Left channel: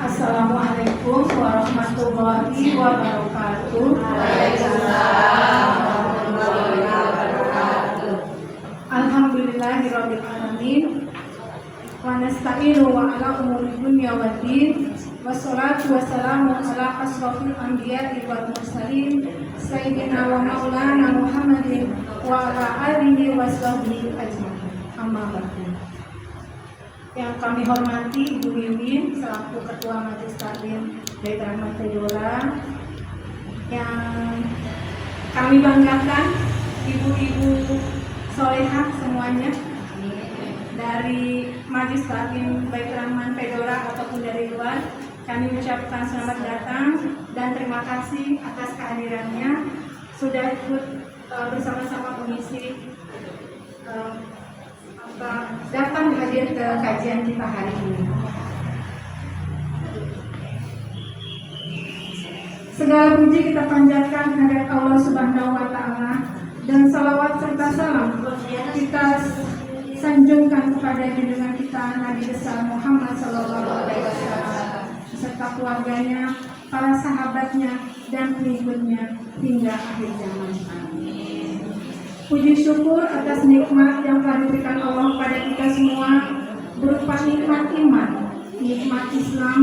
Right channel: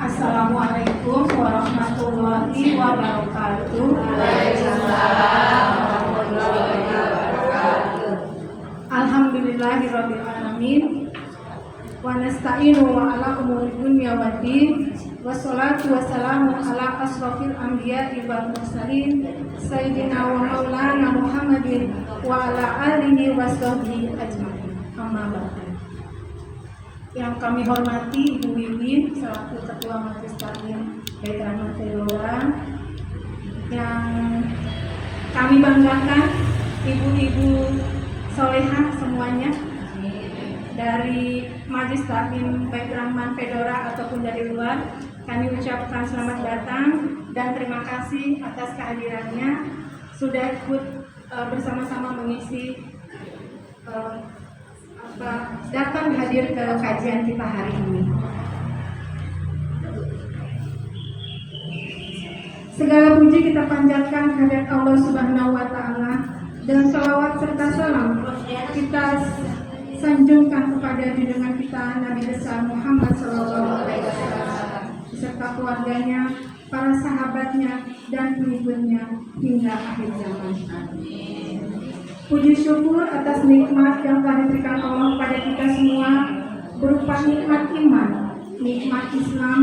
Assalamualaikum warahmatullahi wabarakatuh. Waalaikumsalam warahmatullahi wabarakatuh. Alhamdulillahirabbil alamin. Wa nasta'inu wa ala umuri dunya waddin. Wassalatu wassalamu ala asrofil anbiya'i wal mursalin sayyidina wa maulana Muhammadin wa ala alihi wa sahbihi ajma'in. Amma ba'du. Yang kami hormati Ibu Wiwin selaku Ketua Majelis Taklim Bait Rahmat Fedora, yang kami banggakan ibu-ibu solehah semuanya dari Majelis Taklim Bait Rahmat Fedora ataupun dari luar. Kami ucapkan selamat datang dan terima kasih atas kehadirannya sudah ikut bersama-sama mengisi datang hadir ke kajian kita hari ini. Segala puji kita panjatkan kehadirat Allah Subhanahu wa Ta'ala, dan salawat serta salam kita sanjungkan kepada junjungan kita Nabi besar Muhammad Sallallahu Alaihi Wasallam beserta keluarganya, para sahabatnya, dan pengikutnya hingga akhir zaman. Puji syukur atas nikmat yang telah diberikan Allah kepada kita semua, berupa nikmat iman, nikmat Islam,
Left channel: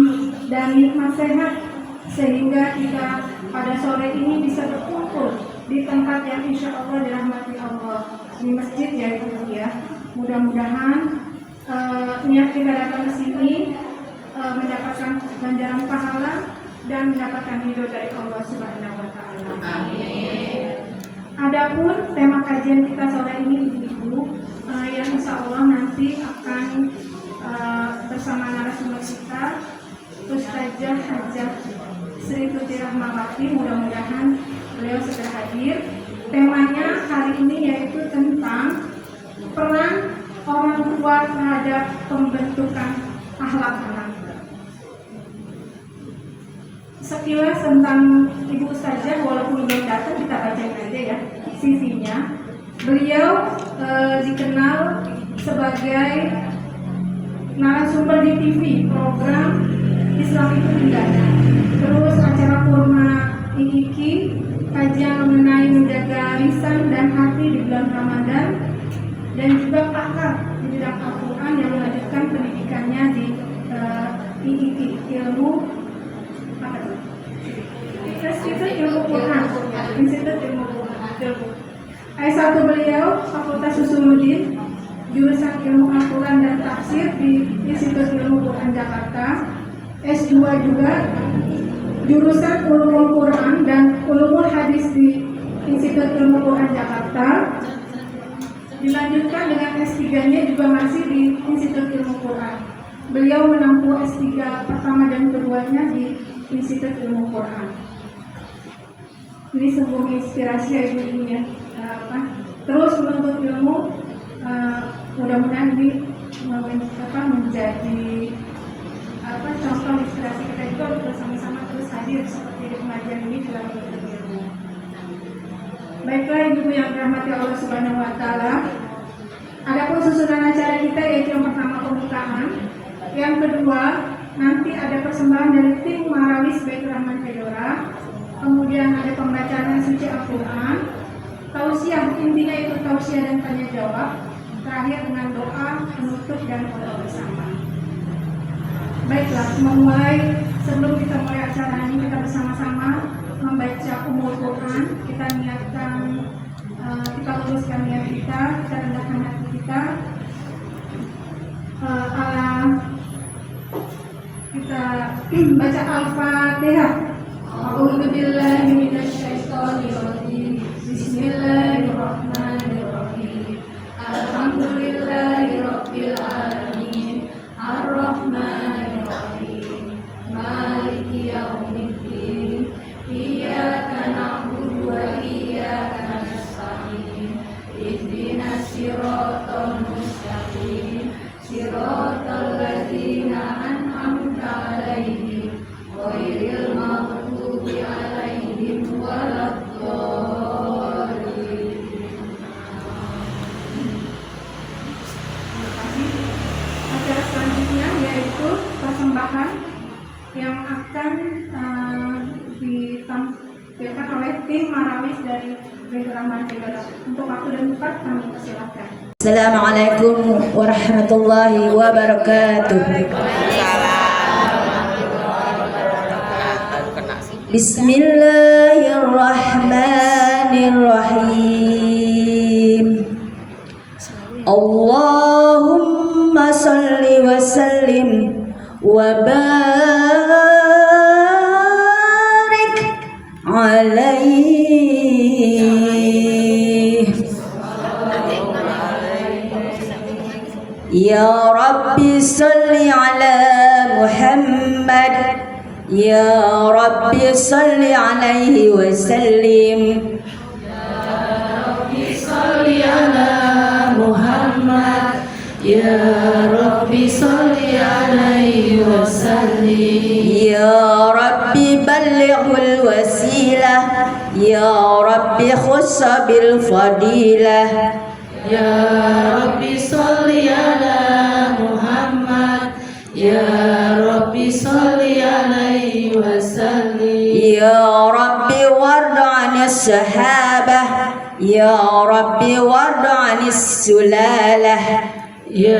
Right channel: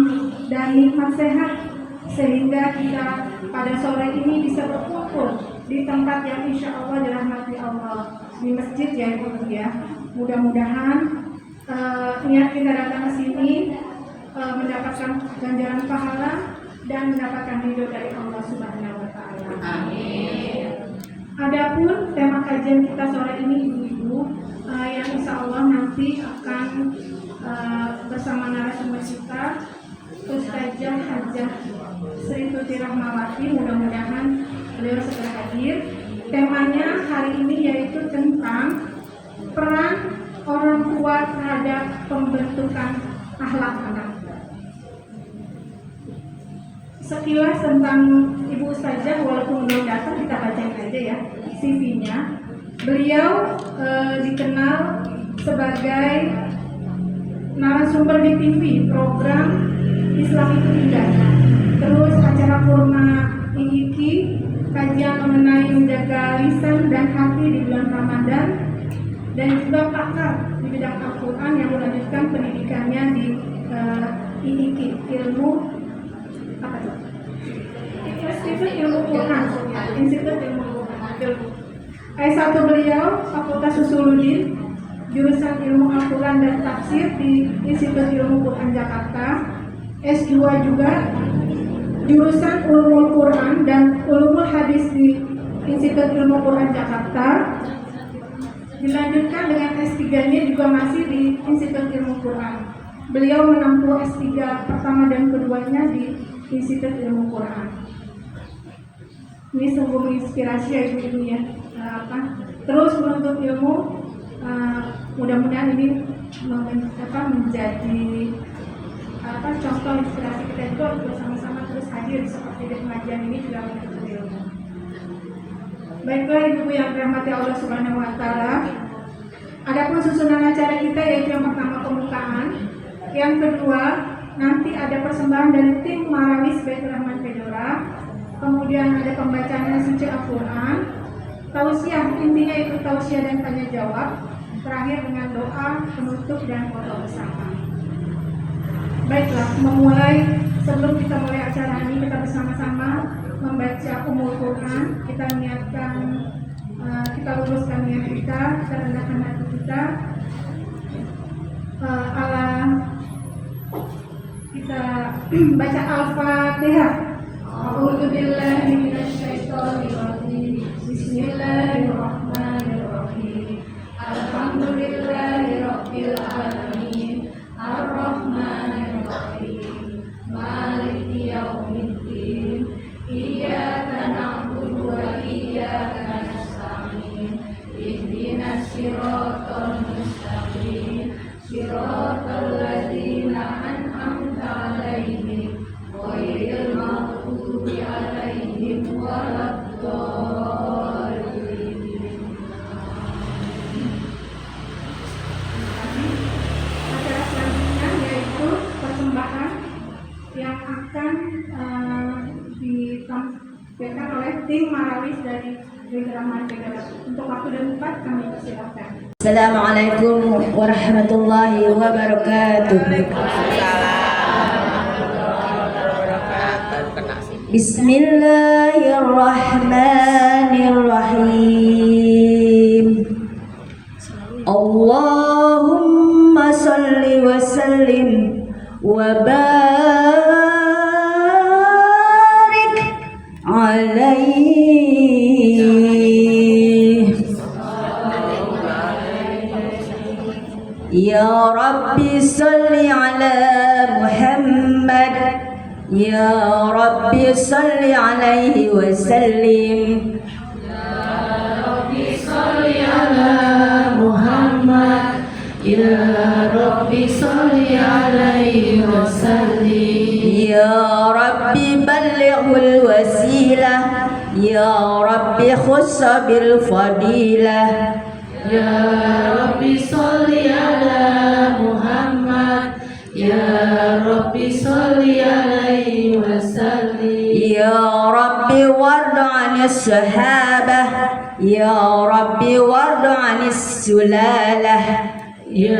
dan nikmat sehat, sehingga kita pada sore ini bisa berkumpul di tempat yang insya Allah dirahmati Allah, di masjid ya Ibu ya. Mudah-mudahan niat kita datang ke sini mendapatkan ganjaran pahala dan mendapatkan ridho dari Allah Subhanahu wa Ta'ala. Amin. Adapun tema kajian kita sore ini Ibu-ibu, yang insya Allah nanti akan bersama narasumber kita Ustazah Hajah Sri Tuti Rahmawati. Mudah-mudahan beliau segera hadir. Temanya hari ini yaitu tentang peran orang tua terhadap pembentukan akhlak anak. Sekilas tentang Ibu Ustazah, walaupun belum datang, kita bacain aja ya CV-nya. Beliau dikenal sebagai narasumber di TV program Islam itu Indah, terus acara Kurma IIKI, kajian mengenai menjaga lisan dan hati di bulan Ramadan, dan juga pakar di bidang Al-Quran yang melanjutkan pendidikannya di IIKI, ilmu Institut Ilmu Quran, Institut Ilmu Quran. S1 beliau Fakultas Usuluddin, jurusan Ilmu Al-Quran dan Tafsir di Institut Ilmu Quran Jakarta. S2 juga jurusan Ulumul Quran dan Ulumul Hadis di Institut Ilmu Quran Jakarta. Dilanjutkan dengan S3-nya juga masih di Institut Ilmu Quran. Beliau menempuh S3 pertama dan keduanya di Institut Ilmu Quran. Ini sungguh menginspirasi ya Ibu ya. Terus menuntut ilmu, mudah-mudahan ini menjadi contoh inspirasi kita juga untuk bersama-sama terus hadir seperti di pengajian ini juga menuntut ilmu. Baiklah Ibu yang dirahmati Allah Subhanahu wa Ta'ala. Adapun susunan acara kita yaitu yang pertama pembukaan, yang kedua nanti ada persembahan dari tim Marawis Bait Rahmat Fedora. Kemudian ada pembacaan suci Al-Quran, tausiah, intinya itu tausiah dan tanya jawab. Terakhir dengan doa, penutup dan foto bersama. Baiklah, sebelum kita mulai acara ini, kita bersama-sama membaca Ummul Quran. Kita niatkan, kita luruskan niat kita rendahkan hati kita. Kita baca Al-Fatihah. A'udzu billahi minasyaitonir rajim. Bismillahirrahmanirrahim. Alhamdulillahirabbil alamin. Arrahmanir rahim. Maliki yaumiddin. Iyyaka na'budu wa iyyaka nasta'in. Ihdinas siratal mustaqim. Siratal ladzina an'amta 'alaihim ghairil maghdubi 'alaihim waladdallin. Acara selanjutnya yaitu persembahan yang akan ditampilkan oleh tim Marawis dari Rahman Tegara. Untuk waktu dan tempat kami persilakan. Assalamualaikum warahmatullahi wabarakatuh. Bismillahirrahmanirrahim. Allahumma salli wa sallim wa barik alaihi. Ya Rabbi salli ala Muhammad, Ya Rabbi salli alaihi wa sallim. Ya Rabbi salli alaihi wa sallim. Ya Rabbi ballighul wasilah, Ya Rabbi khussa bil fadilah. Ya Rabbi salli ala Muhammad, Ya Rabbi salli alaihi wa sallim. Ya Rabbi warda 'anis sahabah, Ya Rabbi warda 'anis sulalah. Ya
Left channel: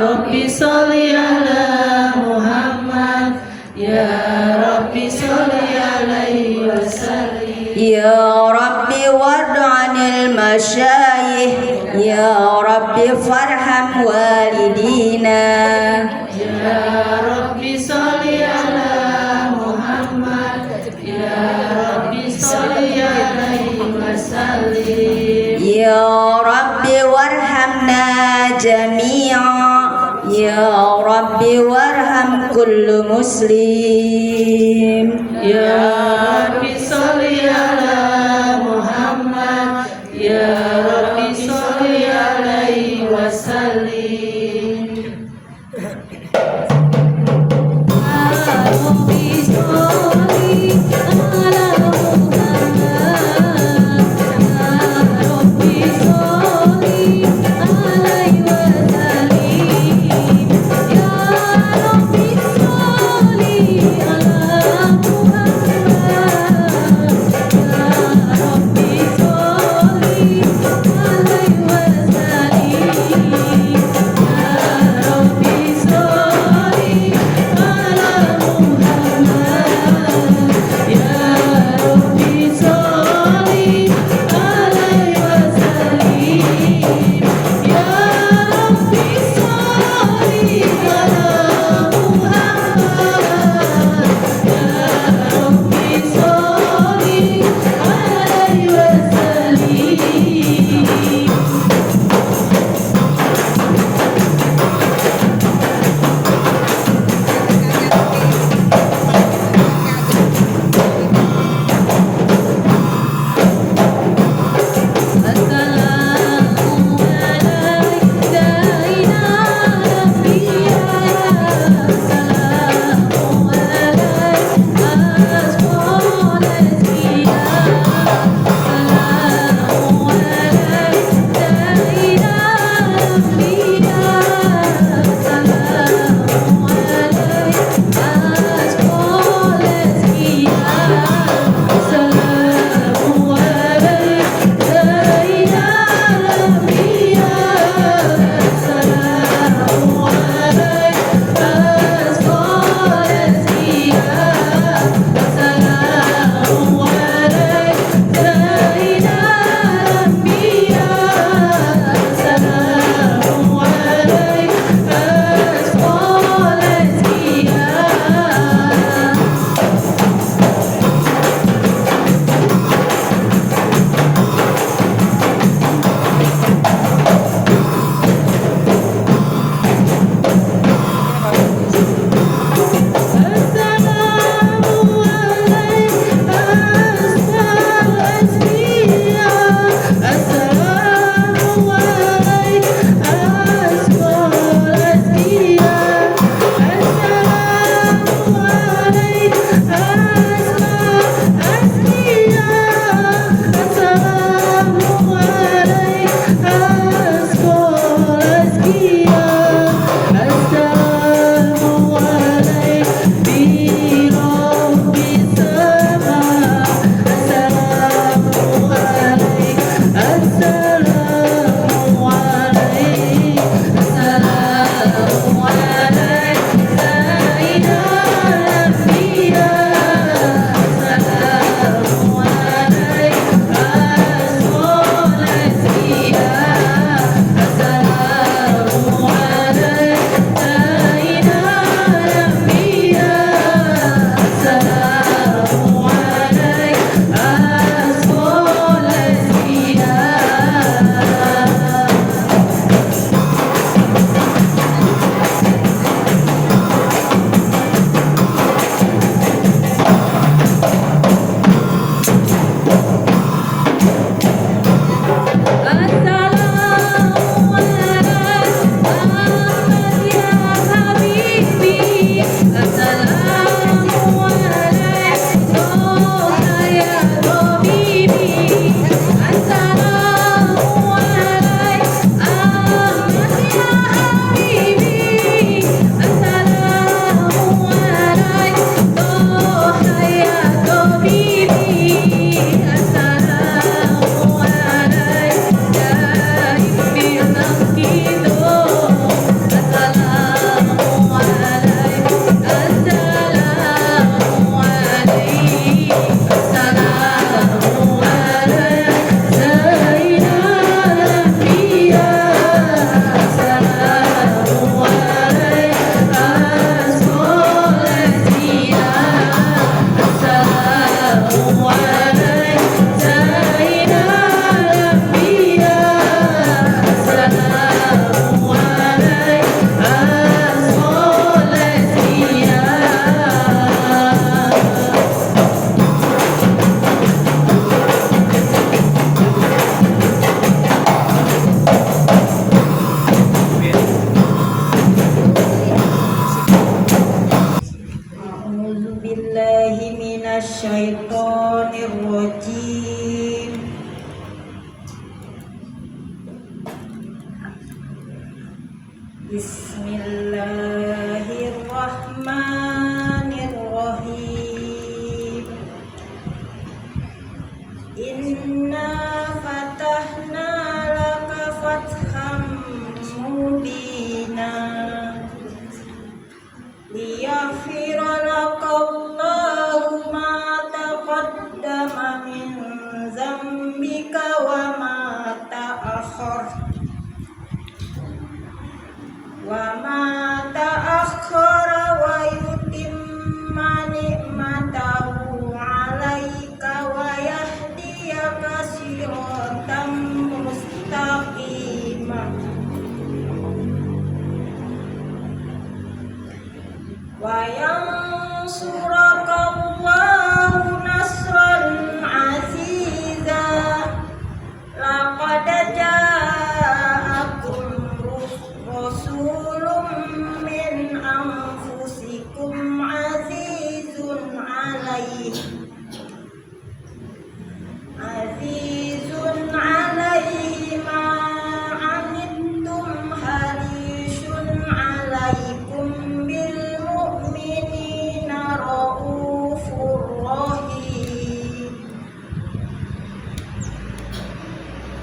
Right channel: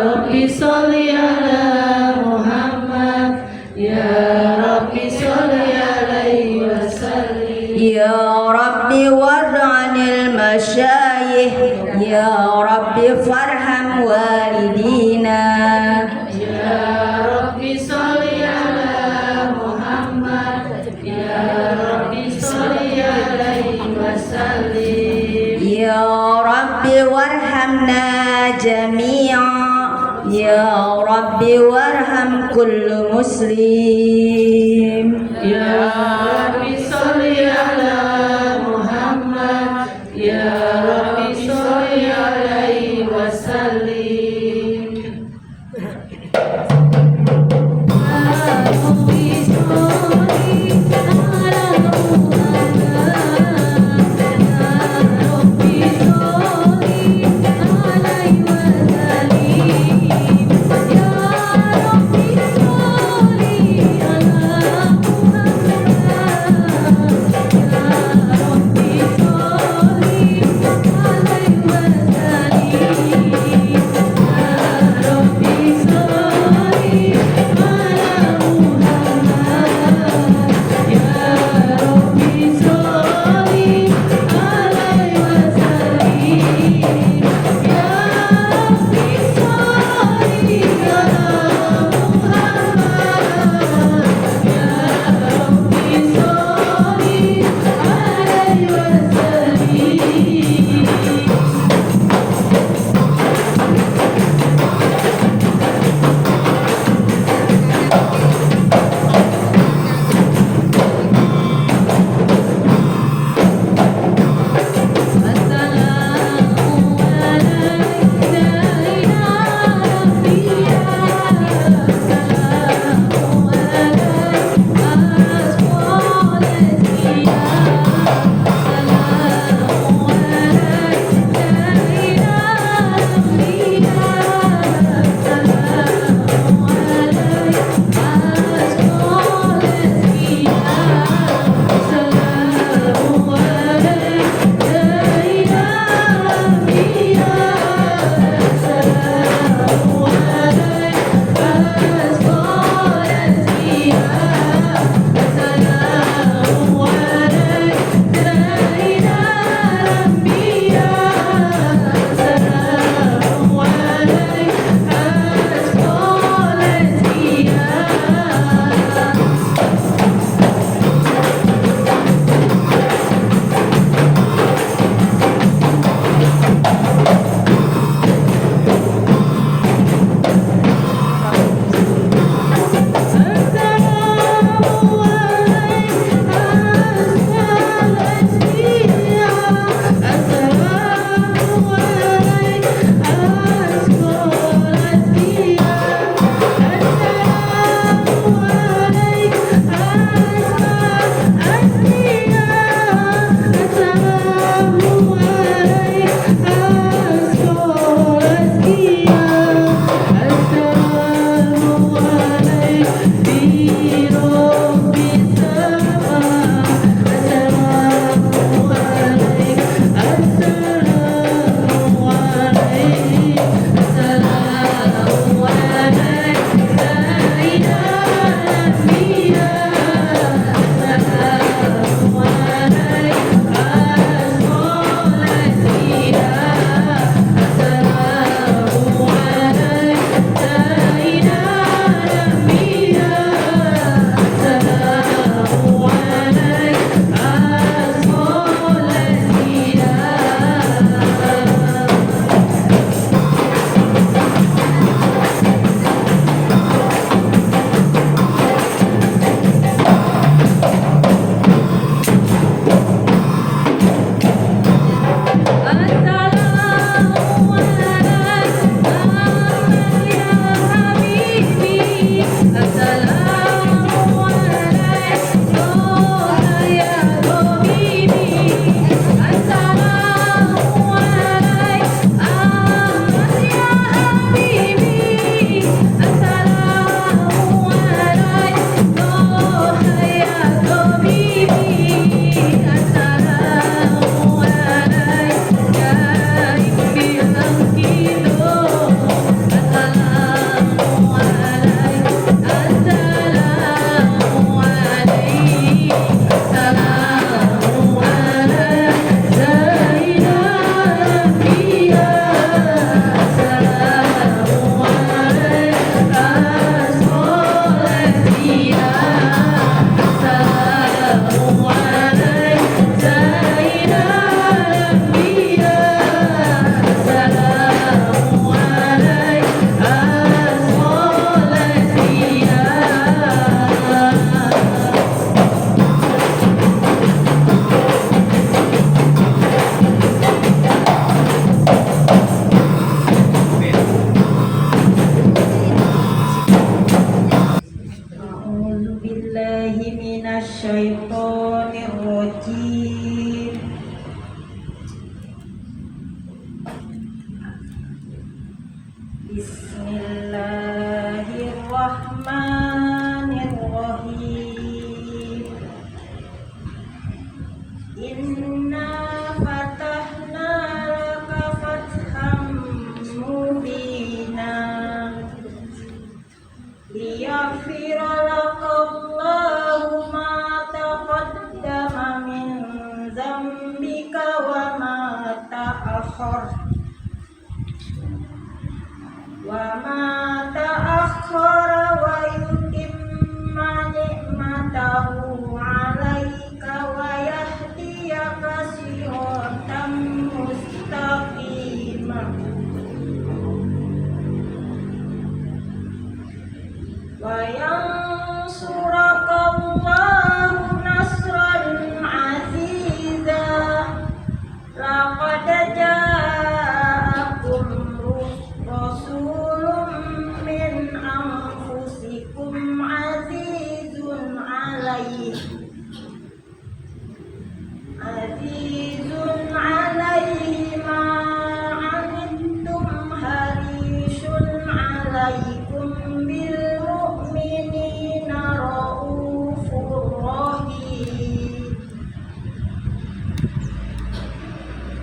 Rabbi salli ala Muhammad, Ya Rabbi salli alaihi wa sallim. Ya Rabbi warda 'anil masyayikh, Ya Rabbi farham walidina. Ya Rabbi salli ala Muhammad, Ya Rabbi salli alaihi wa sallim. Ya Rabbi warhamna jami'a, Ya Rabbi warham kullu muslim. Ya Rabbi salli ala Muhammad, Ya Rabbi salli alaihi wa sallim. Bismillahirrahmanirrahim. Inna fatahna laka fatham mubina liyaghfira laka Allahu ma taqaddama min dzambika wa ma ta'akhkhara wa yutimma ni'matahu 'alaika wa yahdiyaka siratan mustaqima wa yansuraka Allahu nasran 'aziza. Laqad ja'akum rasulun min anfusikum azizun 'alaihi ma 'anittum harisun 'alaikum bil mu'minina raufur rahim.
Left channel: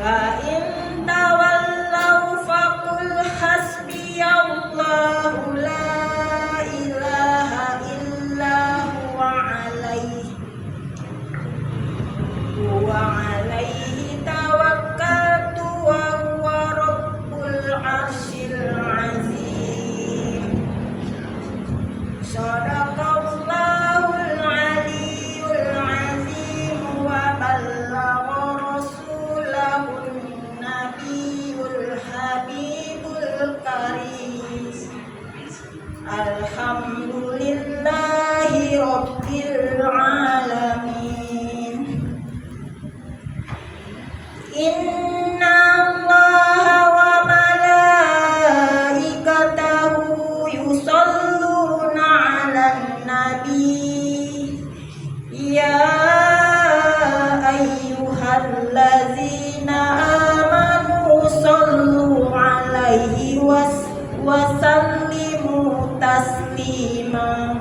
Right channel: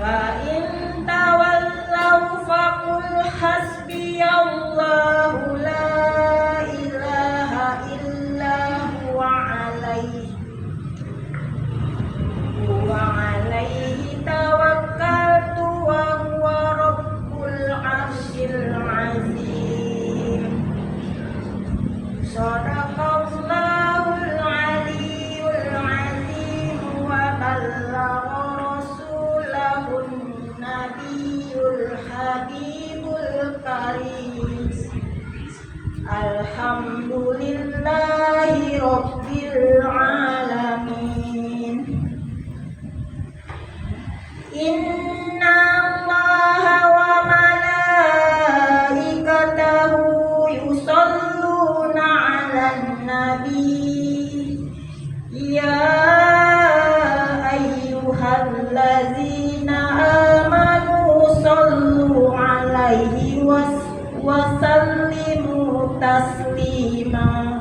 Wa in tawallaw faqul hasbiyallahu la ilaha illa huwa alaihi tawakkaltu wa huwa rabbul arsyil azim. Shadaqallahul aliyyul azim wa ballagha rasulahun nabiyul habibul karim. Alhamdulillahi rabbil alamin. Inna Allaha wa malaikatahu yusalluna 'alan nabi ya ayyuhallazina amanu sallu 'alaihi wa sallimu taslima.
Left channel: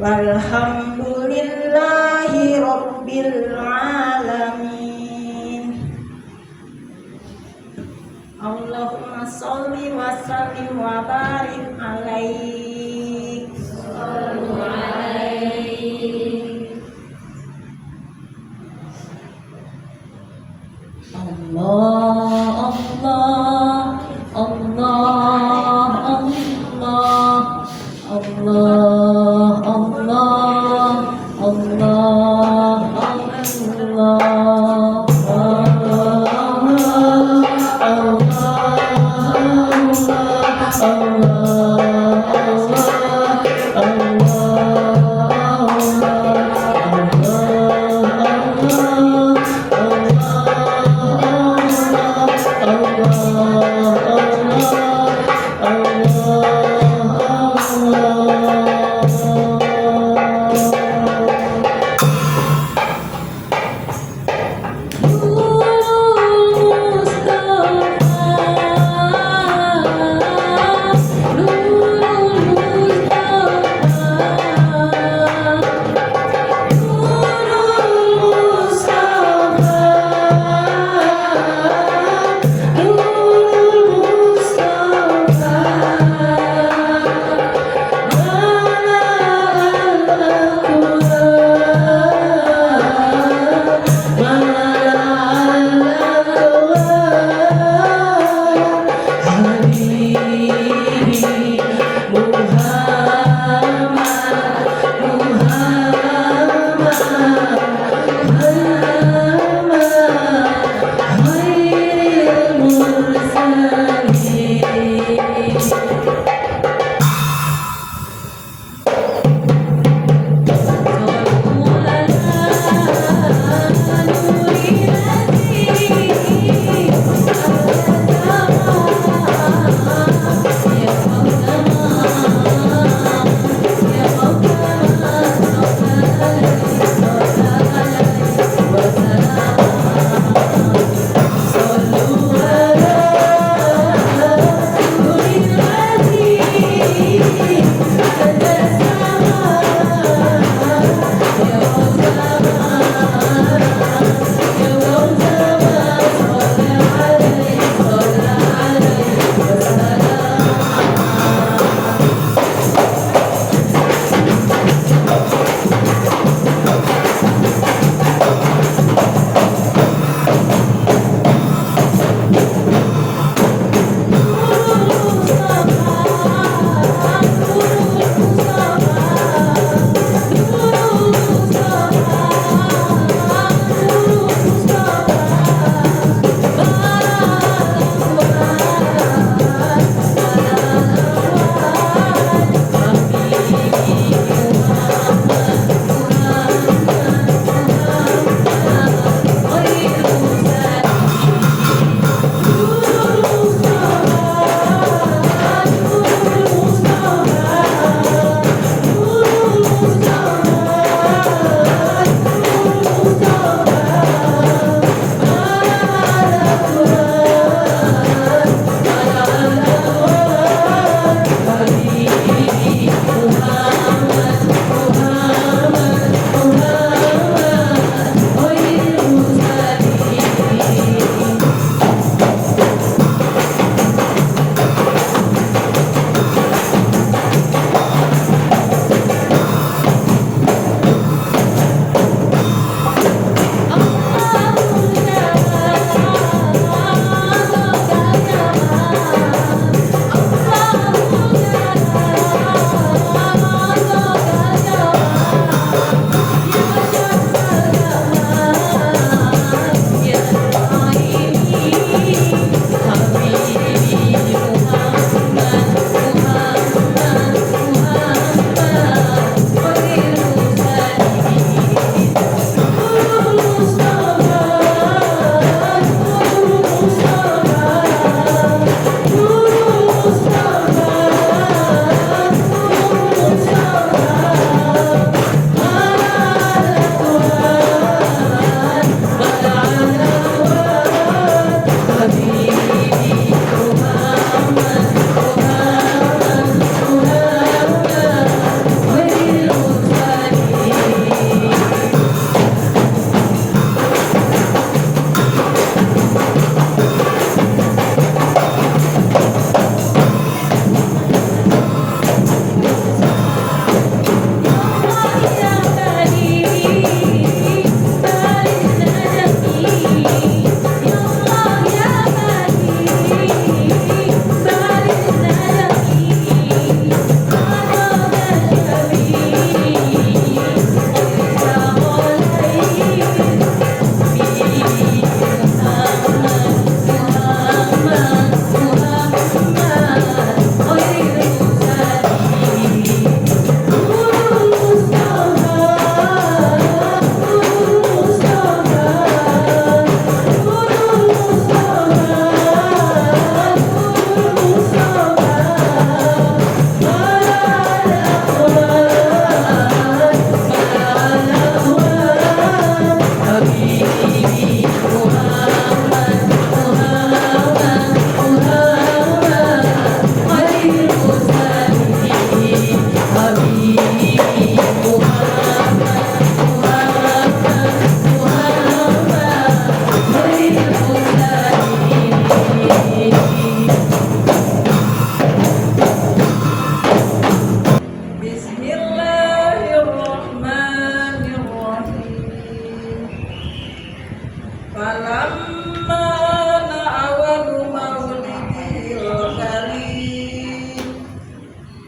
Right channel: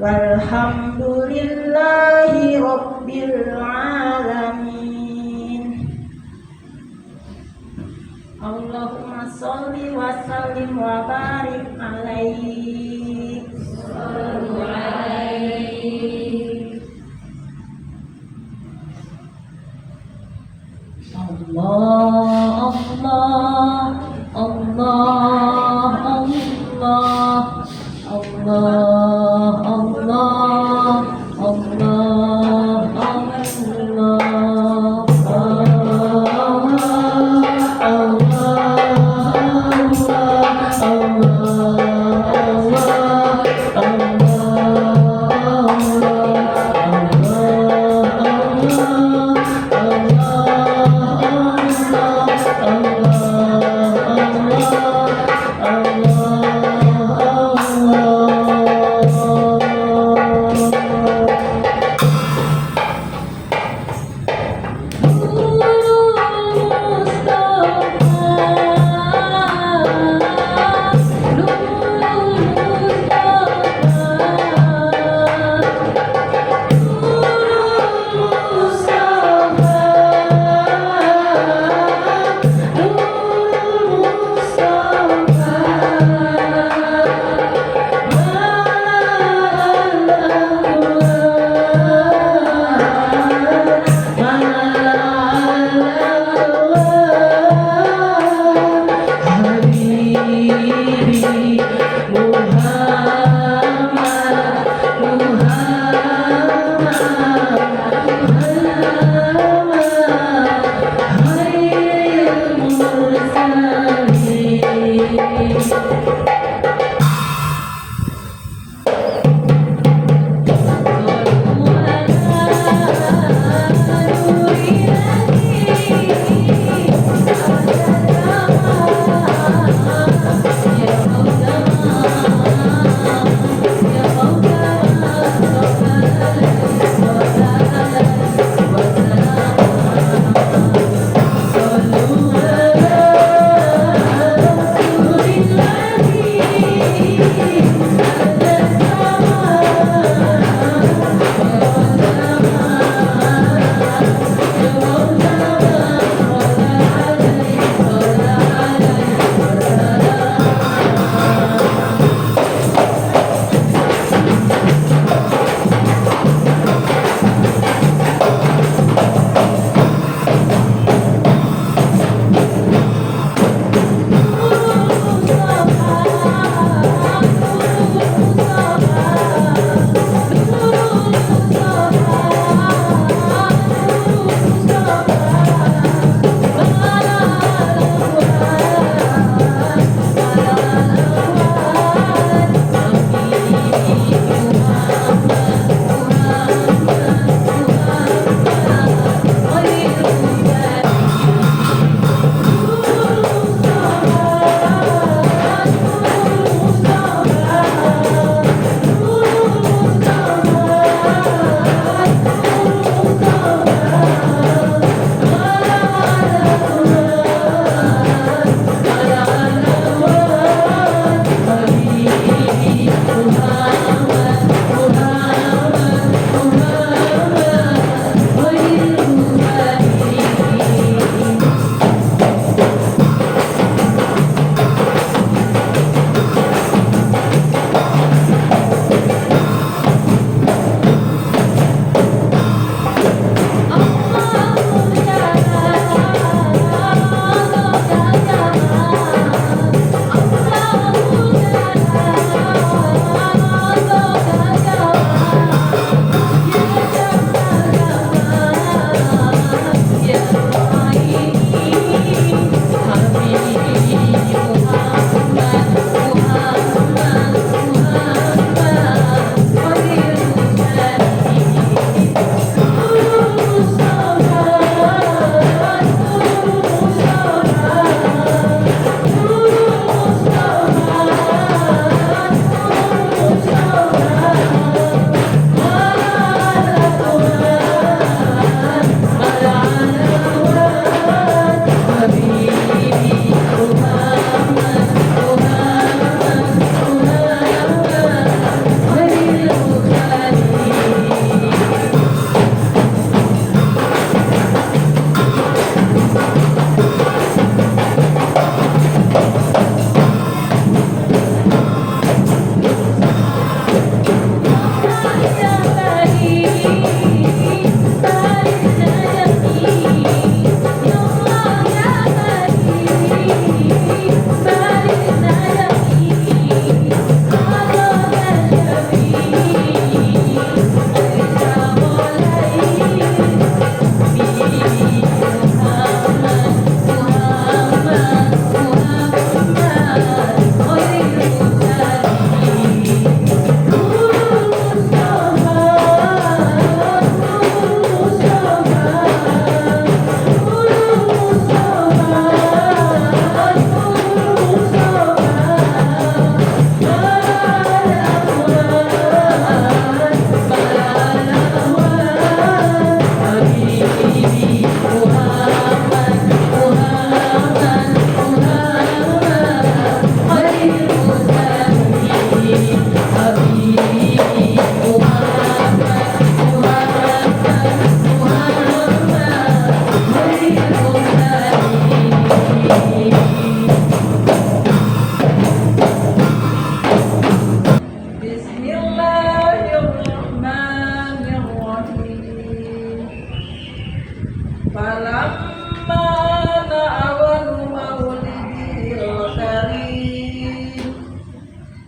Walhamdulillahi rabbil alamin. Allahumma sholli wa sallim wa barik alaihi. Sallu alaihi. Allah Allah Allah Allah Allah Allah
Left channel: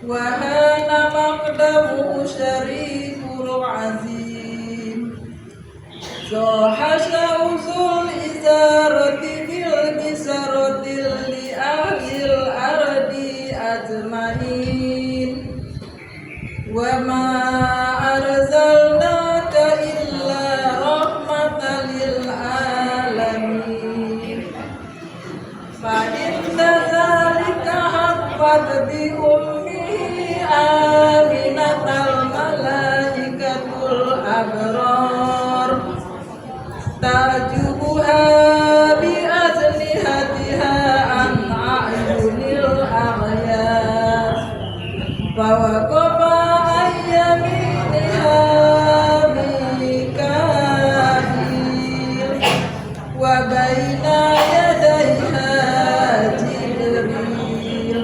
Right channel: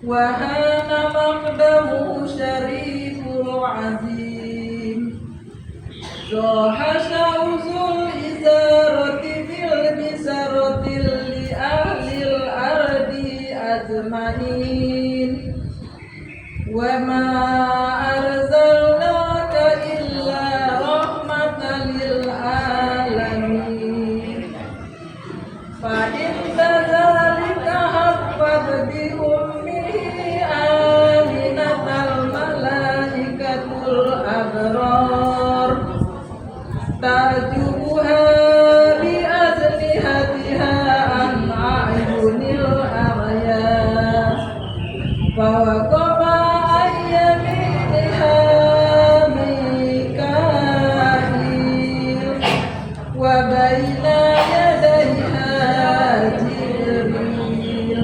وهان مقدمه شريف العزيم صاح شوز الإزارة بالبسرة لأهل الأرض أجمعين وما أرسلناك إلا رحمة للعالمين فإن ذلك حفظ بأمه آمنة الملائكة الأبرار تعجبها بأجنحتها عن أعين الأغيار فوقف عن يمينها ميكائيل وبين يديها جبريل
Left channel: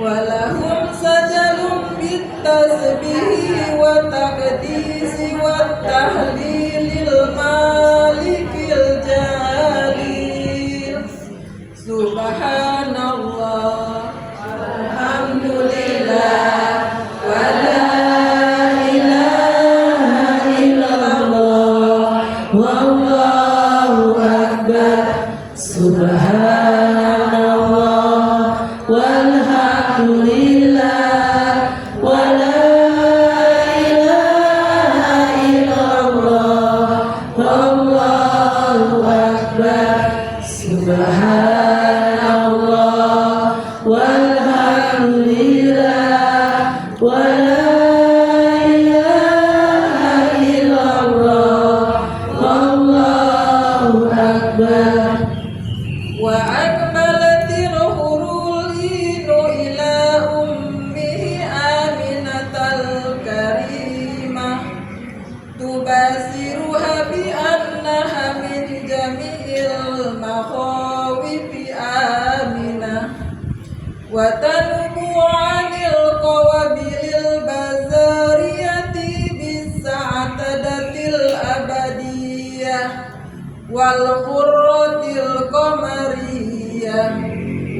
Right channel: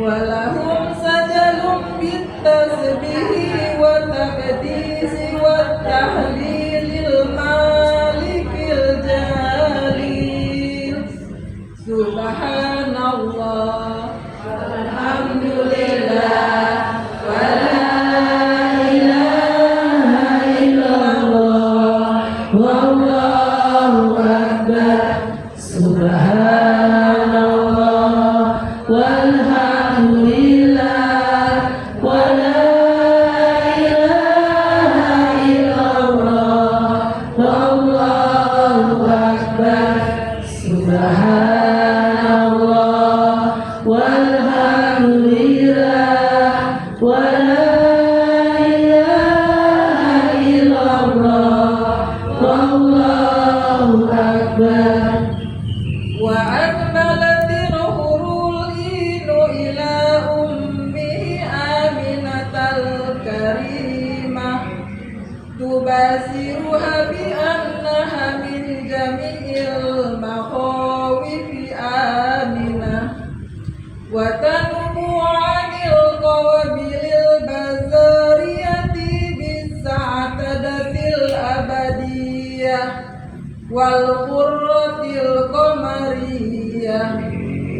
ولهم سجل بالتسبيح والتقديس والتهليل المالك الجليل سبحان الله الحمد لله ولا إله إلا الله والله أكبر سبحان الله والحمد لله ولا إله إلا الله والله أكبر سبحان الله والحمد لله ولا إله إلا الله والله أكبر وأكملت الحرولين إلى أمه آمنة الكريمة تباشرها بأنها من جميع المخاوف آمنة وتنبو عن القوابل البزارية بالسعادة الأبدية والقرة القمرية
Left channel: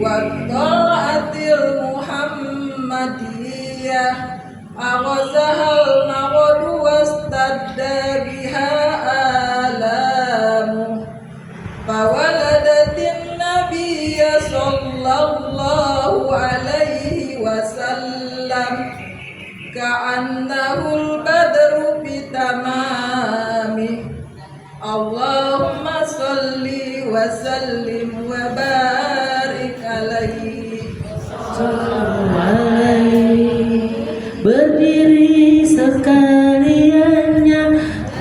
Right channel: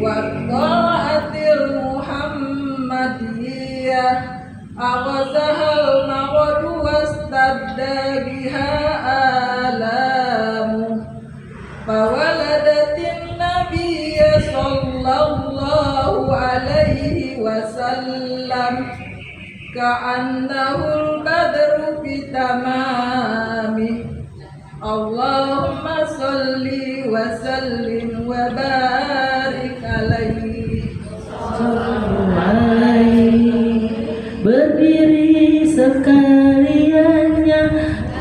والطلعة المحمدية أغزها المغد واستبد بها آلامه فولدت النبي صلى الله عليه وسلم كأنه البدر بتمامه اللهم صل وسلم وبارك عليه. Berdiri sekaliannya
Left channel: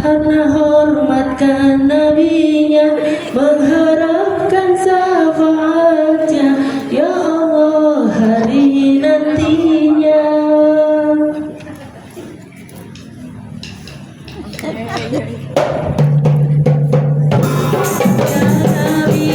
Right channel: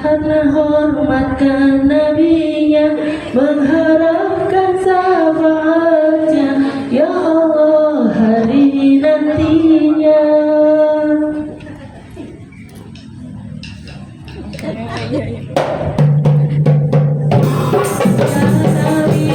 karena hormatkan nabinya, mengharapkan syafaatnya, ya Allah hari nantinya. Ya Nabi,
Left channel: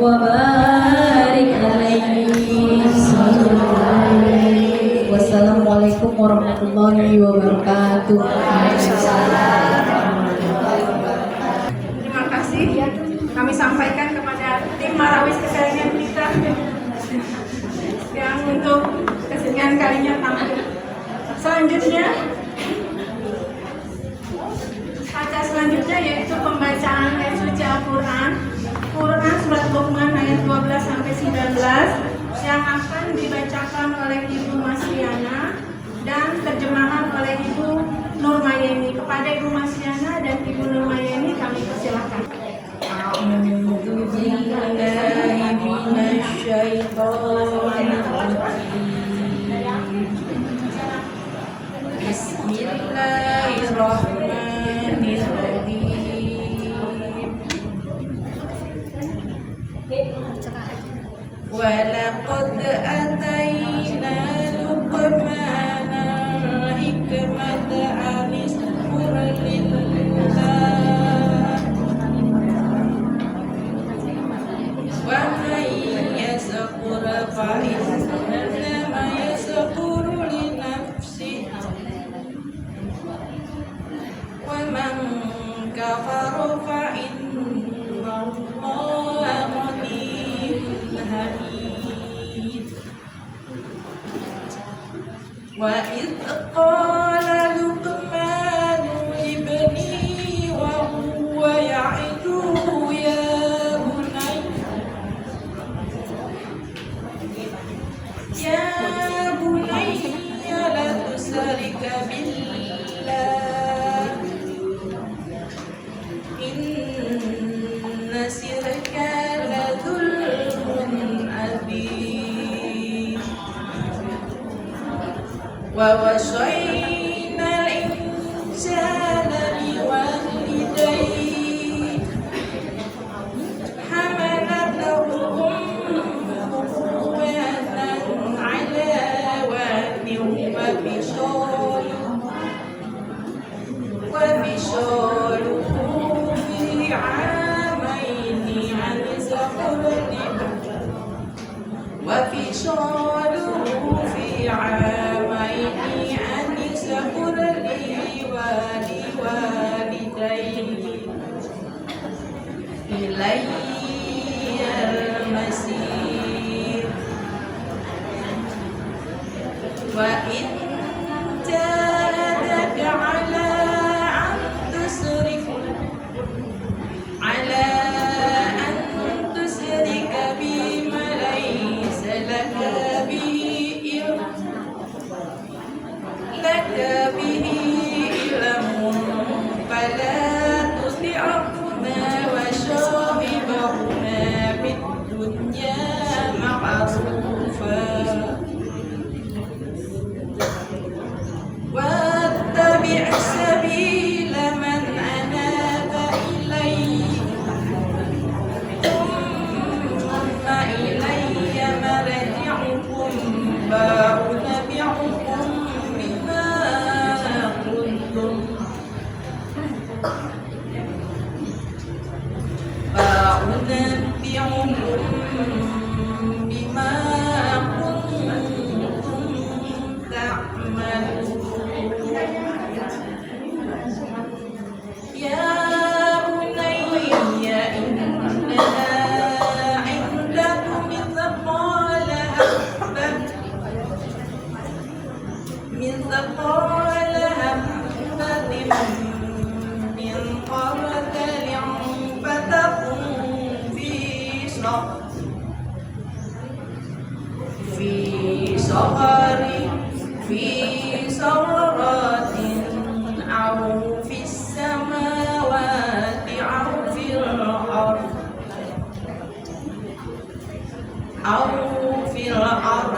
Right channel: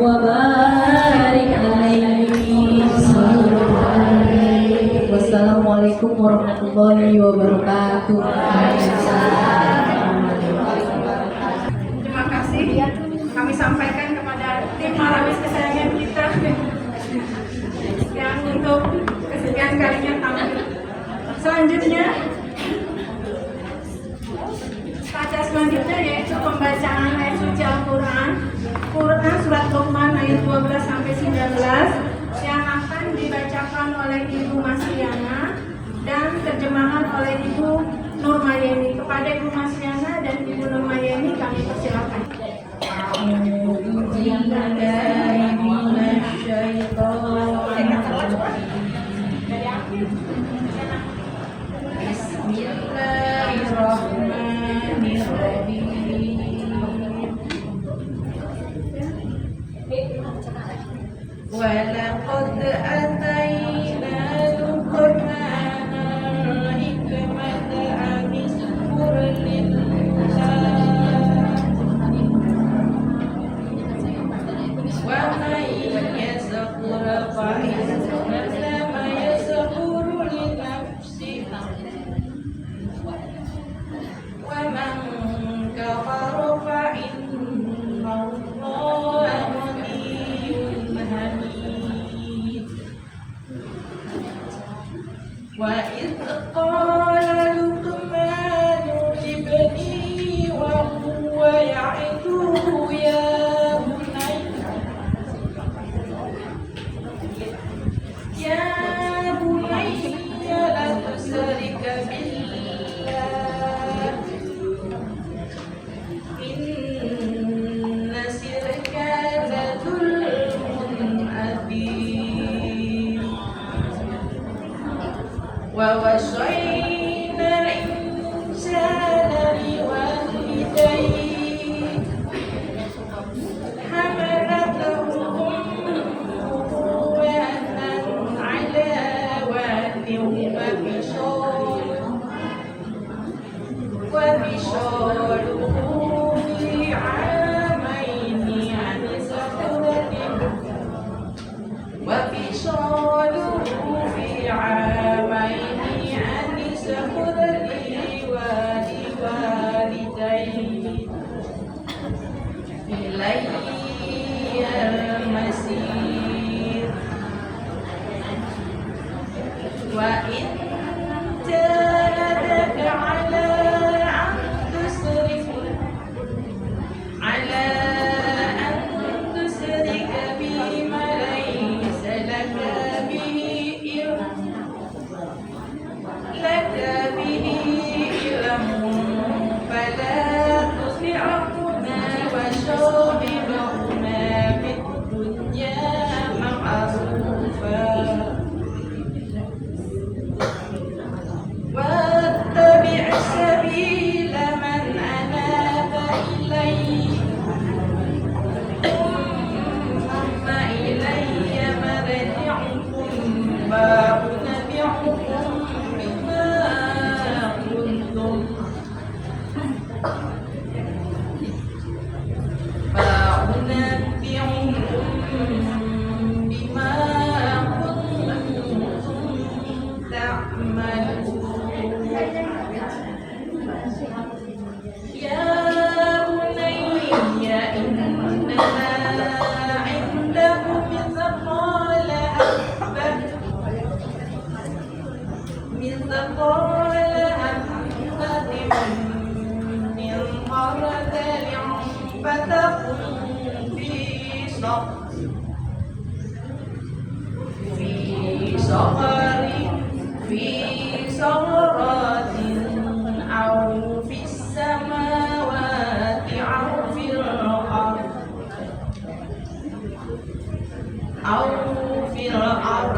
وبارك عليه. Wassalamualaikum warahmatullahi wabarakatuh. Terima kasih kami sampaikan kepada tim Marawis kesayangan kita yang untuk kesekian kalinya tampil. Selanjutnya, pada selanjutnya yaitu pembacaan ayat suci Al-Quran, Quran surat Luqman ayat 12 sampai 19 yang akan dibacakan oleh Ibu Masriana dan terjemahan oleh Ibu Nurmayeni. Kepada Ibu Masriana dan Ibu Nurmayeni kami persilakan. ولقد آتينا لقمان الحكمة أن اشكر لله ومن يشكر فإنما يشكر لنفسه ومن كفر فإن الله غني حميد وإذ قال لقمان لابنه وهو يعظه يا بني لا تشرك بالله إن الشرك لظلم عظيم ووصينا الإنسان بوالديه حملته أمه وهنا على وهن وفصاله في عامين أن اشكر لي ولوالديك إلي المصير وإن جاهداك على أن تشرك بما ليس لك به علم فلا تطعهما وصاحبهما في الدنيا معروفا واتبع سبيل من أناب إلي ثم إلي مرجعكم فأنبئكم بما كنتم تعملون يا بني إنها عندكم مثقال حبة من خردل فتكن في صخرة أو في السماوات أو في الأرض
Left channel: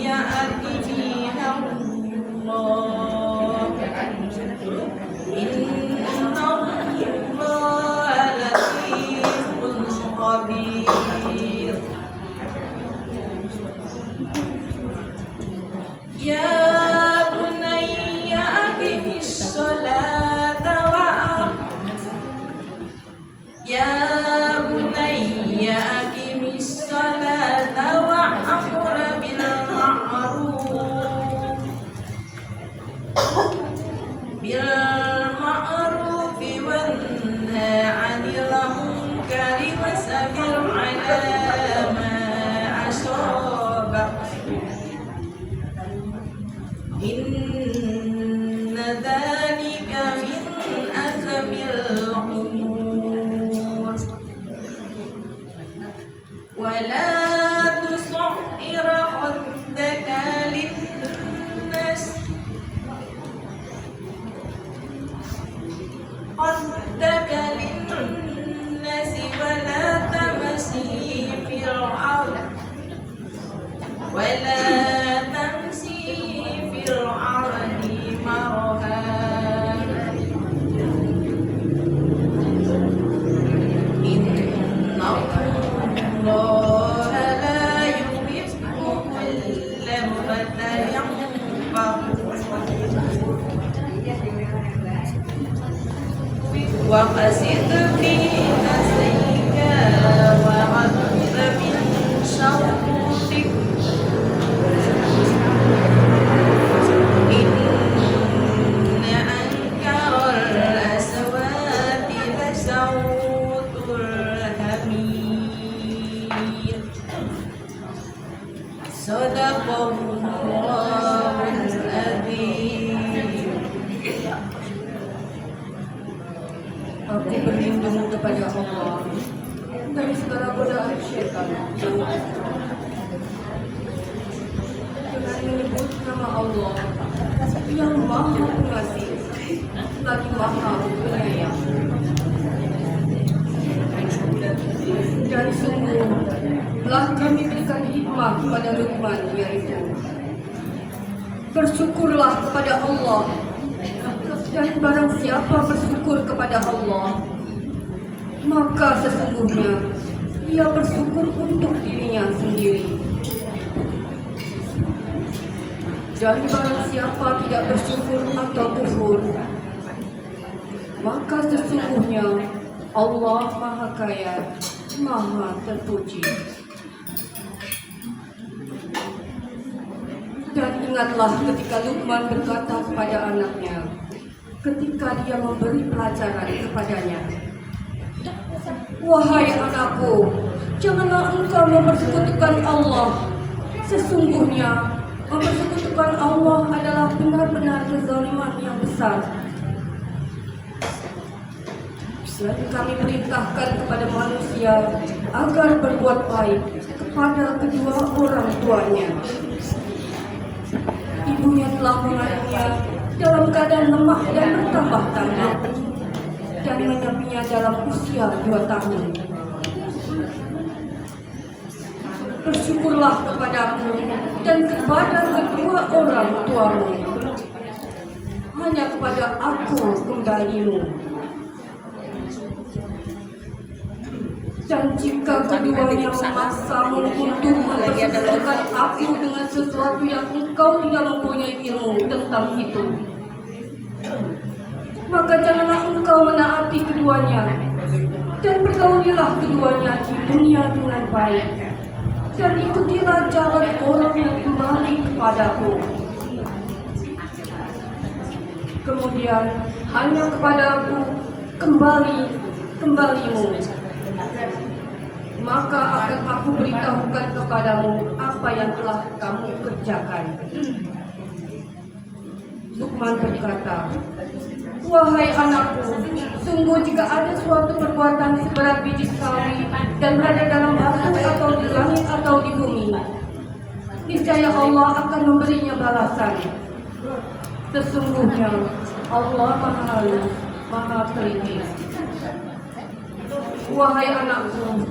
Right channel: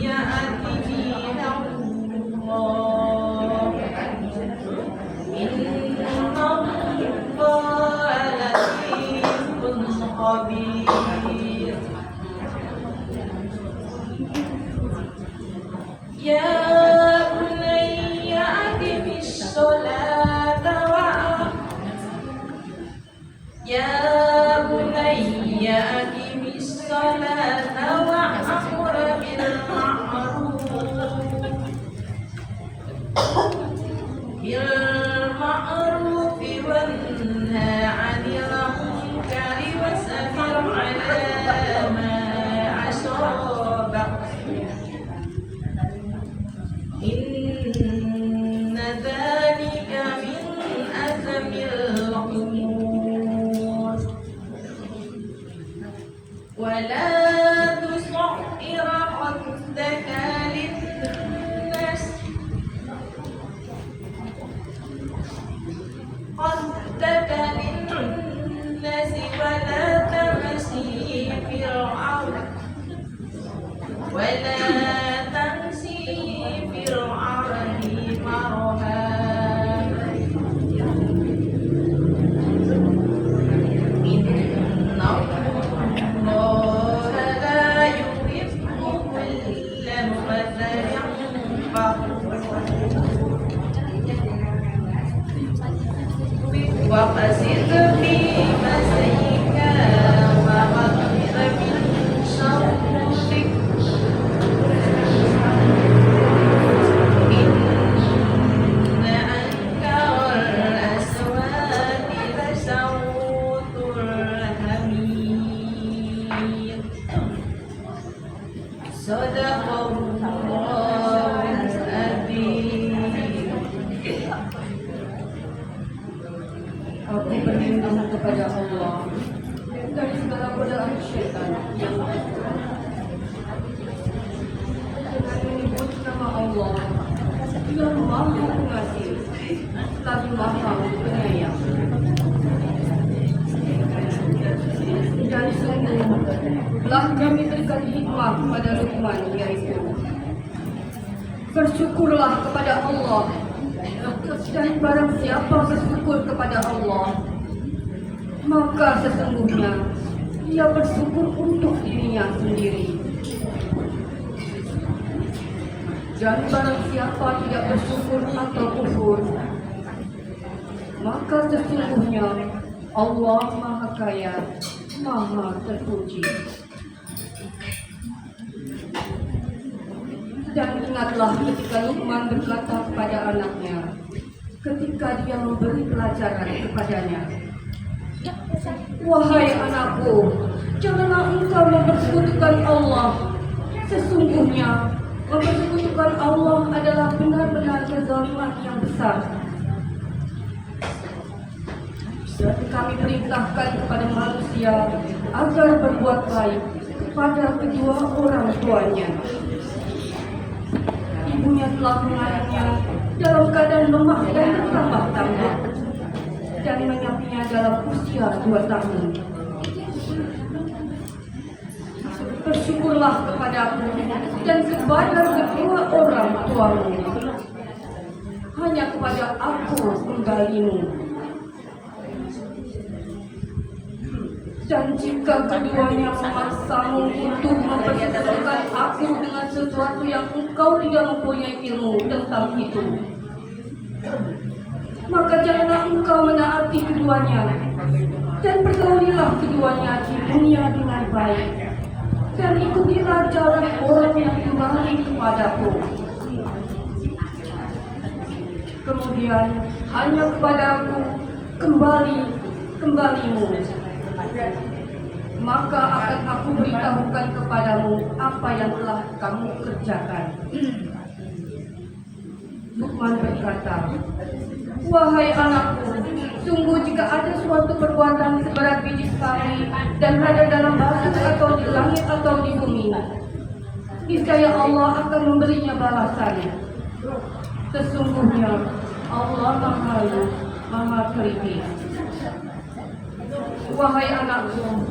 يأتي بها الله إن الله لطيف خبير يا بني أقم الصلاة يا بني أقم sautul hamir. Sadaqallahul azim. Aku berlindung kepada Allah dari segala godaan syaitan dengan menyebut nama Allah yang Maha Pengasih lagi Maha Penyayang. Dan sungguh telah kami berikan hikmah kepada Luqman, yaitu bersyukurlah kepada Allah, dan barang siapa bersyukur kepada Allah, maka sesungguhnya ia bersyukur untuk dirinya sendiri. Dan barang siapa tidak bersyukur atau kufur, maka sesungguhnya Allah Maha Kaya, Maha Terpuji. Dan ingatlah ketika Luqman berkata kepada anaknya, ketika dia memberi pelajaran kepadanya, "Wahai anakku, janganlah engkau mempersekutukan Allah. Sesungguhnya mempersekutukan Allah adalah benar-benar kezaliman yang besar. Dan kami perintahkan kepada manusia agar berbuat baik kepada kedua orang tuanya. Ibunya telah mengandungnya dalam keadaan lemah dan bertambah-tambah, dan menyapinya dalam usia 2 tahun. Bersyukurlah kepadaku dan kepada kedua orang tuamu. Hanya kepada aku kembalimu. Dan jika keduanya memaksamu untuk mempersekutukan aku dengan sesuatu yang engkau tidak mempunyai ilmu tentang itu, maka janganlah engkau menaati keduanya, dan pergaulilah keduanya di dunia dengan baik, dan ikutilah jalan orang yang kembali kepadaku. Kemudian hanya kepadaku kembalimu, maka akan aku beritahukan kepadamu apa yang telah kamu kerjakan." Luqman berkata, "Wahai anakku, sungguh jika ada suatu perbuatan seberat biji sawi dan berada dalam batu atau di langit atau di bumi, niscaya Allah akan memberinya balasan. Sesungguhnya Allah Maha Halus, Maha Teliti. Wahai anakku,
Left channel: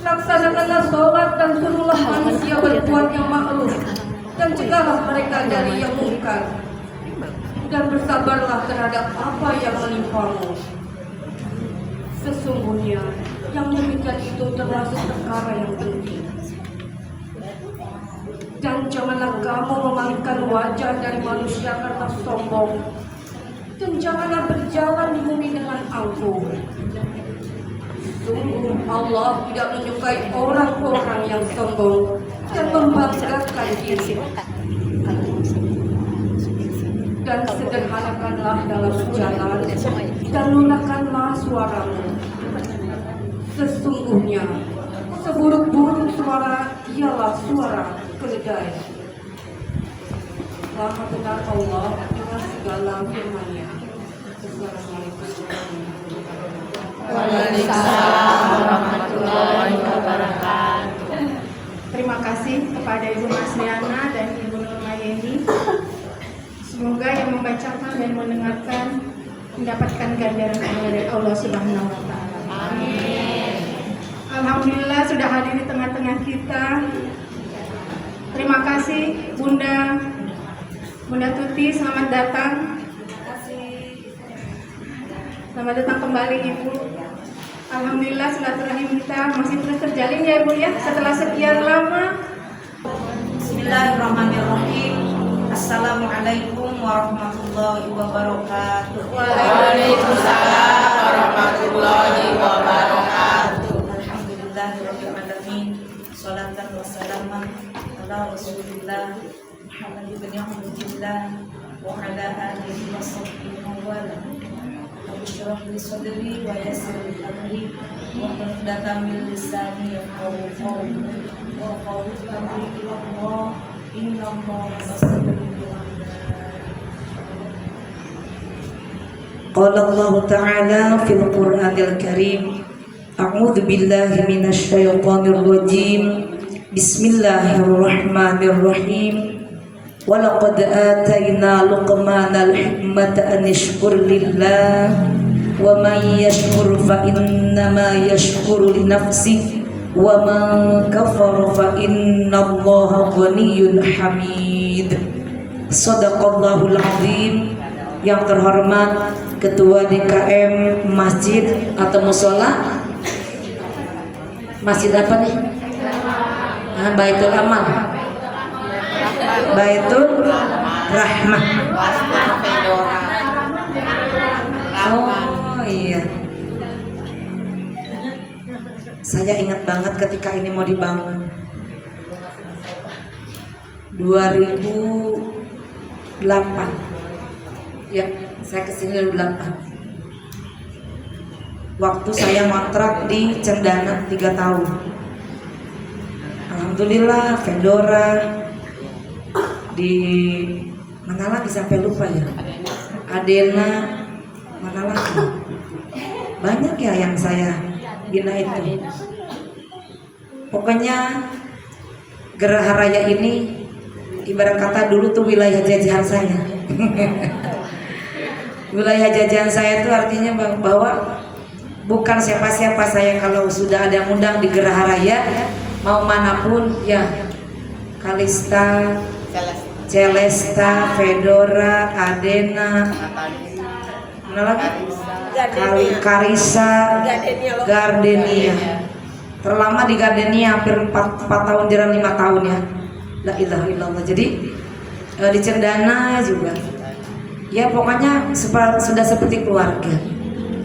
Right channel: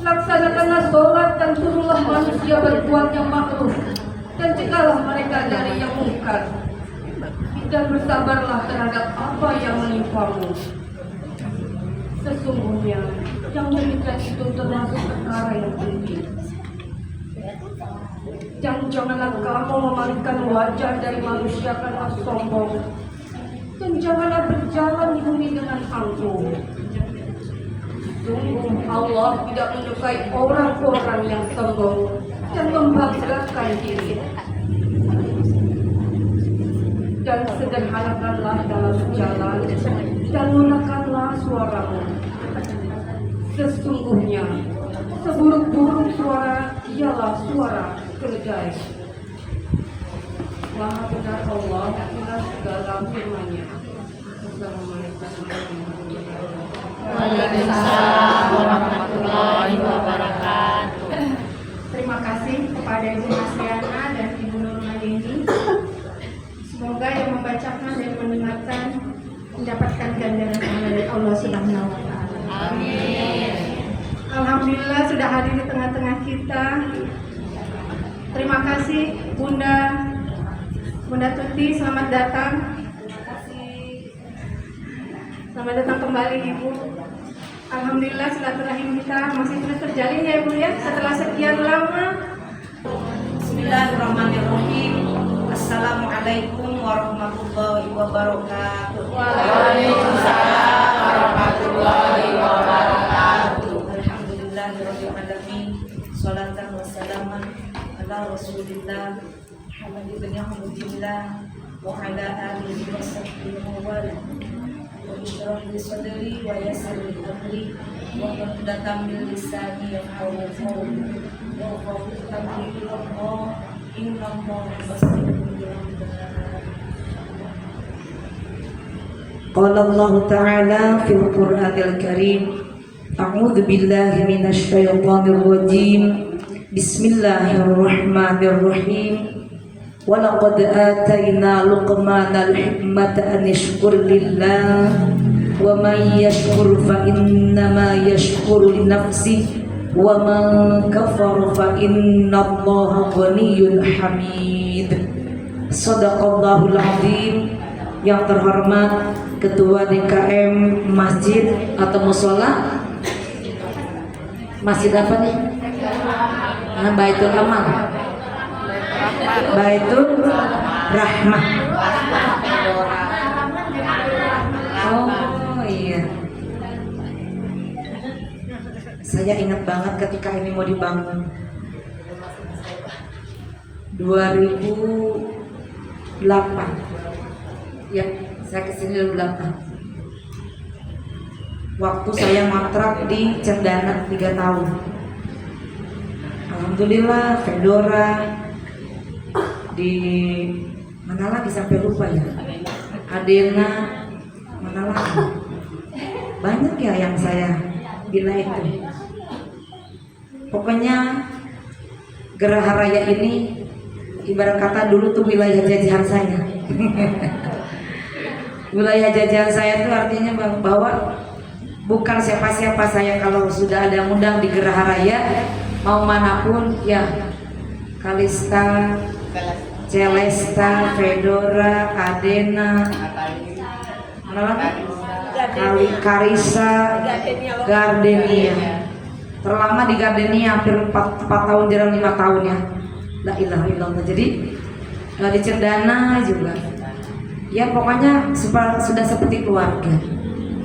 laksanakanlah sholat dan suruhlah manusia berbuat yang ma'ruf, dan cegahlah mereka dari yang mungkar, dan bersabarlah terhadap apa yang menimpamu. Sesungguhnya yang demikian itu termasuk perkara yang penting. Dan janganlah kamu memalingkan wajah dari manusia karena sombong, dan janganlah berjalan di bumi dengan angkuh. Sungguh Allah tidak menyukai orang-orang yang sombong dan membanggakan diri. Dan sederhanakanlah dalam berjalan, dan lunakkanlah suaramu. Sesungguhnya seburuk-buruk suara ialah suara keledai. Maha benar Allah dengan segala firman-Nya. Assalamualaikum warahmatullahi wabarakatuh. Waalaikumsalam warahmatullahi wabarakatuh. Terima kasih kepada Ibu Masriana dan Ibu Nurmayeni. Semoga yang membacakan dan mendengarkan mendapatkan ganjaran dari Allah Subhanahu wa Ta'ala. Amin. Alhamdulillah sudah hadir di tengah-tengah kita. Terima kasih Bunda Tuti, selamat datang. Selamat datang kembali Ibu. Alhamdulillah silaturahim kita masih terus terjalin ya Ibu ya, setelah sekian lama. Bismillahirrahmanirrahim. Assalamualaikum warahmatullahi wabarakatuh. Waalaikumsalam warahmatullahi wabarakatuh. Alhamdulillahirabbil alamin. Sholatan wa salaman ala Rasulillah Muhammad ibn Abdillah wa ala alihi wa sahbihi wa wala. Rabbi shrah li sadri wa yassir li amri wahlul 'uqdatam min lisani yafqahu qawli wa qawli amri ilallah innallaha basirun bil ibad. Qala Allah Ta'ala fil Qur'anil Karim, A'udzu billahi minasy syaithanir rajim. Bismillahirrahmanirrahim. Walaqad atayna Luqmanal hikmata an yashkur lillah wa man yashkur fa innama yashkuru li nafsihi wa man kafara fa innallaha ghaniyyun hamid. Shadaqallahul azim. Yang terhormat Ketua DKM Masjid atau Mushola, masjid apa nih? Baitul Amal, Baitul Rahmah. Oh iya, saya ingat banget ketika ini mau dibangun 2008. Ya, saya kesini 2008. Waktu saya mangkrak di Cendana 3 tahun. Alhamdulillah, Fedora di mana lagi sampai lupa ya. Adena, mana lagi? Banyak ya yang saya bina itu. Pokoknya Geraha Raya ini ibarat kata dulu tuh wilayah jajahan saya. Wilayah jajahan saya itu artinya bahwa bukan siapa-siapa saya kalau sudah ada undang di Geraha Raya mau manapun ya. Kalista, Celesta, Fedora, Adena, mana lagi? Karisa, Gardenia. Terlama di Gardenia hampir 4 tahun, jarang 5 tahun ya. La ilaha illallah. Jadi di Cendana juga. Ya pokoknya sudah seperti keluarga.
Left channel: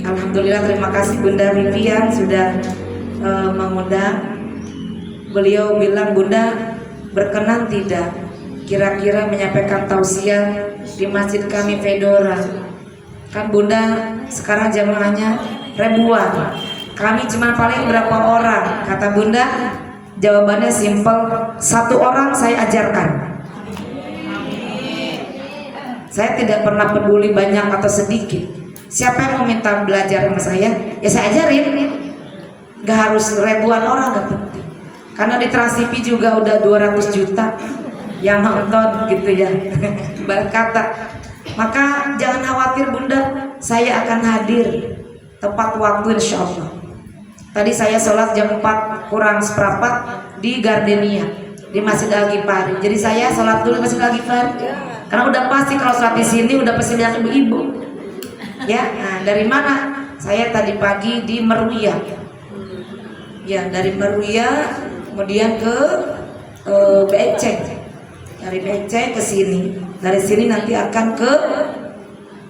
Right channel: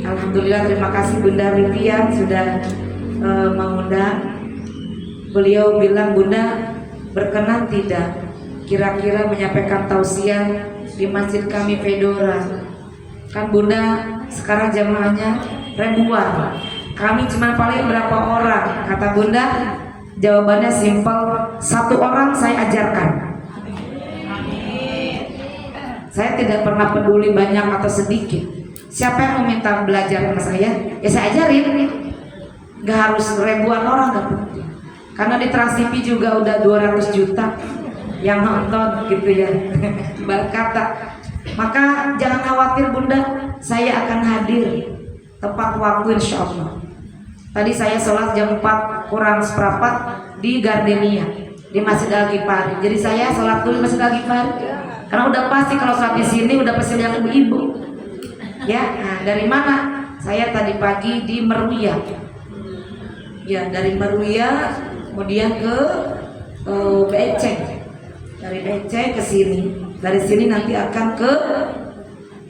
Alhamdulillah, terima kasih Bunda Vivian sudah mengundang. Beliau bilang, Bunda berkenan tidak kira-kira menyampaikan tausiah di masjid kami Fedora. Kan Bunda sekarang jamaahnya ribuan. Kami cuma paling berapa orang? Kata Bunda, jawabannya simpel, 1 orang saya ajarkan. Saya tidak pernah peduli banyak atau sedikit. Siapa yang mau minta belajar sama saya, ya saya ajarin. Gak harus ribuan orang, gak penting. Karena di Trans TV juga udah 200 juta yang nonton gitu ya. Berkata, maka jangan khawatir Bunda, saya akan hadir tepat waktu insya Allah. Tadi saya sholat jam 4 kurang seperempat di Gardenia, di Masjid Al-Ghifari. Jadi saya sholat dulu Masjid Al-Ghifari. Karena udah pasti kalau sholat di sini udah pasti lihat ibu-ibu. Ya, nah dari mana? Saya tadi pagi di Merwiyah. Ya, dari Merwiyah kemudian ke Beceng. Dari Beceng ke sini. Dari sini nanti akan ke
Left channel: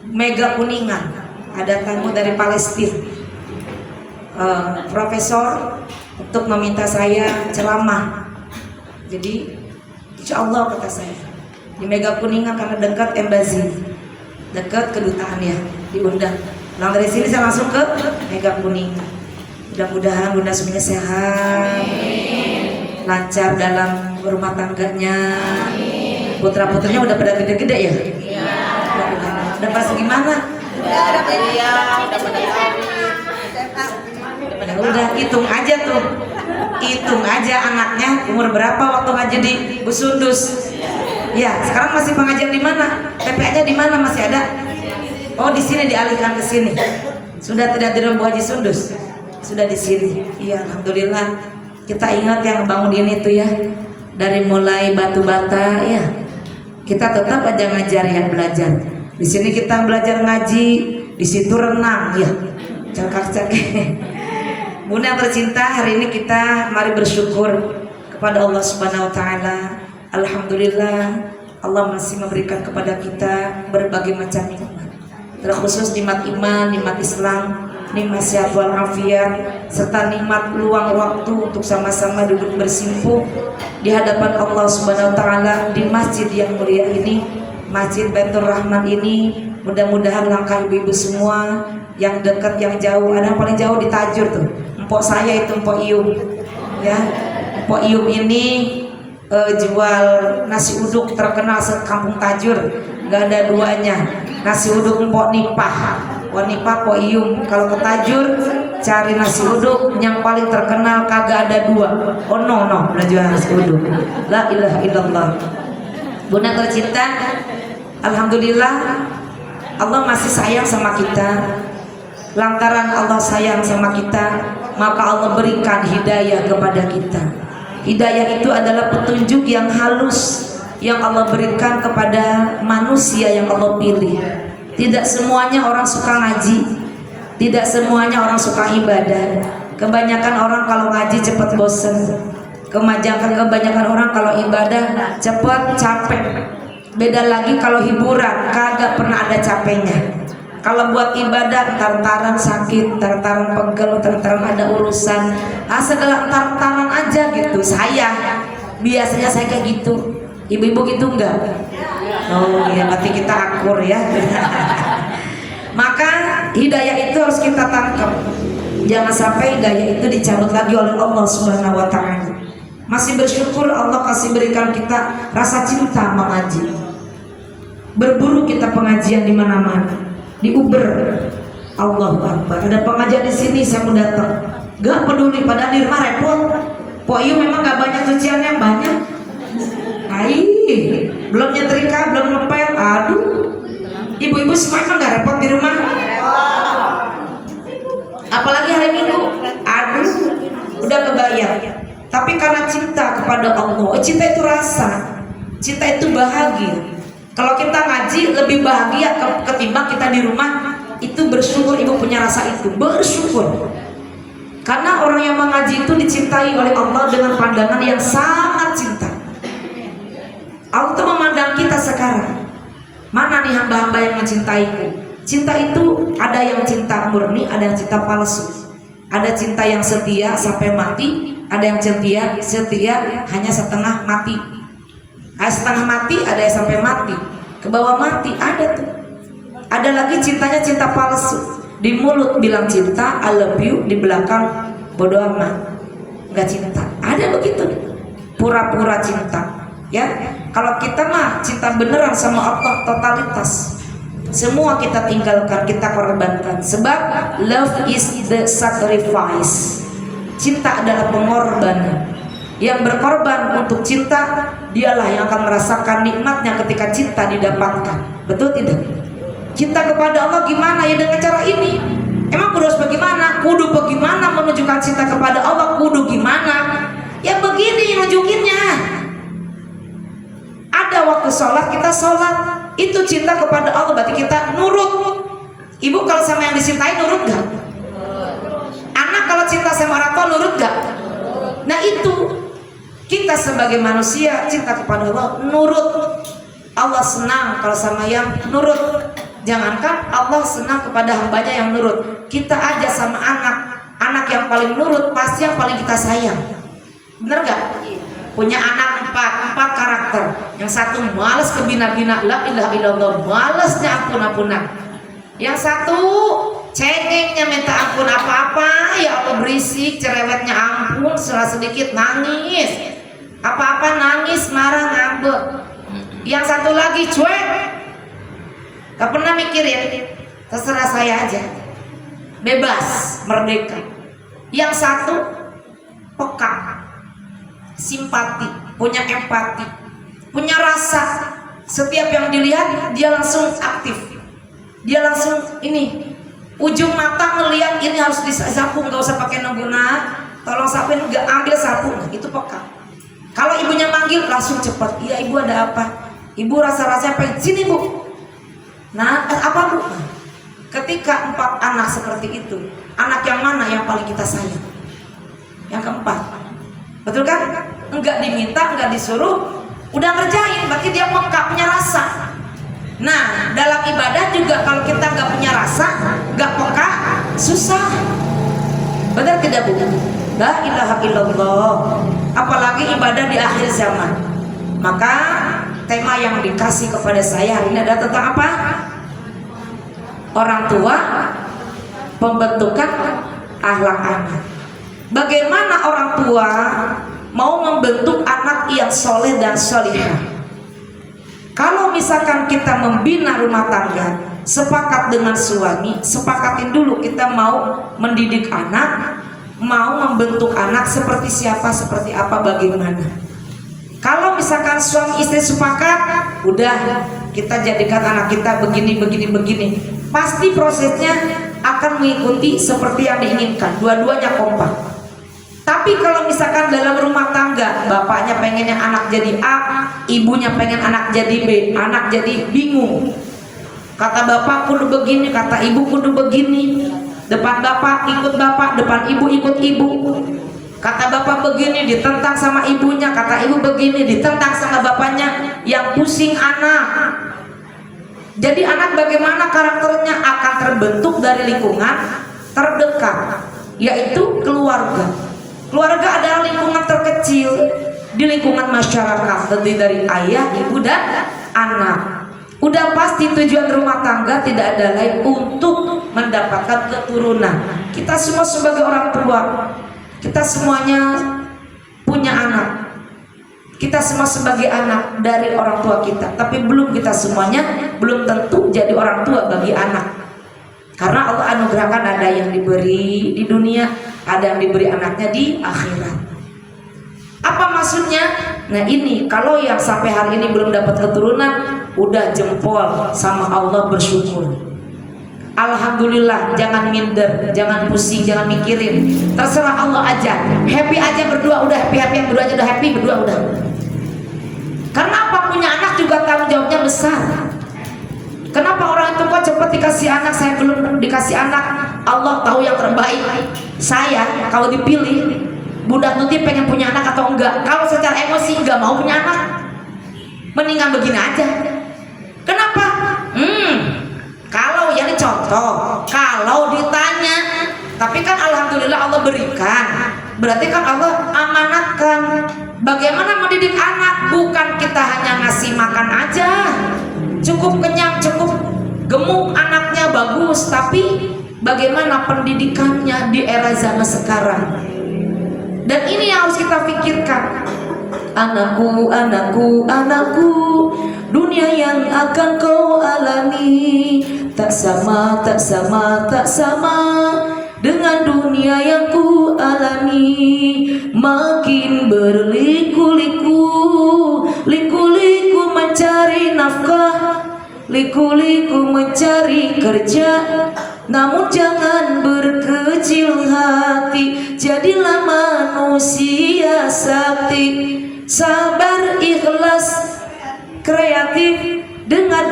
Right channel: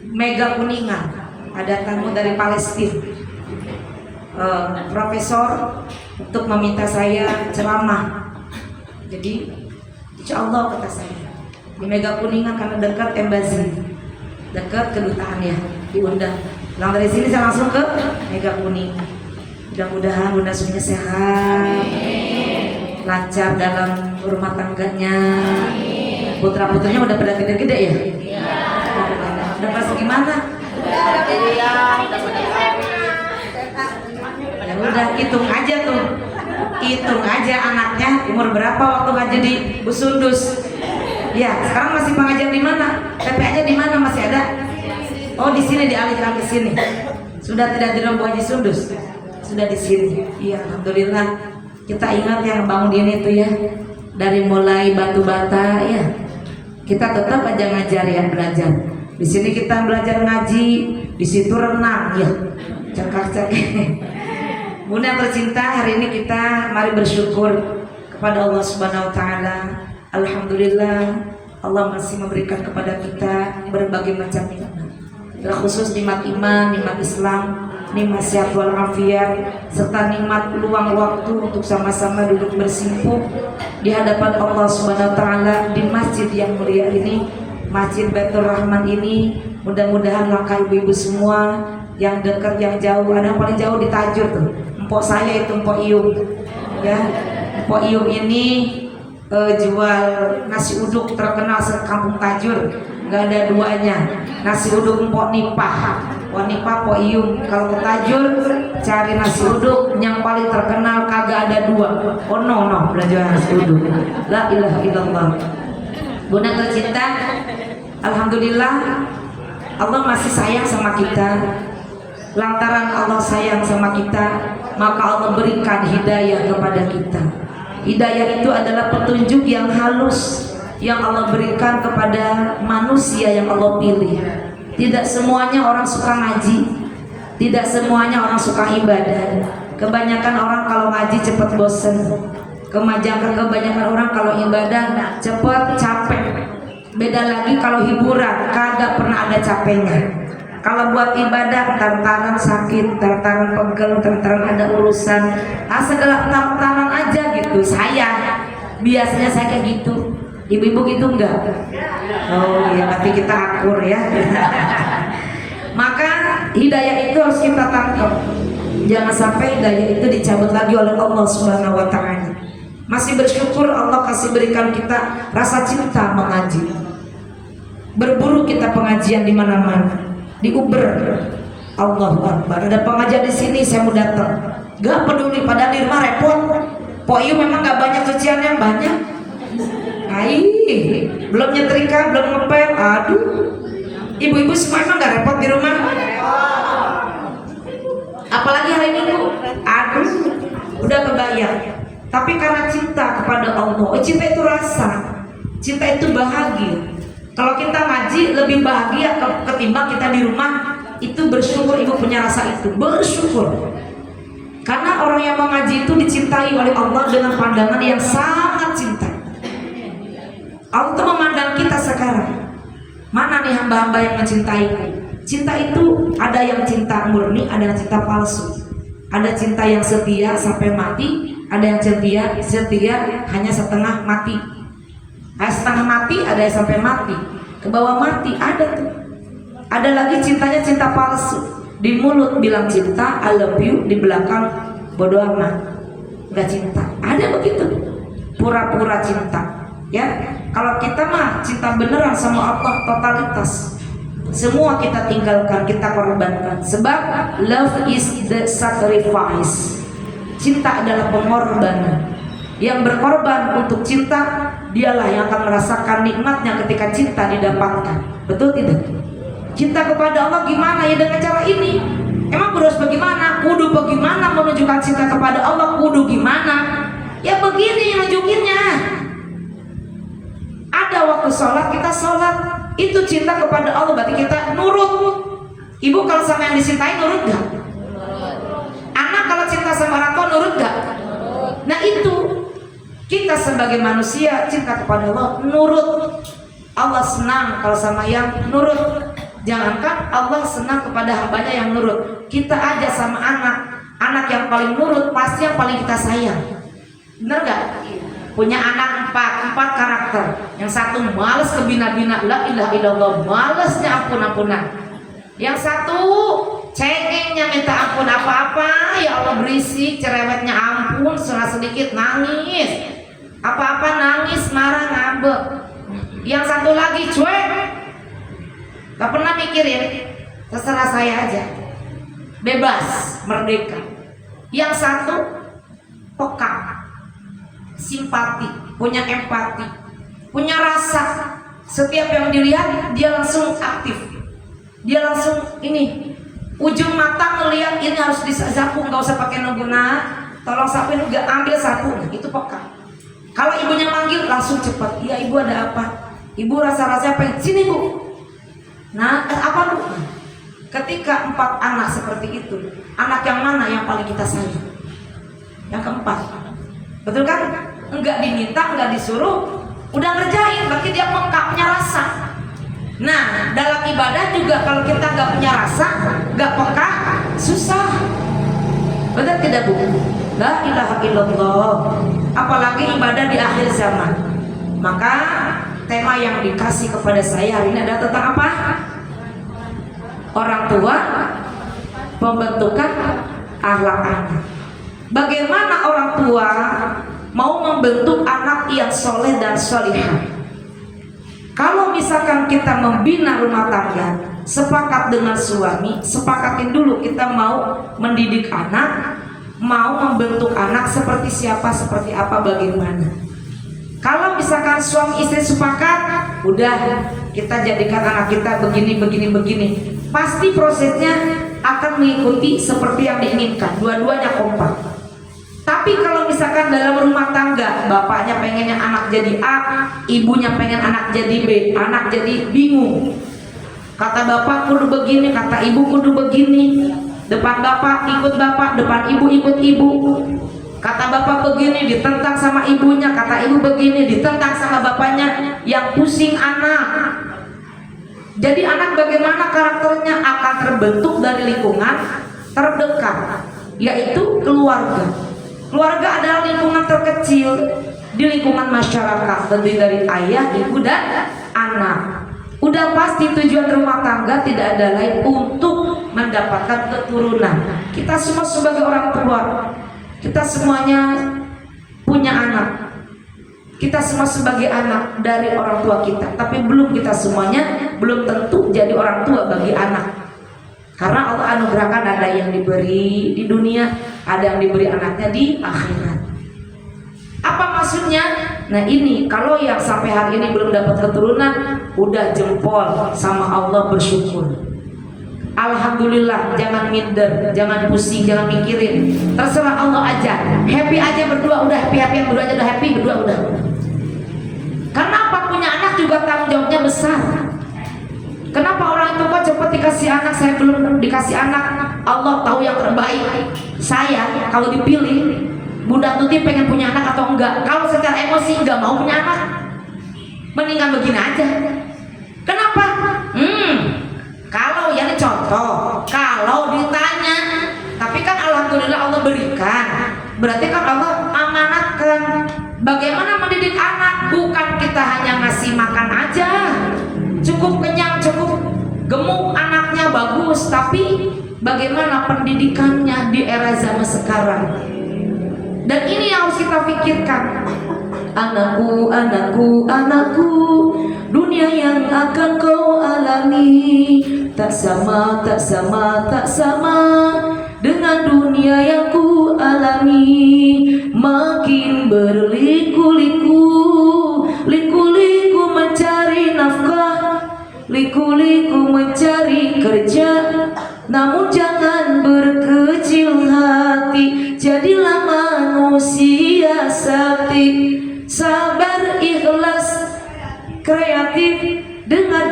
Mega Kuningan. Ada tamu dari Palestina. Profesor untuk meminta saya ceramah. Jadi insya Allah kata saya di Mega Kuningan karena dekat embassy, dekat kedutaan ya, diundang. Nah dari sini saya langsung ke Mega Kuningan. Mudah-mudahan Bunda semuanya sehat, lancar dalam rumah tangganya. Putra-putrinya udah pada gede-gede ya? Udah pas gimana? Udah hitung aja tuh, hitung aja anaknya umur berapa waktu ngaji di Busundus. Ya, sekarang masih pengajian di mana? TPA-nya di mana masih ada? Oh, di sini dialihkan ke sini. Sudah tidak di Rombong Haji Sundus. Sudah di sini. Iya, alhamdulillah. Kita ingat yang bangun ini itu ya. Dari mulai batu bata ya. Kita tetap aja ngajar ya, belajar. Di sini kita belajar ngaji, di situ renang ya. Cakak-cakak. Bunda yang tercinta, hari ini kita mari bersyukur kepada Allah Subhanahu wa taala. Alhamdulillah, Allah masih memberikan kepada kita berbagai macam nikmat, terkhusus nikmat iman, nikmat Islam, nikmat sehat walafiat, serta nikmat luang waktu untuk sama-sama duduk bersimpuh di hadapan Allah Subhanahu wa taala di masjid yang mulia ini, Masjid Baitur Rahman ini. Mudah-mudahan langkah ibu-ibu semua yang dekat, yang jauh. Ada yang paling jauh di Tajur tuh. Empok saya itu Empok Ium, ya. Empok Ium ini jual nasi uduk terkenal sekampung Tajur, nggak ada duanya. Nasi uduk Empok Nipah, Nipah Empok Ium. Kalau ke Tajur cari nasi uduk yang paling terkenal kagak ada dua. Oh no, udah jual nasi uduk. La ilaha illallah. Bunda tercinta, alhamdulillah Allah masih sayang sama kita. Lantaran Allah sayang sama kita, maka Allah berikan hidayah kepada kita. Hidayah itu adalah petunjuk yang halus yang Allah berikan kepada manusia yang Allah pilih. Tidak semuanya orang suka ngaji, tidak semuanya orang suka ibadah. Kebanyakan orang kalau ngaji cepat bosen. Kebanyakan orang kalau ibadah cepat capek. Beda lagi kalau hiburan, kagak pernah ada capeknya. Kalau buat ibadah, tartaran sakit, tartaran pegel, tartaran ada urusan, segala tartaran aja gitu. Biasanya saya kayak gitu. Ibu-ibu gitu enggak? Oh iya, nanti kita akur ya. Maka hidayah itu harus kita tangkap. Jangan sampai hidayah itu dicabut lagi oleh Allah Subhanahu wa Ta'ala. Masih bersyukur Allah kasih berikan kita rasa cinta mengaji. Berburu kita pengajian di mana-mana. Di Uber, Allahu Akbar, ada pengajian di sini saya mau datang. Gak peduli, padahal di rumah repot. Poyu memang gak banyak cucian yang banyak. Belum nyetrika, belum ngepel. Aduh, ibu-ibu semua emang gak repot di rumah. Apalagi hari Minggu. Aduh, udah kebayang. Tapi karena cinta kepada Allah, cinta itu rasa, cinta itu bahagia. Kalau kita ngaji lebih bahagia ketimbang kita di rumah. Itu bersyukur ibu punya rasa itu, bersyukur. Karena orang yang mengaji itu dicintai oleh Allah dengan pandangan yang sangat cinta. Allah tuh memandang kita sekarang. Mana nih hamba-hamba yang mencintaiku? Cinta itu ada yang cinta murni, ada yang cinta palsu. Ada cinta yang setia sampai mati, ada yang setia hanya setengah mati. Setengah mati, ada yang sampai mati, ke bawah mati, ada tuh. Ada lagi cintanya cinta palsu. Di mulut bilang cinta, I love you, di belakang bodoh amat, nggak cinta. Ada begitu, pura-pura cinta. Ya, kalau kita mah cinta beneran sama Allah, totalitas. Semua kita tinggalkan, kita korbankan. Sebab love is the sacrifice. Cinta adalah pengorbanan. Yang berkorban untuk cinta, dialah yang akan merasakan nikmatnya ketika cinta didapatkan. Betul tidak? Cinta kepada Allah gimana? Ya dengan cara ini. Emang harus bagaimana? Kudu bagaimana menunjukkan cinta kepada Allah? Kudu gimana? Ya begini nunjukinnya. Ada waktu sholat, kita sholat. Itu cinta kepada Allah, berarti kita nurut. Ibu kalau sama yang dicintai nurut gak? Anak kalau cinta sama orang tua nurut gak? Nah itu, kita sebagai manusia cinta kepada Allah nurut. Allah senang kalau sama yang nurut. Jangankan Allah senang kepada hambanya yang nurut, kita aja sama anak yang paling nurut pasti yang paling kita sayang. Bener gak? Punya anak empat karakter. Yang satu malas kebina-bina, la ilaha illallah, malasnya ampun-ampunan. Yang satu cengengnya minta ampun apa-apa, ya Allah berisik, cerewetnya ampun, salah sedikit nangis. Apa-apa nangis, marah, ngambek. Yang satu lagi cuek, gak pernah mikirin, terserah saya aja, bebas, merdeka. Yang satu peka, simpati, punya empati, punya rasa. Setiap yang dilihat dia langsung aktif, dia langsung ini, ujung mata melihat ini harus disapu, nggak usah pakai noguna, tolong sapuin, nggak ambil sapu, itu peka. Kalau ibunya manggil langsung cepat, iya ibu ada apa? Ibu rasa-rasanya pengen, sini bu. Nah, apa bu? Ketika 4 anak seperti itu, anak yang mana yang paling kita sayang? Yang keempat, betul kan? Enggak diminta, enggak disuruh, udah ngerjain, berarti dia peka, punya rasa. Nah, dalam ibadah juga kalau kita nggak punya rasa, nggak peka, susah. Betul tidak bu? La ilaha illallah. Apalagi ibadah di akhir zaman. Maka tema yang dikasih kepada saya hari ini adalah tentang apa? Orang tua pembentukan akhlak anak. Bagaimana orang tua mau membentuk anak yang soleh dan solihah? Kalau misalkan kita membina rumah tangga, sepakat dengan suami, sepakatin dulu kita mau mendidik anak, mau membentuk anak seperti siapa, seperti apa, bagaimana. Kalau misalkan suami istri sepakat, udah kita jadikan anak kita begini, pasti prosesnya akan mengikuti seperti yang diinginkan, dua-duanya kompak. Tapi kalau misalkan dalam rumah tangga, bapaknya pengennya anak jadi A, ibunya pengen anak jadi B, anak jadi bingung. Kata bapak kudu begini, kata ibu kudu begini. Depan bapak ikut bapak, depan ibu ikut ibu. Kata bapak begini, ditentang sama ibunya. Kata ibu begini, ditentang sama bapaknya. Yang pusing anak. Jadi anak bagaimana karakternya akan terbentuk dari lingkungan terdekat, yaitu keluarga. Keluarga adalah lingkungan terkecil di lingkungan masyarakat, terdiri dari ayah, ibu, dan anak. Udah pasti tujuan rumah tangga tidak ada lain untuk mendapatkan keturunan. Kita semua sebagai orang tua, kita semuanya punya anak. Kita semua sebagai anak dari orang tua kita, tapi kita semuanya belum tentu jadi orang tua bagi anak. Karena Allah anugerahkan ada yang diberi di dunia, ada yang diberi anaknya di akhirat. Apa maksudnya? Nah ini, kalau yang sampai hari ini belum dapat keturunan, udah jempol sama Allah, bersyukur. Alhamdulillah, jangan minder, jangan pusing, jangan mikirin. Terserah Allah aja, happy aja berdua, udah happy, berdua aja udah happy, berdua udah. Karena apa, punya anak juga tanggung jawabnya besar. Kenapa orang itu kok cepat dikasih anak, saya belum dikasih anak? Allah tahu yang terbaik. Saya kalau dipilih, Bunda Tuti pengen punya anak atau enggak? Kalau secara emosi enggak mau punya anak, mendingan begini aja. Kenapa? Kalau ya ini contoh, kalau ditanya, tapi kan alhamdulillah Allah berikan, berarti kan Allah amanatkan. Bagaimana mendidik anak? Bukan kita hanya ngasih makan aja, cukup kenyang, cukup gemuk, anaknya bagus, tapi bagaimana pendidikannya di era zaman sekarang? Dan ini yang harus kita pikirkan. Anakku, anakku, anakku, dunia yang akan kau alami tak sama, tak sama, tak sama dengan dunia yang ku alami. Makin berliku-liku, liku-liku mencari nafkah, liku-liku mencari kerja. Namun jangan berkecil hati, jadilah manusia sakti, sabar, ikhlas, kreatif. Dengar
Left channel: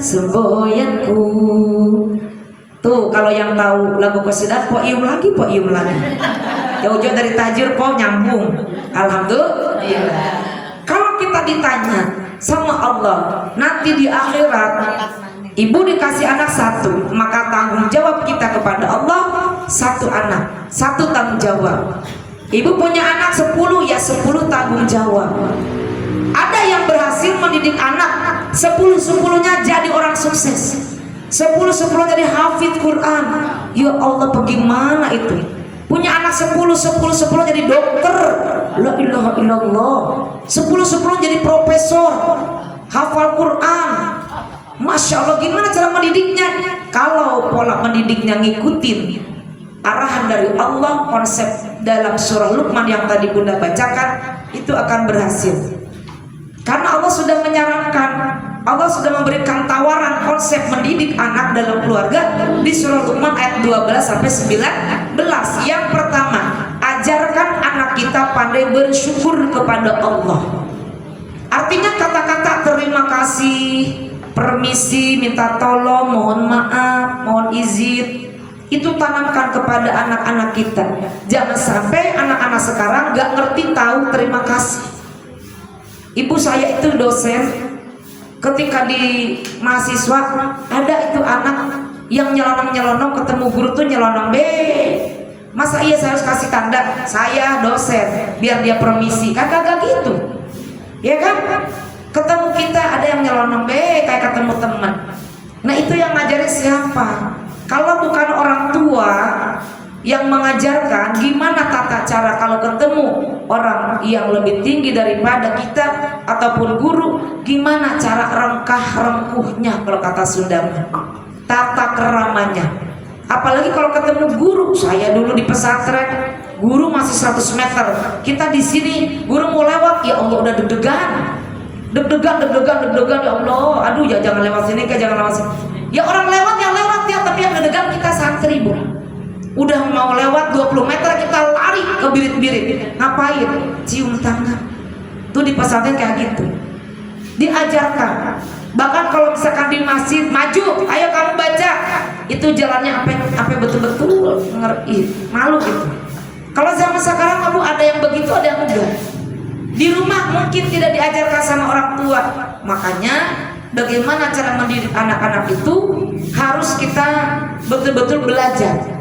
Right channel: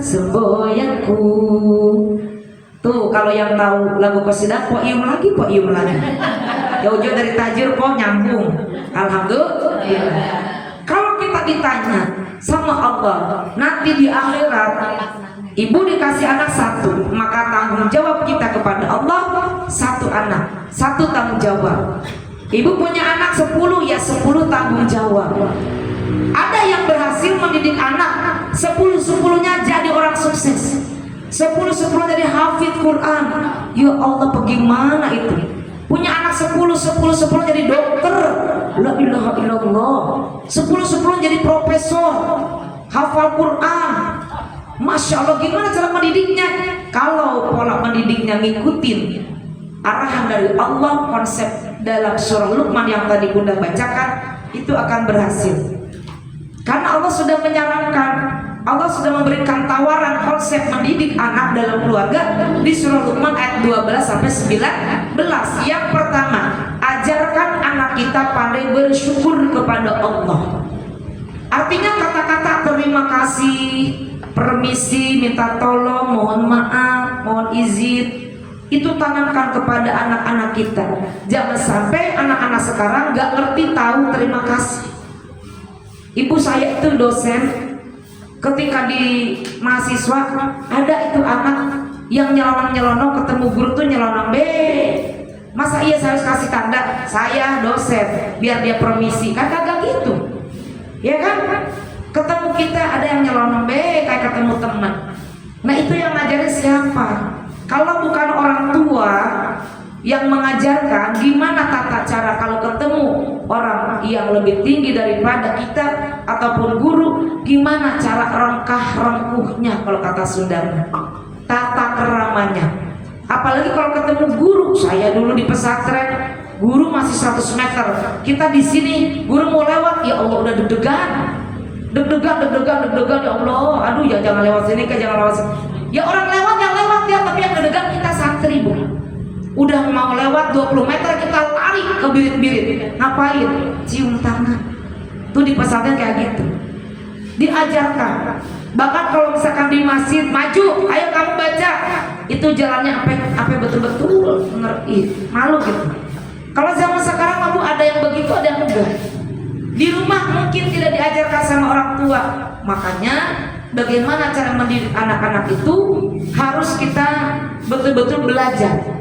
semboyanku. Tuh kalau yang tahu lagu qasidah, poium lagi. Jauh-jauh dari tajir kok nyambung. Alhamdulillah. Kalau kita ditanya sama Allah nanti di akhirat, ibu dikasih anak satu, maka tanggung jawab kita kepada Allah satu anak, satu tanggung jawab. Ibu punya anak 10, ya 10 tanggung jawab. Ada yang berhasil mendidik anak 10-10-nya jadi orang sukses, 10-10 jadi hafid Quran. Ya Allah, bagaimana itu? Punya anak 10-10 jadi dokter, la ilaha illallah. 10-10 jadi profesor, hafal Quran. Masya Allah, gimana cara mendidiknya? Kalau pola mendidiknya ngikutin arahan dari Allah, konsep dalam surah Luqman yang tadi Bunda bacakan, itu akan berhasil. Karena Allah sudah menyarankan, Allah sudah memberikan tawaran konsep mendidik anak dalam keluarga di surah Luqman ayat 12-19. Yang pertama, ajarkan anak kita pandai bersyukur kepada Allah. Artinya kata-kata terima kasih, permisi, minta tolong, mohon maaf, mohon izin, itu tanamkan kepada anak-anak kita. Jangan sampai anak-anak sekarang gak ngerti tahu terima kasih. Ibu saya itu dosen, ketika di mahasiswa ada itu anak yang nyelonong ketemu guru tuh nyelonong masa iya saya harus kasih tanda saya dosen biar dia permisi? Kagak gitu, ya kan? Ketemu kita ada yang nyelonong kayak ketemu teman. Nah itu yang ngajarin siapa? Kalau bukan orang tua yang mengajarkan, gimana tata cara kalau ketemu orang yang lebih tinggi daripada kita ataupun guru, gimana cara rengkah-rengkuhnya kalau kata Sunda, tata keramanya. Apalagi kalau ketemu guru. Saya dulu di pesantren, guru masih 100 meter, kita di sini, guru mau lewat, ya Allah udah deg-degan, ya Allah, aduh ya jangan lewat sini, jangan lewat sini. Ya orang lewat yang lewat ya, tapi yang deg-degan kita santri, Bu. Udah mau lewat 20 meter kita lari ke birit-birit. Ngapain? Cium tangan. Tuh di pesantren kayak gitu. Diajarkan. Bahkan kalau misalkan di masjid, maju, ayo kamu baca. Itu jalannya apa betul-betul ngerti, malu gitu. Kalau zaman sekarang kamu ada yang begitu, ada yang enggak. Di rumah mungkin tidak diajarkan sama orang tua. Makanya bagaimana cara mendidik anak-anak itu harus kita betul-betul belajar.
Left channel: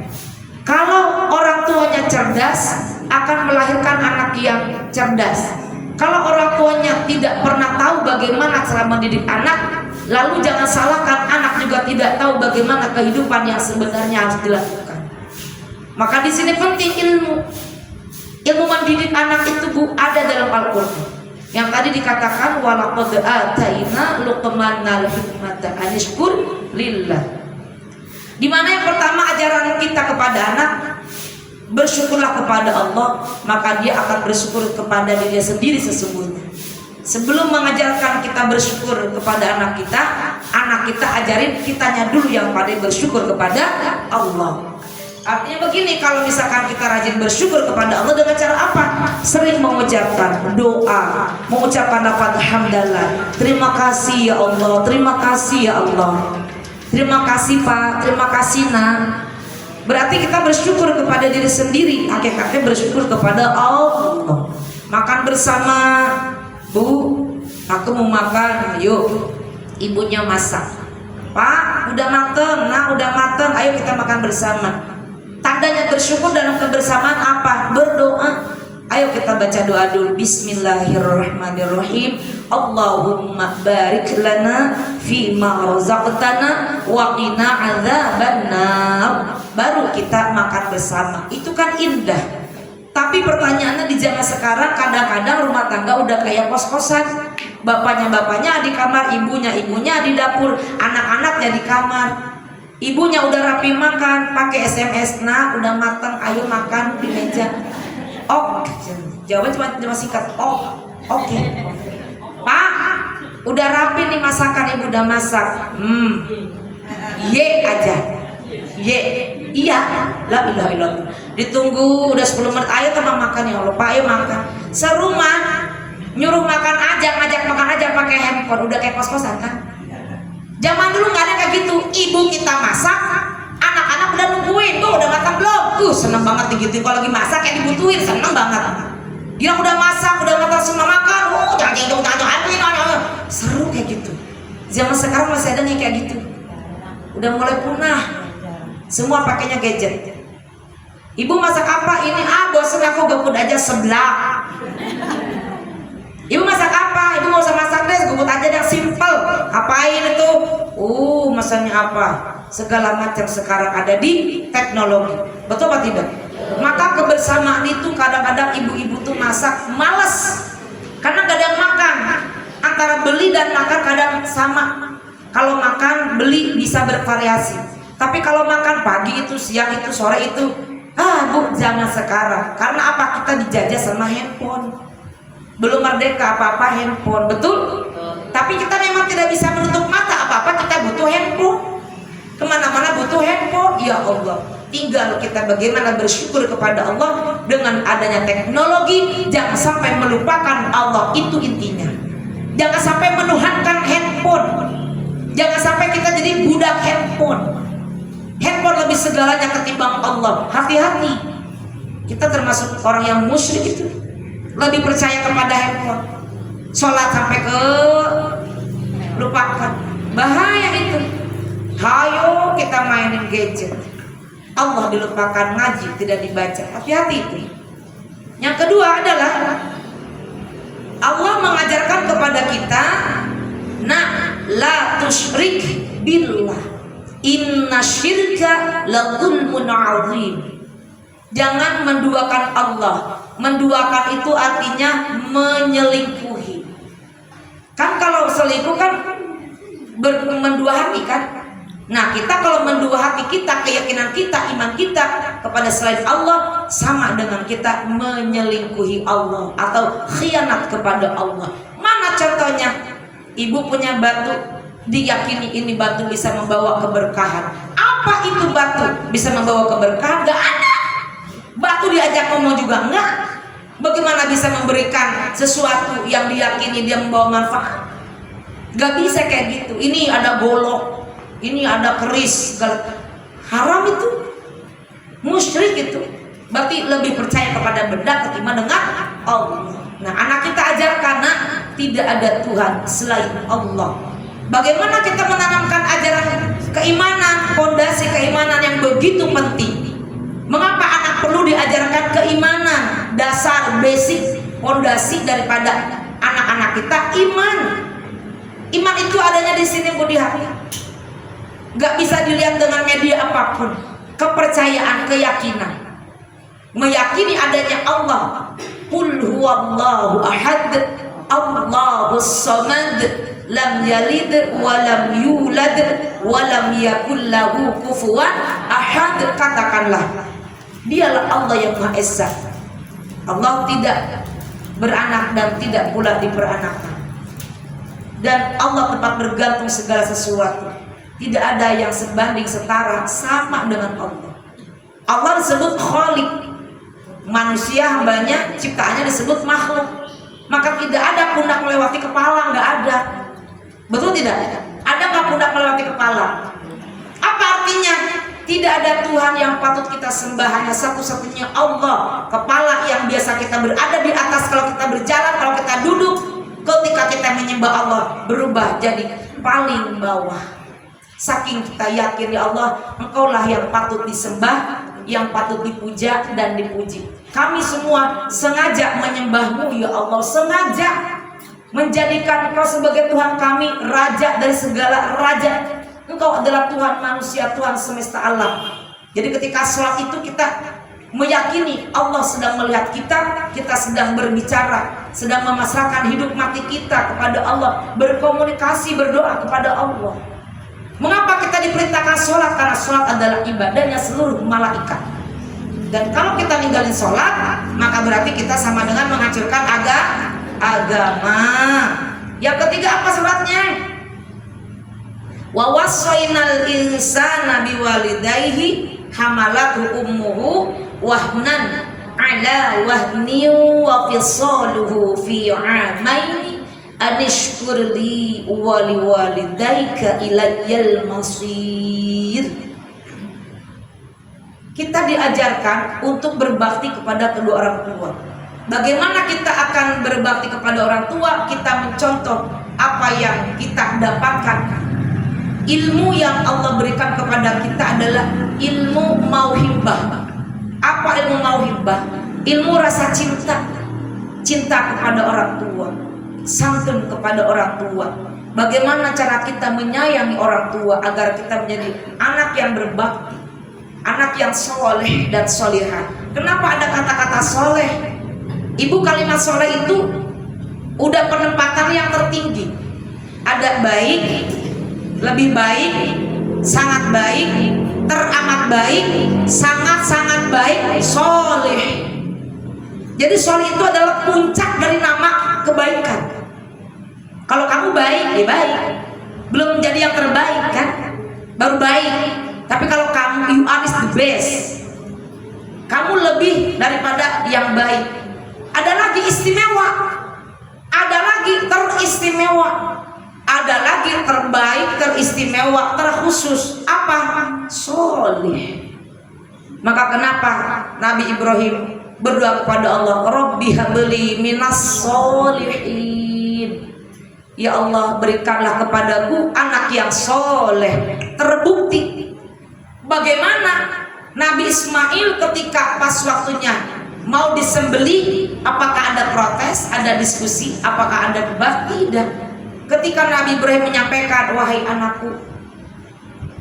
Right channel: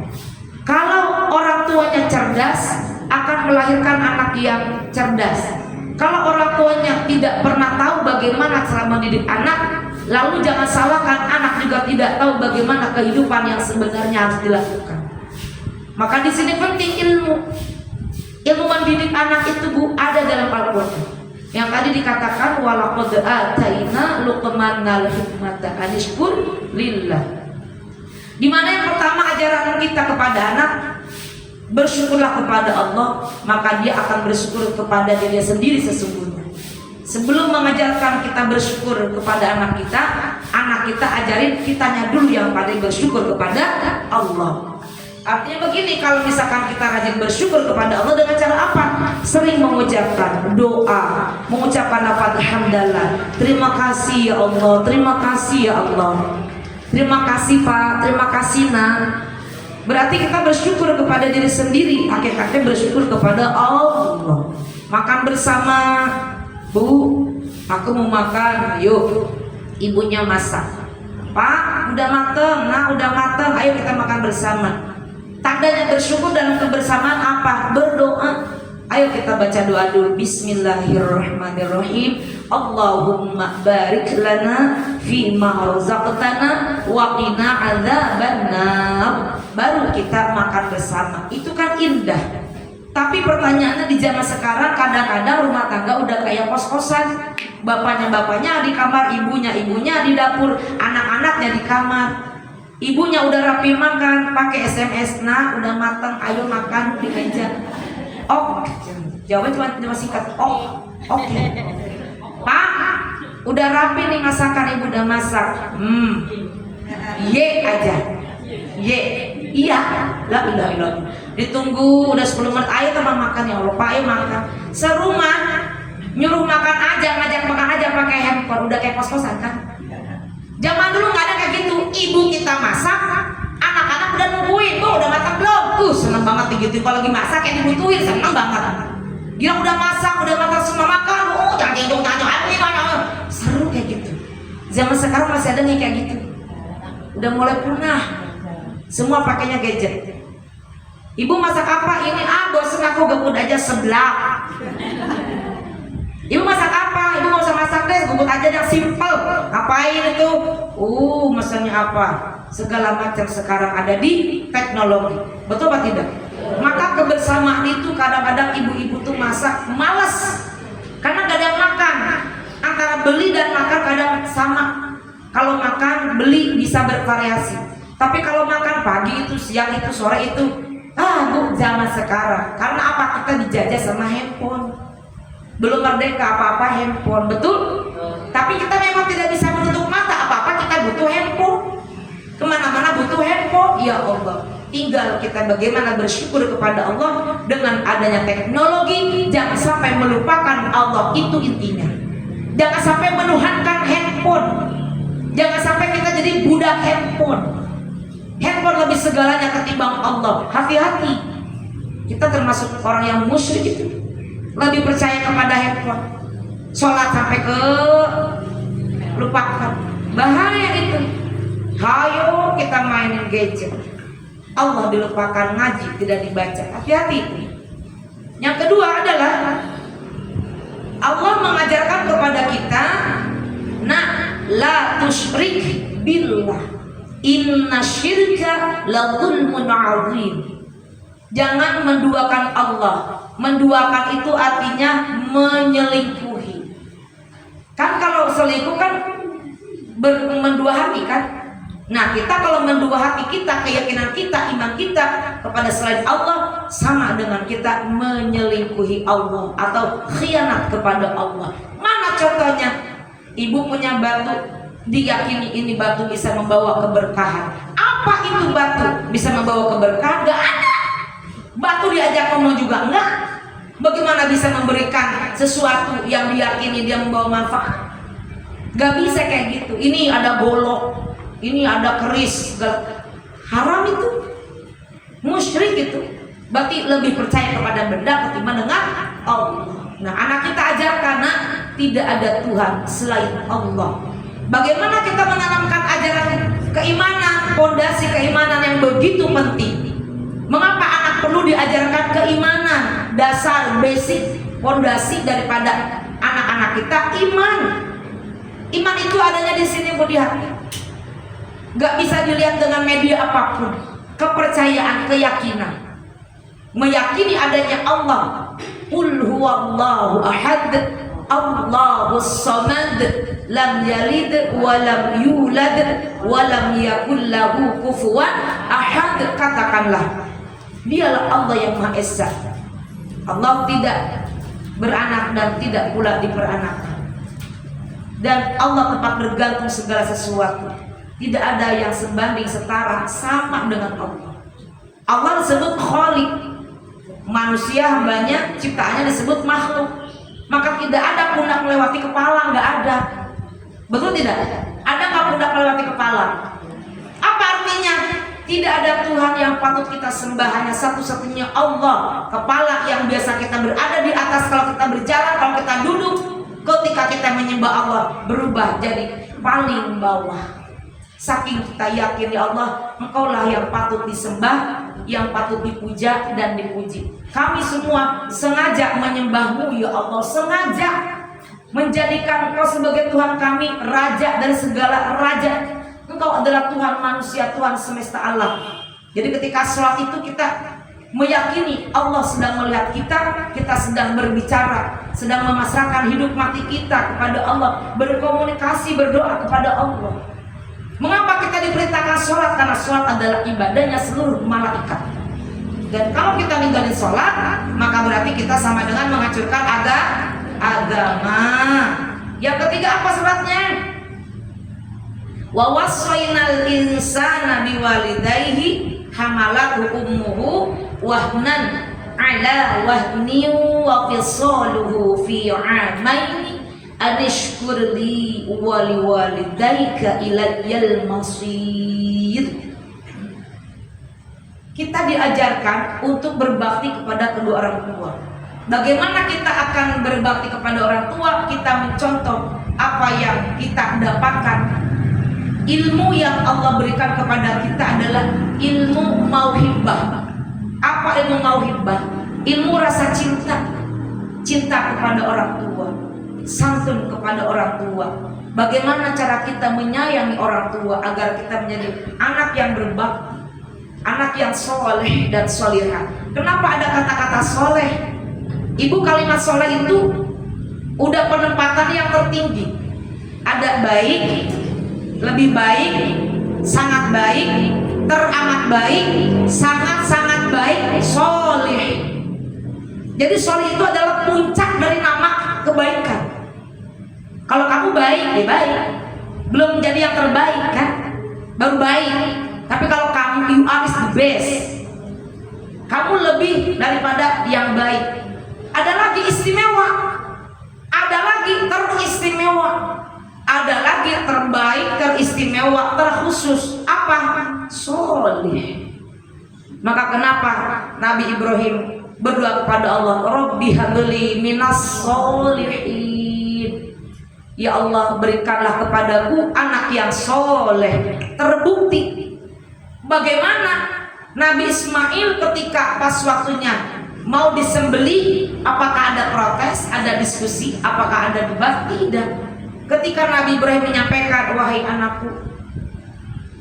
Kalau orang tuanya cerdas, akan melahirkan anak yang cerdas. Kalau orang tuanya tidak pernah tahu bagaimana cara mendidik anak, lalu jangan salahkan anak juga tidak tahu bagaimana kehidupan yang sebenarnya harus dilakukan. Maka di sini penting ilmu. Ilmu mendidik anak itu, Bu, ada dalam Al-Qur'an. Yang tadi dikatakan walaqad ataina luqmanal hikmata anishkur lillah. Di mana yang pertama ajaran kita kepada anak, bersyukurlah kepada Allah, maka dia akan bersyukur kepada dirinya sendiri sesungguhnya. Sebelum mengajarkan kita bersyukur kepada anak kita ajarin kitanya dulu yang paling bersyukur kepada Allah. Artinya begini, kalau misalkan kita rajin bersyukur kepada Allah dengan cara apa? Sering mengucapkan doa, mengucapkan lafaz hamdalah. Terima kasih ya Allah, terima kasih ya Allah. Terima kasih Pak, terima kasih Nak. Berarti kita bersyukur kepada diri sendiri, hakikatnya bersyukur kepada Allah. Makan bersama, Bu, aku mau makan, ayo. Ibunya masak. Pak, udah mateng, Nak udah mateng, ayo kita makan bersama. Tandanya bersyukur dalam kebersamaan apa? Berdoa. Ayo kita baca doa dulu. Bismillahirrahmanirrahim. Allahumma barik lana fima razaqtana wa qina adzabannar. Baru kita makan bersama. Itu kan indah. Tapi pertanyaannya di zaman sekarang kadang-kadang rumah tangga udah kayak kos-kosan. Bapaknya di kamar, ibunya di dapur, anak-anaknya di kamar. Ibunya udah rapi makan, pakai SMS, Nah udah matang, ayo makan di meja. Oh, jawabannya cuma singkat. Oh, oke. Pak, udah rapi nih masakan, ibu udah masak. Ye aja. Ye, iya. Lah. Ditunggu udah 10 menit, ayo tambah makan ya Allah. Pak, ayo makan. Serumah nyuruh makan aja, ngajak makan aja pakai handphone, udah kayak kos-kosan kan? Zaman dulu nggak ada kayak gitu. Ibu kita masak, anak-anak udah nungguin, tuh udah matang belum? Seneng banget gitu. Kalau lagi masak yang dibutuhin, seneng banget. Dia udah masak, udah matang semua makan. Seru kayak gitu. Zaman sekarang masih ada nih kayak gitu. Udah mulai punah. Semua pakainya gadget. Ibu masak apa? Ini bosen aku gebut aja sebelah. Ibu masak apa? Ibu mau usah masak deh, gebut aja yang simple. Ngapain itu? Masaknya apa? Segala macam sekarang ada di teknologi. Betul apa tidak? Maka kebersamaan itu kadang-kadang ibu-ibu tuh masak malas karena gak ada yang makan. Antara beli dan makan kadang sama. Kalau makan beli bisa bervariasi. Tapi kalau makan pagi itu, siang itu, sore itu, Bu, zaman sekarang. Karena apa? Kita dijajah sama handphone. Belum merdeka apa-apa handphone, betul? Tapi kita memang tidak bisa menutup mata, apa-apa kita butuh handphone. Kemana-mana butuh handphone. Ya Allah, tinggal kita bagaimana bersyukur kepada Allah dengan adanya teknologi. Jangan sampai melupakan Allah, itu intinya. Jangan sampai menuhankan handphone. Jangan sampai kita jadi budak handphone. Handphone lebih segalanya ketimbang Allah. Hati-hati. Kita termasuk orang yang musyrik itu. Lebih percaya kepada handphone. Sholat sampai ke lupakan. Bahaya itu. Hayo kita mainin gadget. Allah dilupakan, ngaji tidak dibaca. Hati-hati itu. Yang kedua adalah Allah mengajarkan kepada kita, la tusyrik billah. Inna syirka la dzulmun 'adzim. Jangan menduakan Allah. Menduakan itu artinya menyelingkuhi. Kan kalau selingkuh kan mendua hati kan? Nah, kita kalau mendua hati kita, keyakinan kita, iman kita kepada selain Allah sama dengan kita menyelingkuhi Allah atau khianat kepada Allah. Mana contohnya? Ibu punya batu, diyakini ini batu bisa membawa keberkahan. Apa itu batu bisa membawa keberkahan? Gak ada. Batu diajak ngomong juga enggak. Bagaimana bisa memberikan sesuatu yang diyakini dia membawa manfaat? Gak bisa kayak gitu. Ini ada golok, ini ada keris, haram itu, musyrik itu. Berarti lebih percaya kepada benda ketimbang dengan Allah. Nah, anak kita ajarkan, nak, tidak ada Tuhan selain Allah. Bagaimana kita menanamkan ajaran keimanan, fondasi keimanan yang begitu penting? Mengapa anak perlu diajarkan keimanan? Dasar, basic, fondasi daripada anak-anak kita iman. Iman itu adanya di sini, Bu, di hati. Gak bisa dilihat dengan media apapun. Kepercayaan, keyakinan, meyakini adanya Allah. Qul huwallahu ahad, Allahus samad, lam yalid wa lam yulad wa lam yakul lahu kufuwan ahad. Katakanlah, dialah Allah yang Maha Esa. Allah tidak beranak dan tidak pula diperanakan. Dan Allah tempat bergantung segala sesuatu. Tidak ada yang sebanding setara sama dengan Allah. Allah disebut Khaliq. Manusia hambanya, ciptaannya disebut makhluk. Maka tidak ada pundak melewati kepala, nggak ada. Betul tidak? Ada nggak pundak melewati kepala? Apa artinya? Tidak ada Tuhan yang patut kita sembah, hanya satu-satunya Allah. Kepala yang biasa kita berada di atas kalau kita berjalan, kalau kita duduk. Ketika kita menyembah Allah, berubah jadi paling bawah. Saking kita yakin, ya Allah, Engkaulah yang patut disembah, yang patut dipuja dan dipuji. Kami semua sengaja menyembah-Mu, ya Allah, sengaja menjadikan Engkau sebagai Tuhan kami, Raja dari segala raja. Engkau adalah Tuhan manusia, Tuhan semesta alam. Jadi ketika sholat itu kita meyakini Allah sedang melihat kita, kita sedang berbicara, sedang memasrahkan hidup mati kita kepada Allah, berkomunikasi, berdoa kepada Allah. Mengapa kita diperintahkan sholat? Karena sholat adalah ibadahnya seluruh malaikat. Dan kalau kita ninggalin sholat, maka berarti kita sama dengan menghancurkan agama. Yang ketiga apa sebabnya? Wa wassaynal insana biwalidayhi hamalathu ummuhu wahnan ala wahnin wa fisaluhu fi 'amaini anishkurli wa liwalidayka ilayyal masir. Kita diajarkan untuk berbakti kepada kedua orang tua. Bagaimana kita akan berbakti kepada orang tua? Kita mencontoh apa yang kita dapatkan. Ilmu yang Allah berikan kepada kita adalah ilmu mauhibah. Apa ilmu mauhibah? Ilmu rasa cinta. Cinta kepada orang tua, santun kepada orang tua. Bagaimana cara kita menyayangi orang tua agar kita menjadi anak yang berbakti, anak yang soleh dan solihah. Kenapa ada kata-kata soleh? Ibu, kalimat soleh itu udah penempatan yang tertinggi. Ada baik, lebih baik, sangat baik, teramat baik, sangat-sangat baik, soleh. Jadi soleh itu adalah puncak dari nama kebaikan. Kalau kamu baik, ya baik. Belum menjadi yang terbaik kan? Baru baik. Tapi kalau kamu, you are the best. Kamu lebih daripada yang baik. Ada lagi istimewa. Ada lagi teristimewa. Ada lagi terbaik, teristimewa, terkhusus. Apa? Soleh. Maka kenapa Nabi Ibrahim berdoa kepada Allah, Rabbi habli minas solihin. Ya Allah, berikanlah kepadaku anak yang soleh. Terbukti bagaimana Nabi Ismail ketika pas waktunya mau disembelih, apakah ada protes, ada diskusi, apakah ada debat? Tidak. Ketika Nabi Ibrahim menyampaikan, wahai anakku,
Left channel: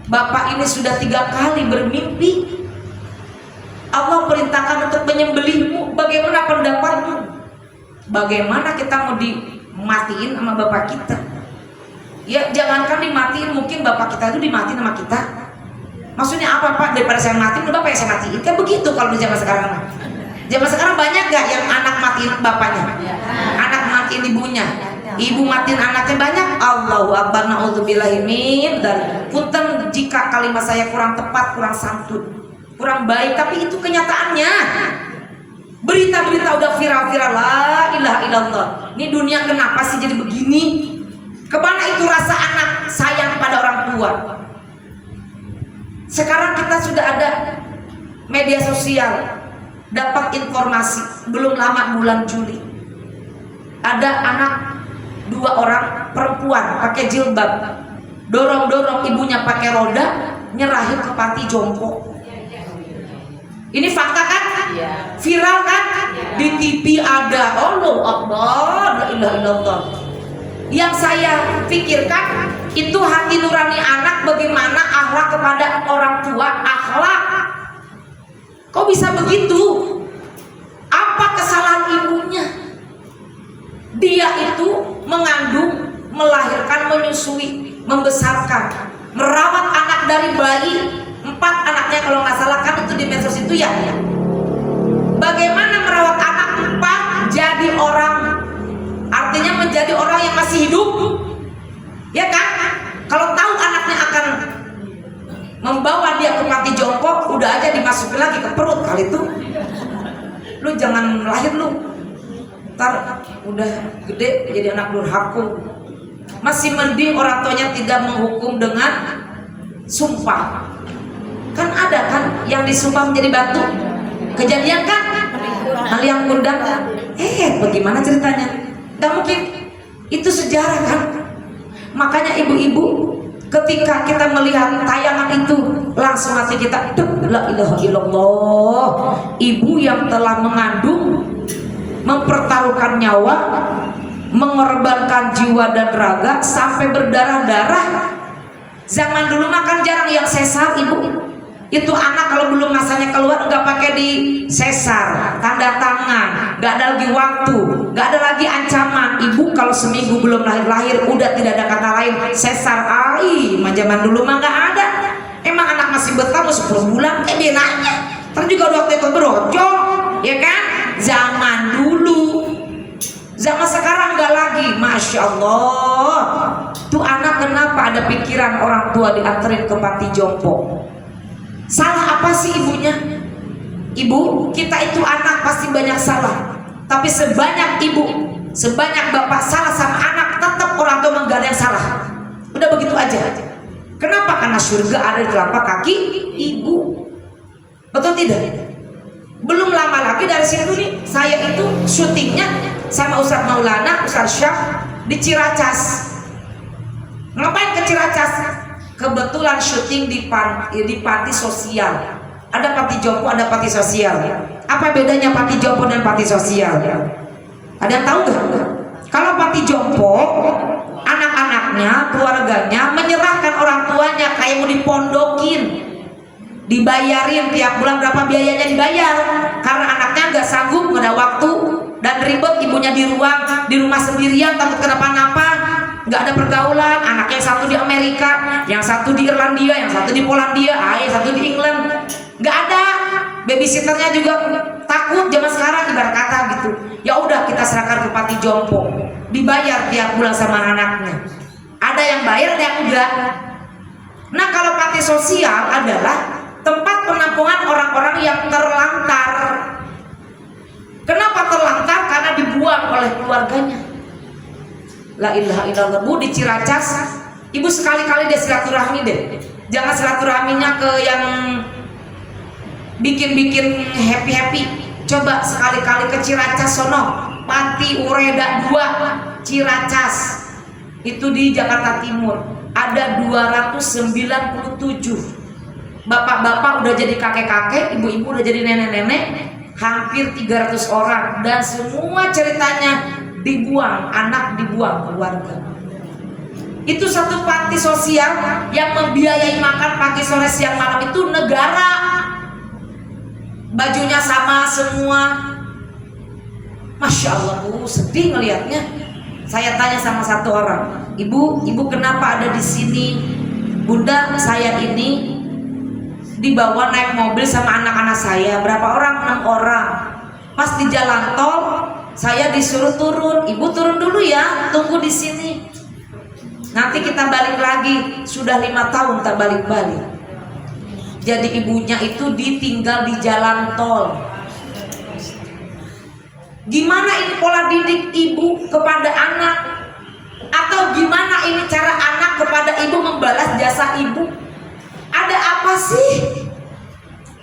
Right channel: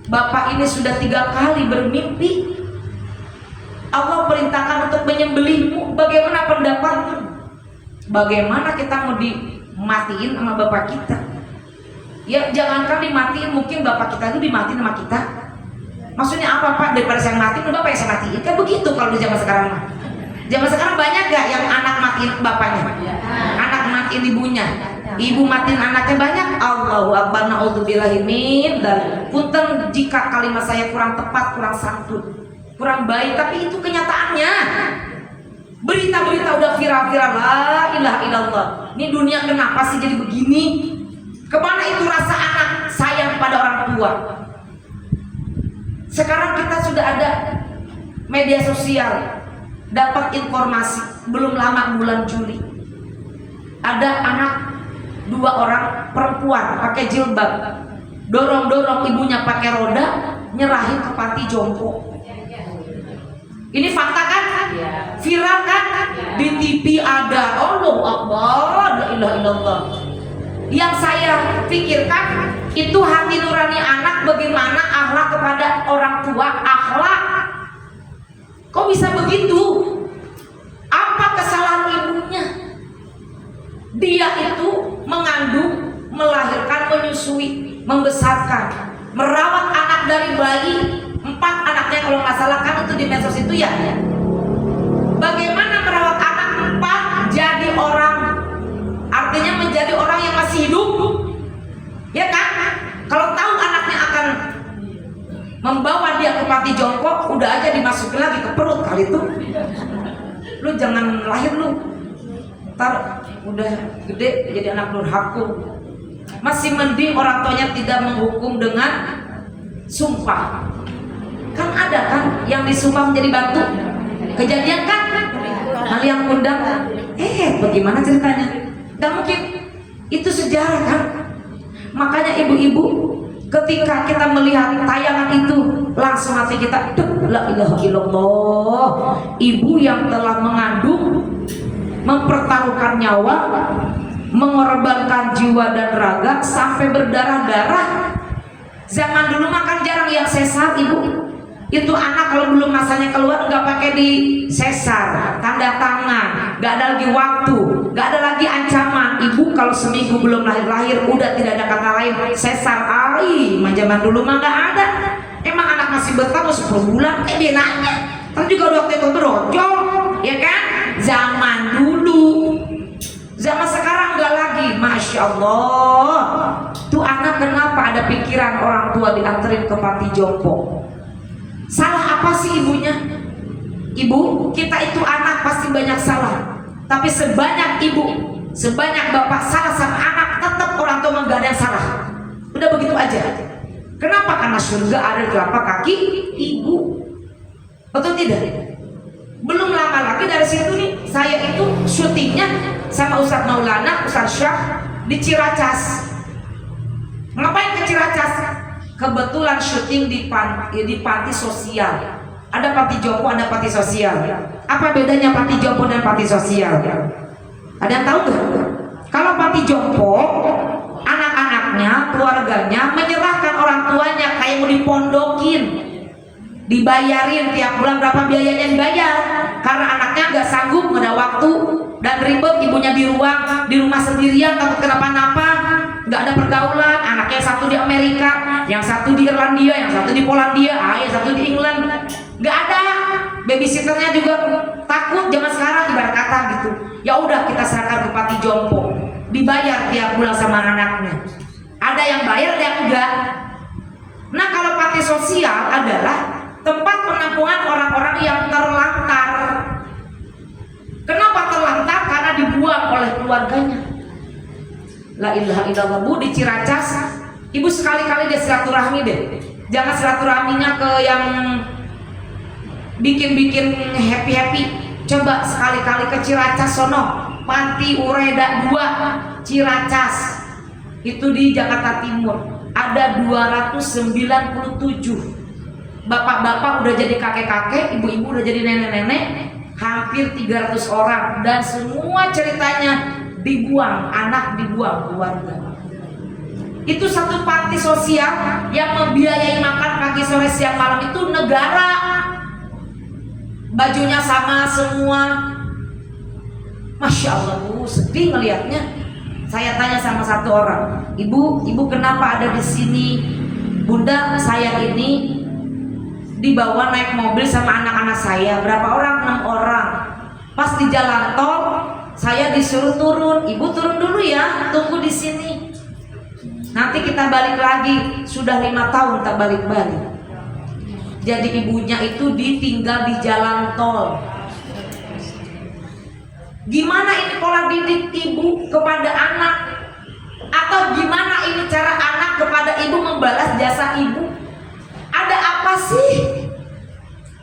Bapak ini sudah 3 kali bermimpi Allah perintahkan untuk menyembelihmu. Bagaimana pendapatmu? Bagaimana kita mau dimatiin sama bapak kita? Ya jangankan dimatiin, mungkin bapak kita itu dimatiin sama kita. Maksudnya apa Pak? Daripada saya matiin, bapak yang saya matiin. Kan begitu kalau di zaman sekarang. Zaman sekarang banyak gak yang anak matiin bapaknya? Anak matiin ibunya, ibu matiin anaknya banyak. Allahu Akbar, naudzubillahi min dzalik. Punten jika kalimat saya kurang tepat, kurang santun, kurang baik, tapi itu kenyataannya. Berita-berita udah viral-viral, la ilaha illallah. Ini dunia kenapa sih jadi begini? Kemana itu rasa anak sayang kepada orang tua? Sekarang kita sudah ada media sosial, dapat informasi belum lama bulan Juli ada anak 2 orang perempuan pakai jilbab dorong-dorong ibunya pakai roda nyerahin ke panti jompo. Ini fakta kan? Viral kan? Di TV ada. Allahu Akbar, la ilaha illallah. Yang saya pikirkan itu hati nurani anak, bagaimana akhlak kepada orang tua, akhlak. Kok bisa begitu? Apa kesalahan ibunya? Dia itu mengandung, melahirkan, menyusui, membesarkan, merawat anak dari bayi, 4 anaknya kalau nggak salah kan itu di medsos itu ya. Bagaimana merawat anak 4 jadi orang, artinya menjadi orang yang masih hidup, ya kan? Kalau tahu anaknya akan membawa dia ke panti jompo, udah aja dimasukin lagi ke perut kali itu. Lu jangan lahir lu, ntar udah gede jadi anak durhaka. Masih mending orang tuanya tidak menghukum dengan sumpah. Kan ada kan yang disumpah menjadi batu, kejadian kan? Kalian undang, bagaimana ceritanya? Gak mungkin, itu sejarah kan? Makanya ibu-ibu, ketika kita melihat tayangan itu, langsung hati kita, la ilaha illallah. Ibu yang telah mengandung, mempertaruhkan nyawa, mengorbankan jiwa dan raga sampai berdarah-darah. Zaman dulu makan jarang yang sesar ibu. Itu anak kalau belum masanya keluar nggak pakai di sesar, tanda tangan, nggak ada lagi waktu, nggak ada lagi ancaman. Ibu kalau seminggu belum lahir udah tidak ada kata lain sesar. Zaman dulu mah nggak ada. Emang anak masih betah 10 bulan, dia nanya. Kan juga waktu itu berojol, ya kan? Zaman dulu. Zaman sekarang nggak lagi, masya Allah. Tuh anak kenapa ada pikiran orang tua dianterin ke panti jompo? Salah apa sih ibunya? Ibu, kita itu anak pasti banyak salah. Tapi sebanyak ibu, sebanyak bapak salah sama anak, tetap orang tua nggak ada yang salah. Udah begitu aja. Kenapa? Karena surga ada di telapak kaki ibu. Betul tidak? Belum lama lagi dari situ nih, saya itu syutingnya sama Ustadz Maulana, Ustadz Syah di Ciracas. Ngapain ke Ciracas? Kebetulan syuting di panti sosial. Ada panti jompo, ada panti sosial. Apa bedanya panti jompo dan panti sosial? Ada yang tahu nggak? Kalau panti jompo, anak-anaknya, keluarganya menyerahkan orang tuanya kayak mau dipondokin, dibayarin tiap bulan berapa biayanya dibayar. Karena anaknya nggak sanggup, nggak ada waktu dan ribet, ibunya di rumah sendirian takut kenapa-napa. Nggak ada pergaulan, anaknya yang satu di Amerika, yang satu di Irlandia, yang satu di Polandia, yang satu di England. Nggak ada, babysitternya juga takut zaman sekarang ibarat kata gitu. Ya udah kita serahkan ke panti jompo, dibayar tiap bulan sama anaknya. Ada yang bayar, ada yang enggak. Nah kalau panti sosial adalah tempat penampungan orang-orang yang terlantar. Kenapa terlantar? Karena dibuang oleh keluarganya. La ilaha illallah. Bu, di Ciracas ibu sekali-kali deh silaturahmi deh. Jangan silaturahminya ke yang bikin happy. Coba sekali-kali ke Ciracas sono, Panti Ureda 2 Ciracas. Itu di Jakarta Timur. Ada 297 bapak-bapak udah jadi kakek-kakek, ibu-ibu udah jadi nenek-nenek, hampir 300 orang, dan semua ceritanya dibuang, anak dibuang keluarga. Itu satu panti sosial yang membiayai makan pagi, sore, siang, malam itu negara. Bajunya sama semua. Masya Allah Bu, sedih ngelihatnya. Saya tanya sama satu orang, ibu kenapa ada di sini? Bunda, saya ini dibawa naik mobil sama anak-anak saya. Berapa orang? 6 orang. Pas di jalan tol, saya disuruh turun. Ibu turun dulu ya, tunggu di sini. Nanti kita balik lagi. Sudah 5 tahun tak balik-balik. Jadi ibunya itu ditinggal di jalan tol. Gimana ini pola didik ibu kepada anak? Atau gimana ini cara anak kepada ibu membalas jasa ibu? Ada apa sih?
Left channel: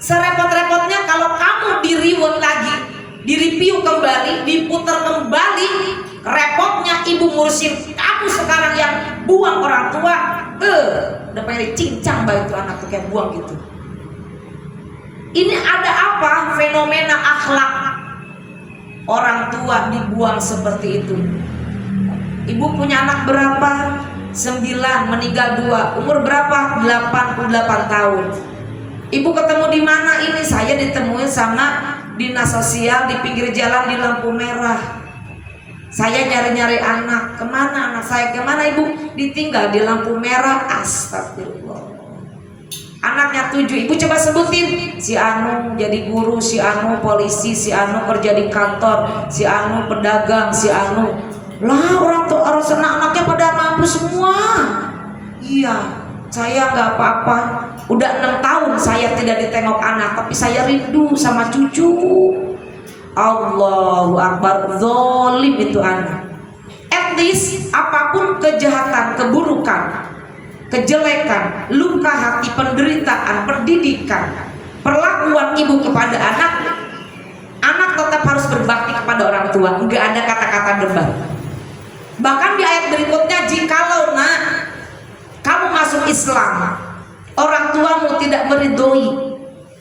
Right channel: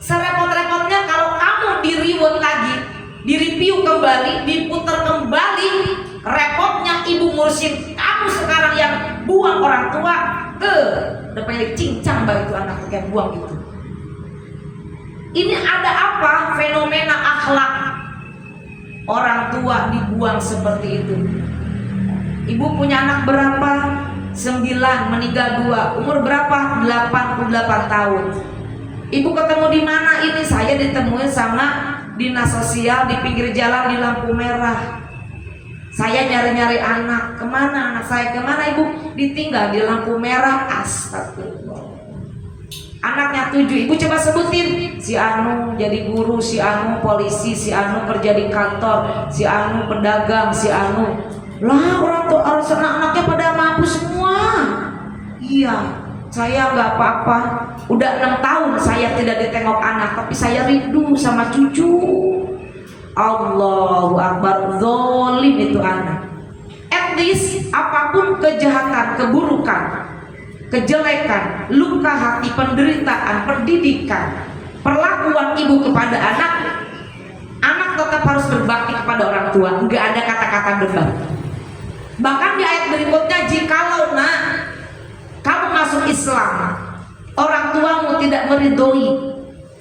Serepot-repotnya kalau kamu di-reward lagi, di-review kembali, diputar kembali, repotnya ibu ngurusin kamu sekarang yang buang orang tua. Udah pengen cincang baik itu anak tuh kayak buang gitu. Ini ada apa? Fenomena akhlak orang tua dibuang seperti itu. Ibu punya anak berapa? 9, meninggal 2. Umur berapa? 88 tahun. Ibu ketemu di mana ini? Saya ditemui sama dinas sosial di pinggir jalan di lampu merah. Saya nyari-nyari anak. Kemana anak saya? Kemana ibu? Ditinggal di lampu merah. Astagfirullah. Anaknya 7. Ibu coba sebutin. Si Anu jadi guru, si Anu polisi, si Anu kerja di kantor, si Anu pedagang, si Anu. Lah orang tua anak-anaknya pada mampu semua. Iya, saya nggak apa-apa. Udah 6 tahun saya tidak ditengok anak, tapi saya rindu sama cucu. Allahu Akbar, zolim itu anak. At least apapun kejahatan, keburukan, kejelekan, luka hati, penderitaan, pendidikan, perlakuan ibu kepada anak, anak tetap harus berbakti kepada orang tua. Nggak ada kata-kata debat. Bahkan di ayat berikutnya, jikalau nak kamu masuk Islam, orang tuamu tidak meridhoi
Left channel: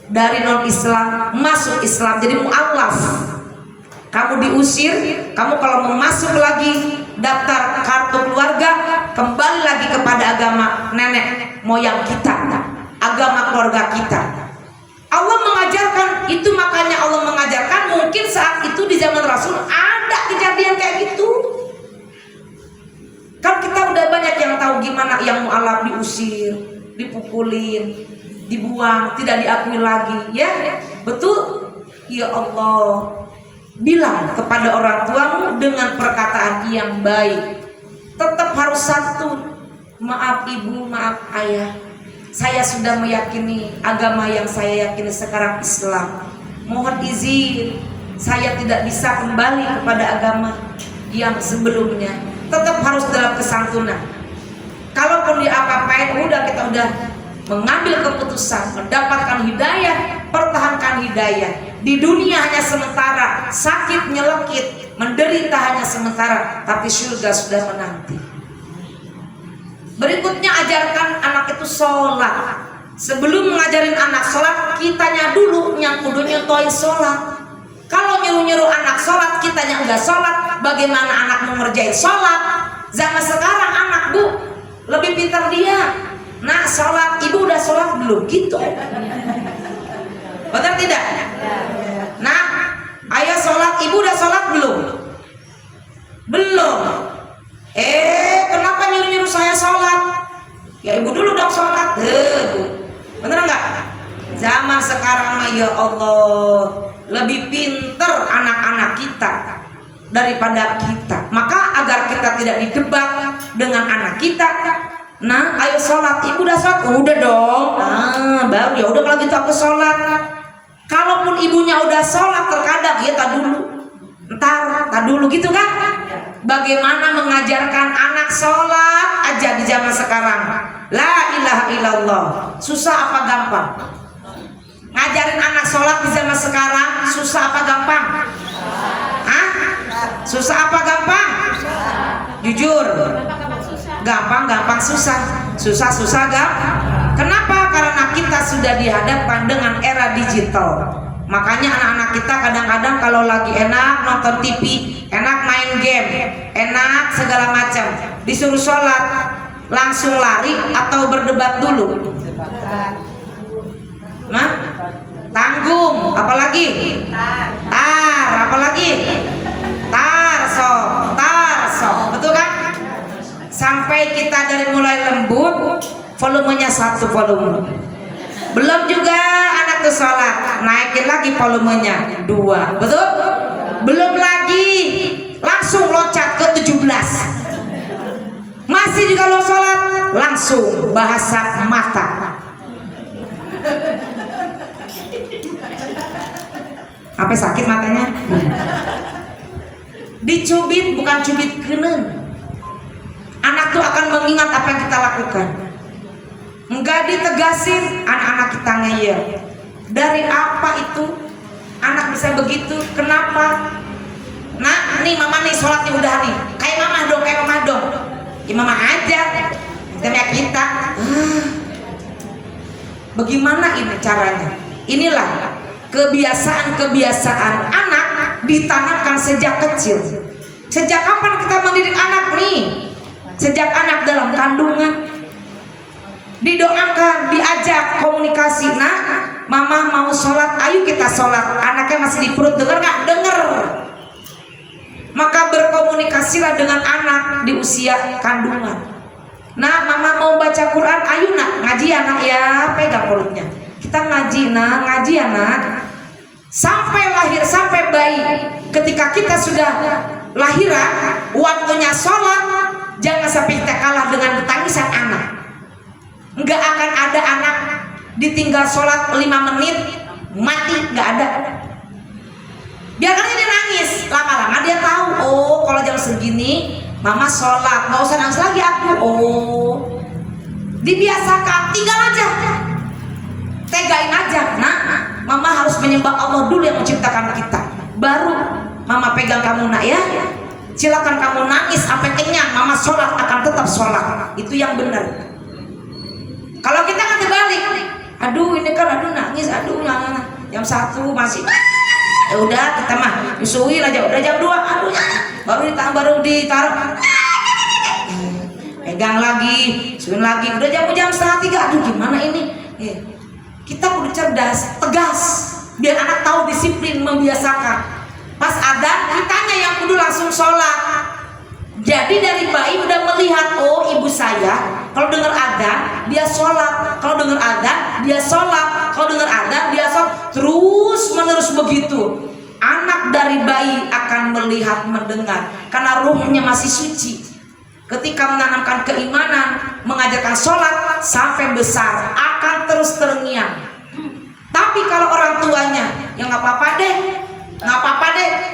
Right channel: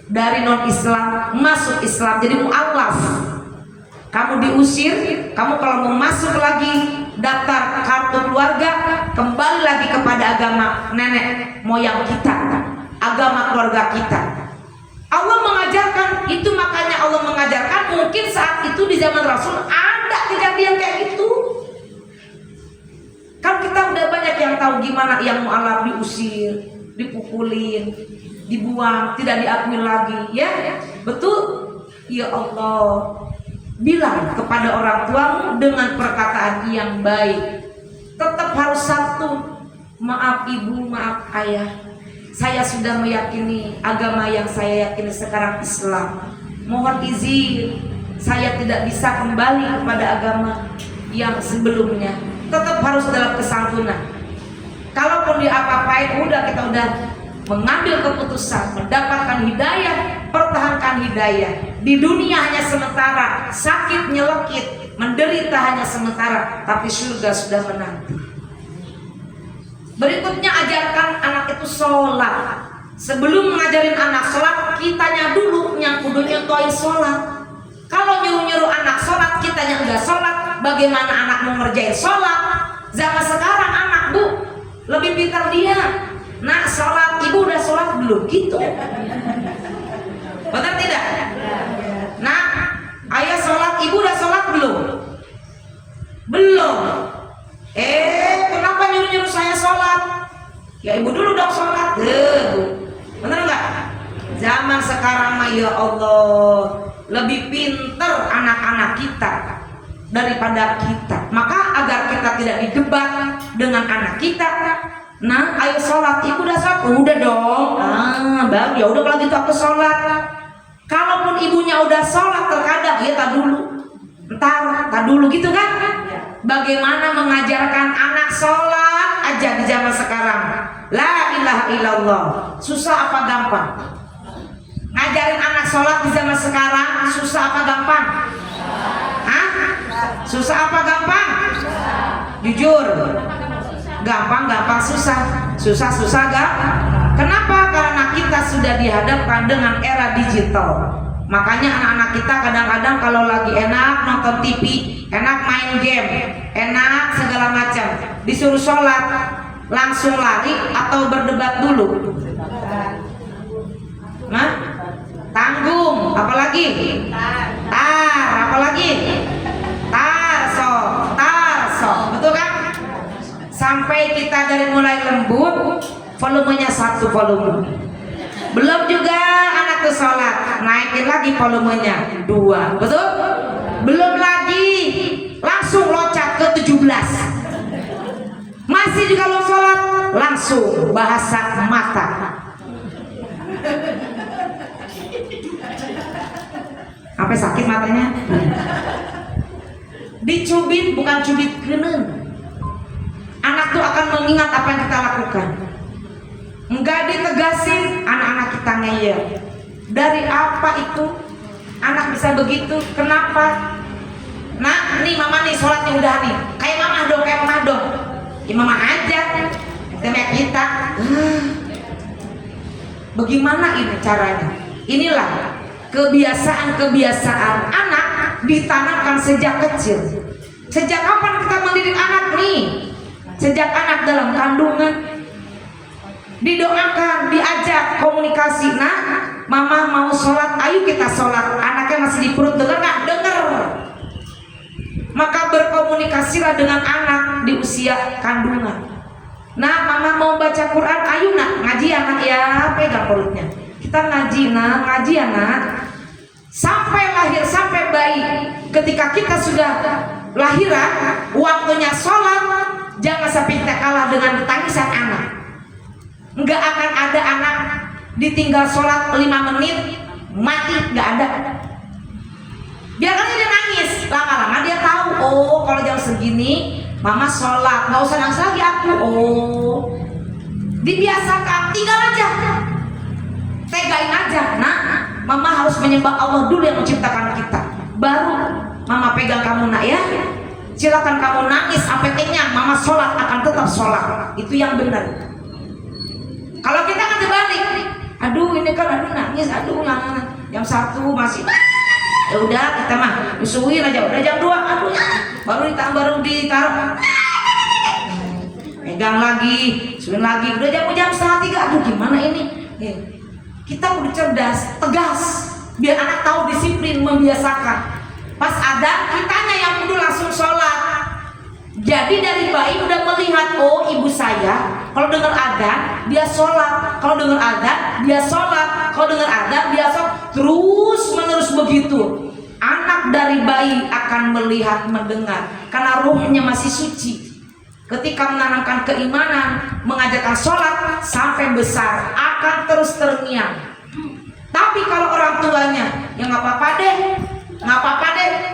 dari non-Islam masuk Islam, jadi mu'allaf, kamu diusir, kamu kalau mau masuk lagi daftar kartu keluarga, kembali lagi kepada agama nenek moyang kita, agama keluarga kita. Allah mengajarkan itu, makanya Allah mengajarkan. Mungkin saat itu di zaman Rasul ada kejadian kayak gitu. Kan kita udah banyak yang tahu gimana yang mu'alaf diusir, dipukulin, dibuang, tidak diakui lagi, ya betul. Ya Allah, bilang kepada orang tuamu dengan perkataan yang baik. Tetap harus satu, maaf ibu, maaf ayah, saya sudah meyakini agama yang saya yakini sekarang Islam. Mohon izin, saya tidak bisa kembali kepada agama yang sebelumnya. Tetap harus dalam kesantunan. Kalaupun diapa-apain, kita udah mengambil keputusan, mendapatkan hidayah, pertahankan hidayah. Di dunia hanya sementara, sakit nyelekit, menderita hanya sementara, tapi surga sudah menanti. Berikutnya, ajarkan anak itu sholat. Sebelum mengajarin anak sholat, kitanya dulu yang kudu nyontohin sholat. Kalau nyuruh-nyuruh anak sholat, kitanya enggak sholat, bagaimana anak mau ngerjain sholat? Zaman sekarang anak bu lebih pintar dia. Nah sholat, ibu udah sholat belum? Gitu. Betul tidak? Nah, ayah sholat, ibu udah sholat belum? Belum. Kenapa nyuruh-nyuruh saya sholat? Ya ibu dulu dong sholat. Bener nggak? Zaman sekarang mah ya Allah, lebih pinter anak-anak kita daripada kita. Maka agar kita tidak didebat dengan anak kita, nah ayo sholat, ibu udah sholat? Udah dong. Baru ya udah kalau gitu aku sholat. Kalaupun ibunya udah sholat, terkadang ya tak dulu gitu kan. Bagaimana mengajarkan anak sholat aja di zaman sekarang? La ilaha illallah. Susah apa gampang? Ngajarin anak sholat di zaman sekarang susah apa gampang? Susah apa gampang? Jujur. Gampang susah. Susah gampang. Kenapa? Karena kita sudah dihadapkan dengan era digital. Makanya anak-anak kita kadang-kadang kalau lagi enak nonton TV, enak main game, enak segala macam, disuruh sholat, langsung lari atau berdebat dulu? Nah, tanggung, apalagi? Apalagi? Tarso, betul kan? Sampai kita dari mulai lembut, volumenya 1 volume. Belum juga anak tuh sholat, naikin lagi volumenya 2, betul? Belum lagi, langsung loncat ke 17. Masih juga belum sholat, langsung bahasa mata. Sampai sakit matanya. Dicubit bukan cubit kenen. Anak tuh akan mengingat apa yang kita lakukan. Enggak ditegasin, anak-anak kita ngeyel. Dari apa itu anak bisa begitu? Kenapa? Nah, nih mama nih sholatnya udah nih. Kayak mama dong. Ya mama aja. Kita. Bagaimana ini caranya? Inilah kebiasaan anak ditanamkan sejak kecil. Sejak kapan kita mendidik anak nih? Sejak anak dalam kandungan, didoakan, diajak komunikasi. Nah, mama mau sholat, ayo kita sholat. Anaknya masih di perut, dengar nggak? Dengar. Maka berkomunikasilah dengan anak di usia kandungan. Nah, mama mau baca Quran, ayo nak ngaji anak ya, pegang mulutnya. Kita ngaji anak. Sampai lahir, sampai bayi. Ketika kita sudah lahiran, waktunya sholat, jangan sampai kita kalah dengan tangisan anak. Nggak akan ada anak ditinggal sholat 5 menit mati, nggak ada. Biarkan dia nangis, lama-lama dia tahu, oh kalau jam segini mama sholat, nggak usah nangis lagi aku. Oh, dibiasakan, tinggal aja, tegain aja. Nah, mama harus menyembah Allah dulu yang menciptakan kita, baru mama pegang kamu nak ya. Silakan kamu nangis sampai kenyang, mama sholat akan tetap sholat. Itu yang benar. Kalau kita kan terbalik, aduh ini kan aduh nangis, aduh nggak. Jam 1 masih, ya udah kita mah disuruhin aja, udah jam 2, aduh baru ditaruh, pegang lagi, suruhin lagi, udah jam 2:30, aduh gimana ini? Kita kudu cerdas, tegas, biar anak tahu disiplin, membiasakan. Pas adzan kitanya yang kudu langsung sholat. Jadi dari bayi udah melihat, oh ibu saya kalau dengar adzan dia sholat, kalau dengar adzan dia sholat, kalau dengar adzan dia sholat, terus menerus begitu. Anak dari bayi akan melihat, mendengar, karena ruhnya masih suci. Ketika menanamkan keimanan, mengajarkan sholat sampai besar akan terus terngiang. Tapi kalau orang tuanya yang nggak apa-apa deh,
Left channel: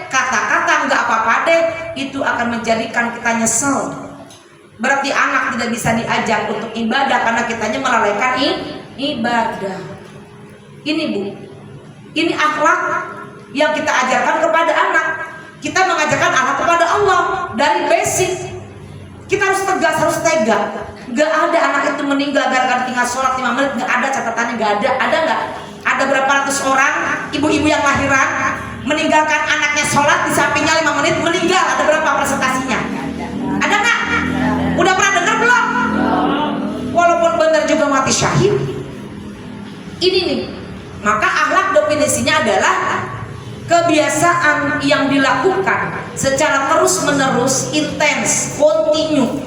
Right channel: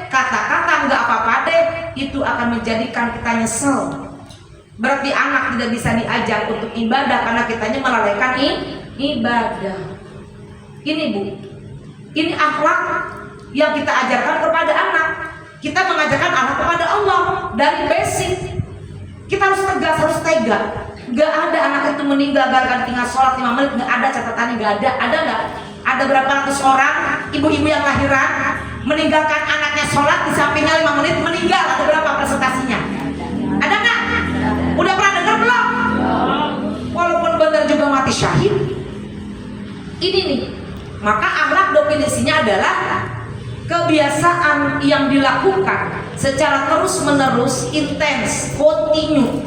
kata-kata nggak apa-apa deh, itu akan menjadikan kita nyesel. Berarti anak tidak bisa diajak untuk ibadah karena kitanya melalaikan ibadah. Ini Bu, ini akhlak yang kita ajarkan kepada anak. Kita mengajarkan anak kepada Allah dari basic. Kita harus tegas, harus tega. Gak ada anak itu meninggal gara-gara tinggal sholat 5 menit, gak ada catatannya, gak ada. Ada nggak? Ada berapa ratus orang ibu-ibu yang lahiran meninggalkan anaknya sholat di sampingnya 5 menit meninggal? Ada berapa presentasinya? Ada nggak? Udah pernah dengar belum? Walaupun benar juga mati syahid. Ini nih, maka akhlak definisinya adalah kebiasaan yang dilakukan secara terus-menerus, intens, kontinu,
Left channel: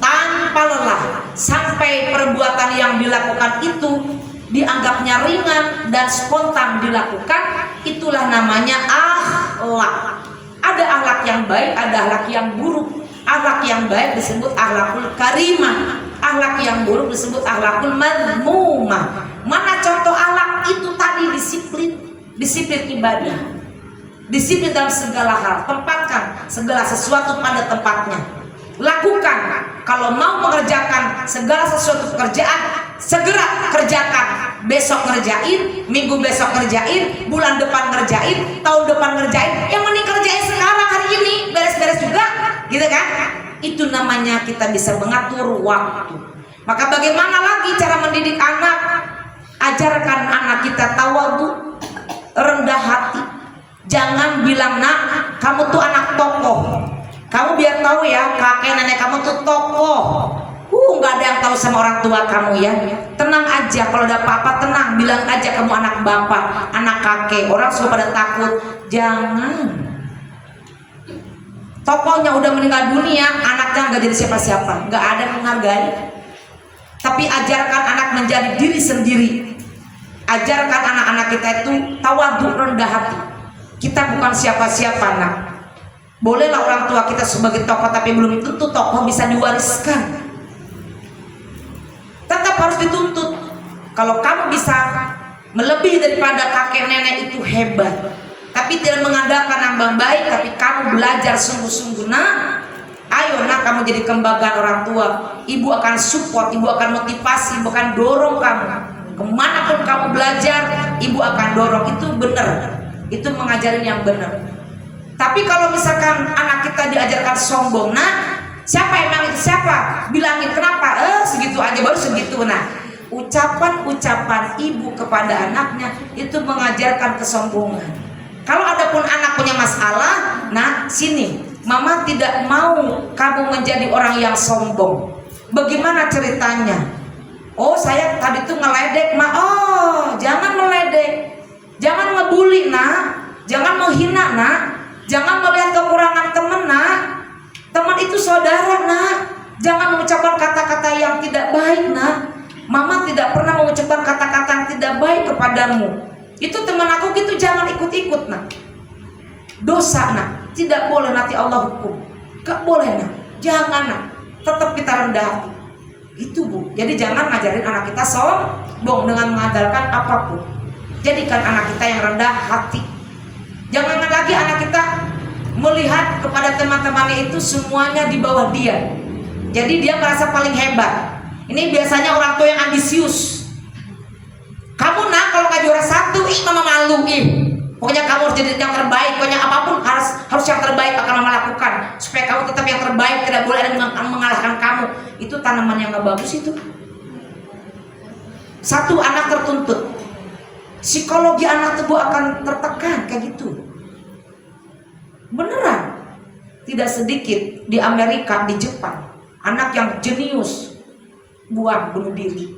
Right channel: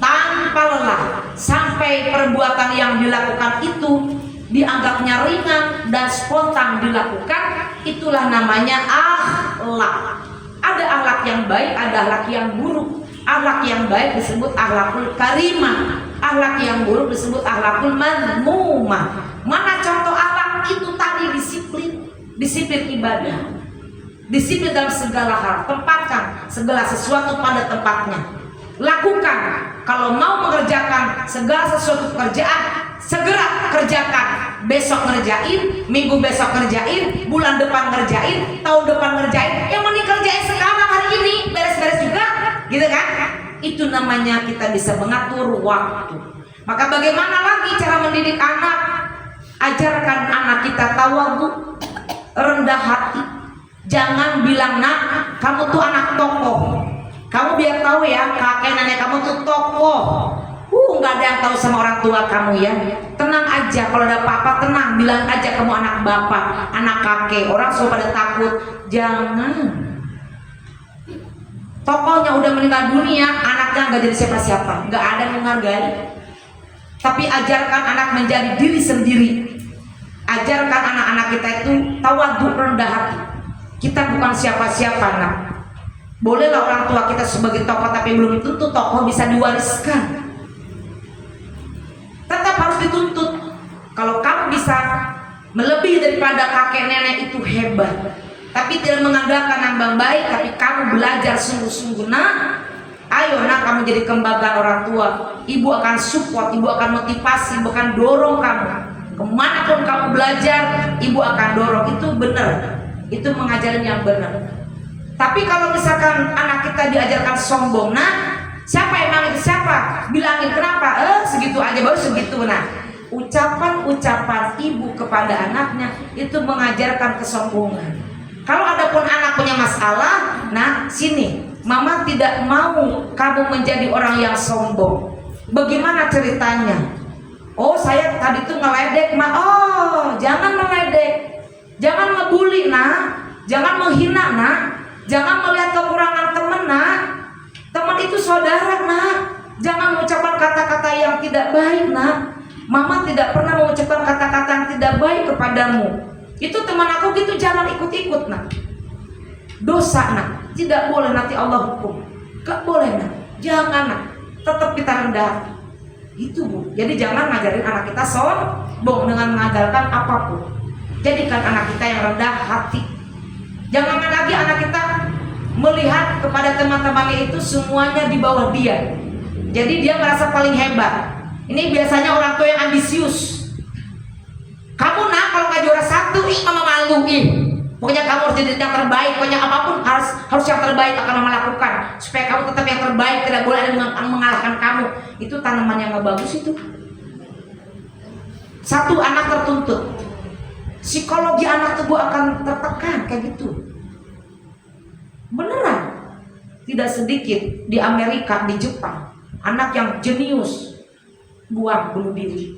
tanpa lelah, sampai perbuatan yang dilakukan itu dianggapnya ringan dan spontan dilakukan. Itulah namanya akhlak. Ada akhlak yang baik, ada akhlak yang buruk. Akhlak yang baik disebut akhlakul karimah, akhlak yang buruk disebut akhlakul madmumah. Mana contoh akhlak itu tadi? Disiplin ibadah, disiplin dalam segala hal, tempatkan segala sesuatu pada tempatnya. Lakukan, kalau mau mengerjakan segala sesuatu pekerjaan, segera kerjakan. Besok ngerjain, minggu besok ngerjain, bulan depan ngerjain, tahun depan ngerjain. Yang mending kerjain sekarang, hari ini, beres-beres juga, gitu kan? Itu namanya kita bisa mengatur waktu. Maka bagaimana lagi cara mendidik anak? Ajarkan anak kita tawadhu, rendah hati. Jangan bilang, nak, kamu tuh anak tokoh. Kamu biar tahu ya, kakek nenek kamu tuh tokoh. nggak ada yang tahu sama orang tua kamu ya. Tenang aja, kalau ada apa-apa tenang, bilang aja kamu anak bapak, anak kakek. Orang sudah pada takut. Jangan. Tokohnya udah meninggal dunia, anaknya nggak jadi siapa-siapa, nggak ada yang menghargai. Tapi ajarkan anak menjadi diri sendiri. Ajarkan anak-anak kita itu tawadhu, rendah hati. Kita bukan siapa-siapa, nak. Bolehlah orang tua kita sebagai tokoh, tapi belum tentu tokoh bisa diwariskan. Tetap harus dituntut. Kalau kamu bisa melebihi daripada kakek nenek itu hebat. Tapi tidak mengandalkan yang baik, tapi kamu belajar sungguh-sungguh. Nah, ayo nak, kamu jadi kebanggaan orang tua. Ibu akan support, ibu akan motivasi, ibu akan dorong kamu. Kemanapun kamu belajar, ibu akan dorong. Itu benar. Itu mengajarin yang benar. Tapi kalau misalkan anak kita diajarkan sombong, nah siapa emang itu siapa? Bilangin kenapa? Segitu aja baru segitu. Nah, ucapan-ucapan ibu kepada anaknya itu mengajarkan kesombongan. Kalau ada pun anak punya masalah, nah sini, mama tidak mau kamu menjadi orang yang sombong. Bagaimana ceritanya? Oh, saya tadi tuh ngeledek, ma. Oh, jangan meledek, jangan ngebully, nak, jangan menghina, nak. Jangan melihat kekurangan teman, nak. Teman itu saudara, nak. Jangan mengucapkan kata-kata yang tidak baik, nak. Mama tidak pernah mengucapkan kata-kata yang tidak baik kepadamu. Itu teman aku gitu, jangan ikut-ikut, nak. Dosa, nak. Tidak boleh, nanti Allah hukum. Gak boleh, nak. Jangan, nak. Tetap kita rendah hati. Itu, Bu. Jadi jangan ngajarin anak kita sombong dengan mengandalkan apapun. Jadikan anak kita yang rendah hati. Jangan lagi anak kita melihat kepada teman-temannya itu semuanya di bawah dia. Jadi dia merasa paling hebat. Ini biasanya orang tua yang ambisius. Kamu nak kalau nggak juara satu, mama malu. Pokoknya kamu harus jadi yang terbaik. Pokoknya apapun harus yang terbaik akan mama lakukan. Supaya kamu tetap yang terbaik, tidak boleh ada yang mengalahkan kamu. Itu tanaman yang nggak bagus itu. Satu, anak tertuntut. Psikologi anak tubuh akan tertekan kayak gitu. Beneran. Tidak sedikit di Amerika, di Jepang, anak yang jenius bunuh diri.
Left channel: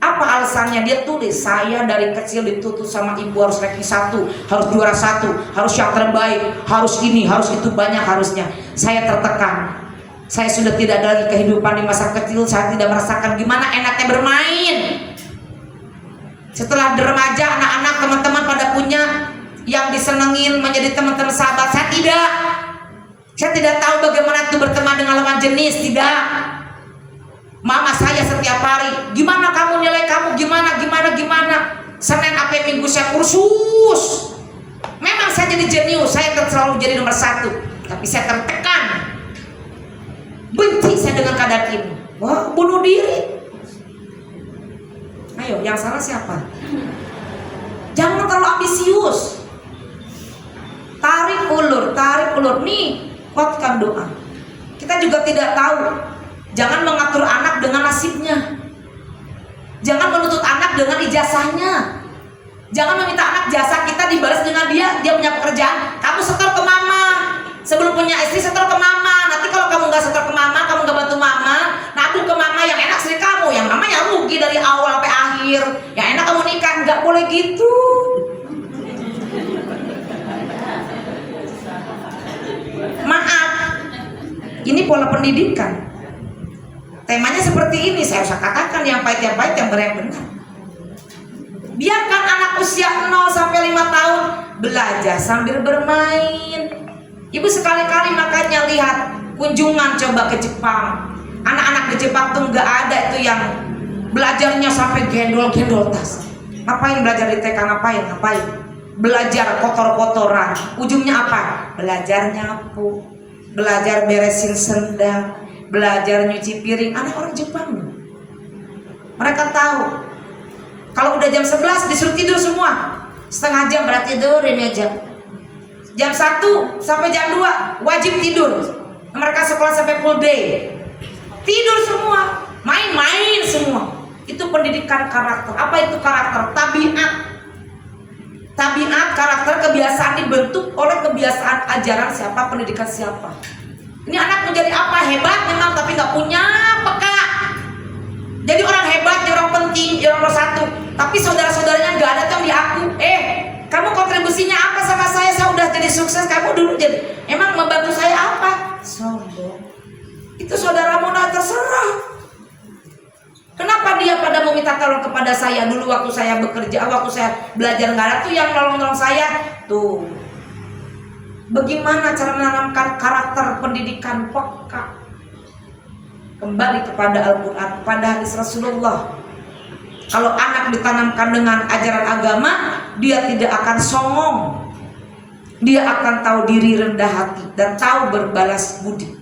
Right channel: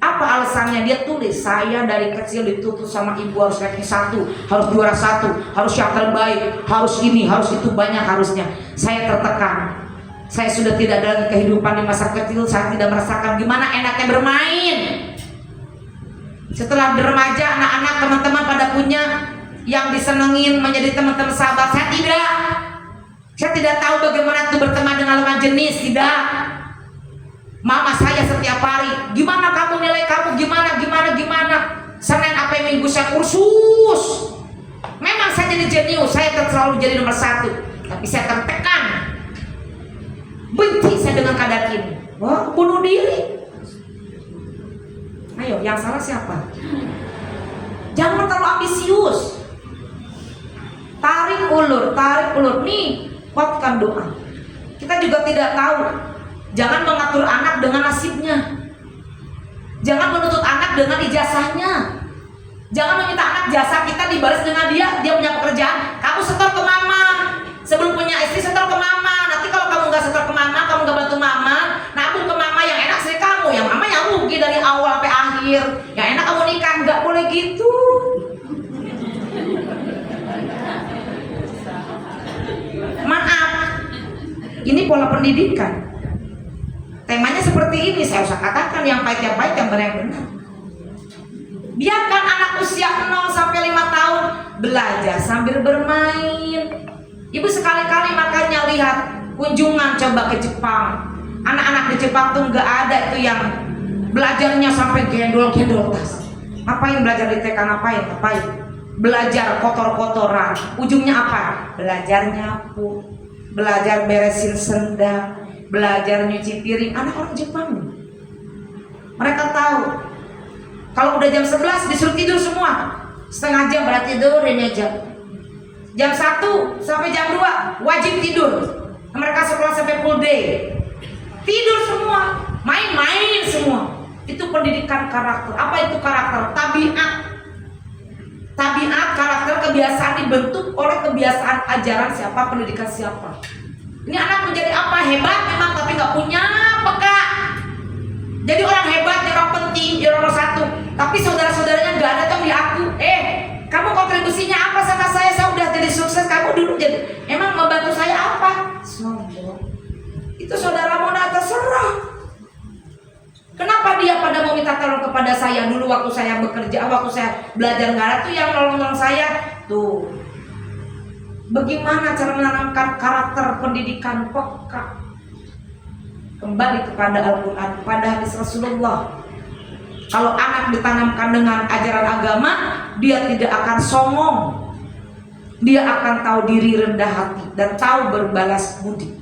Apa alasannya? Dia tulis, saya dari kecil dituntut sama ibu harus ranking 1, harus juara 1, harus yang terbaik, harus ini, harus itu, banyak harusnya. Saya tertekan. Saya sudah tidak ada lagi kehidupan di masa kecil. Saya tidak merasakan gimana enaknya bermain. Setelah remaja, anak-anak teman-teman pada punya yang disenengin menjadi teman-teman sahabat. Saya tidak. Saya tidak tahu bagaimana itu berteman dengan lawan jenis. Tidak. Mama saya setiap hari, gimana kamu, nilai kamu gimana. Senin sampai Minggu saya kursus. Memang saya jadi jenius, saya selalu jadi nomor 1. Tapi saya tertekan. Benci saya dengan keadaan ini. Wah, bunuh diri. Ayo, yang salah siapa? Jangan terlalu ambisius. Tarik ulur. Nih, kuatkan doa. Kita juga tidak tahu. Jangan mengatur anak dengan nasibnya. Jangan menuntut anak dengan ijazahnya. Jangan meminta anak jasa kita dibalas dengan dia punya pekerjaan. Kamu setor ke mama. Sebelum punya istri setor ke mama. Nanti kalau kamu nggak setor ke mama, kamu nggak bantu mama, nabung ke mama, yang enak sih kamu. Yang mama yang rugi dari awal sampai akhir. Yang enak kamu nikah. Nggak boleh gitu. Maaf. Ini pola pendidikan. Temanya seperti ini, saya usah katakan yang pahit, yang benar. Biarkan anak usia 0 sampai 5 tahun belajar sambil bermain. Ibu sekali-kali makanya lihat kunjungan coba ke Jepang. Anak-anak di Jepang tuh nggak ada itu yang belajarnya sampai gendol tas. Ngapain belajar di TK? Ngapain? Belajar kotor-kotoran. Ujungnya apa? Belajar nyapu, belajar beresin sendal, belajar nyuci piring. Anak orang Jepang, mereka tahu kalau udah jam 11 disuruh tidur semua. Setengah jam berarti tidur ini aja. Jam 1 sampai jam 2 wajib tidur. Mereka sekolah sampai full day. Tidur semua, main-main semua. Itu pendidikan karakter. Apa itu karakter? Tabiat, karakter, kebiasaan dibentuk oleh kebiasaan ajaran siapa, pendidikan siapa. Ini anak menjadi apa? Hebat memang, tapi nggak punya peka. Jadi orang hebat, jadi orang penting, jadi orang nomor satu. Tapi saudara-saudaranya nggak ada tuh yang diaku. Kamu kontribusinya apa sama saya? Saya udah jadi sukses, kamu dulu jadi. Emang ngebantu saya apa? Sombong. Itu saudara modal terserah. Kenapa dia pada mau minta tolong kepada saya dulu waktu saya bekerja, waktu saya belajar nggak ada tuh yang nolong saya tuh. Bagaimana cara menanamkan karakter pendidikan peka? Kembali kepada Al-Quran, pada hadis Rasulullah. Kalau anak ditanamkan dengan ajaran agama, dia tidak akan songong. Dia akan tahu diri, rendah hati, dan tahu berbalas budi.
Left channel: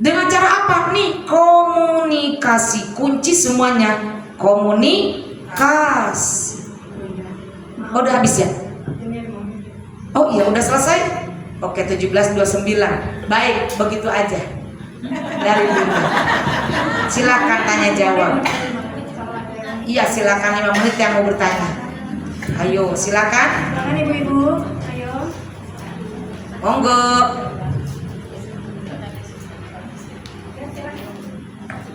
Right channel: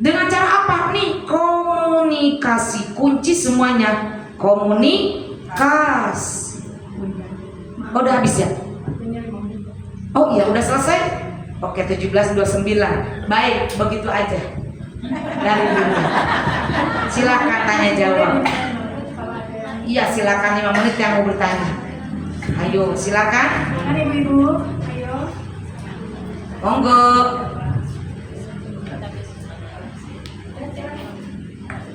Dengan cara apa? Nih, komunikasi. Kunci semuanya komunikasi. Oh, udah habis ya? Oh iya, udah selesai? Oke, 17:29. Baik, begitu aja. Dari dulu. Silakan tanya jawab. Iya, silakan 5 menit yang mau bertanya. Ayo, silakan. Silakan ibu-ibu, ayo. Monggo.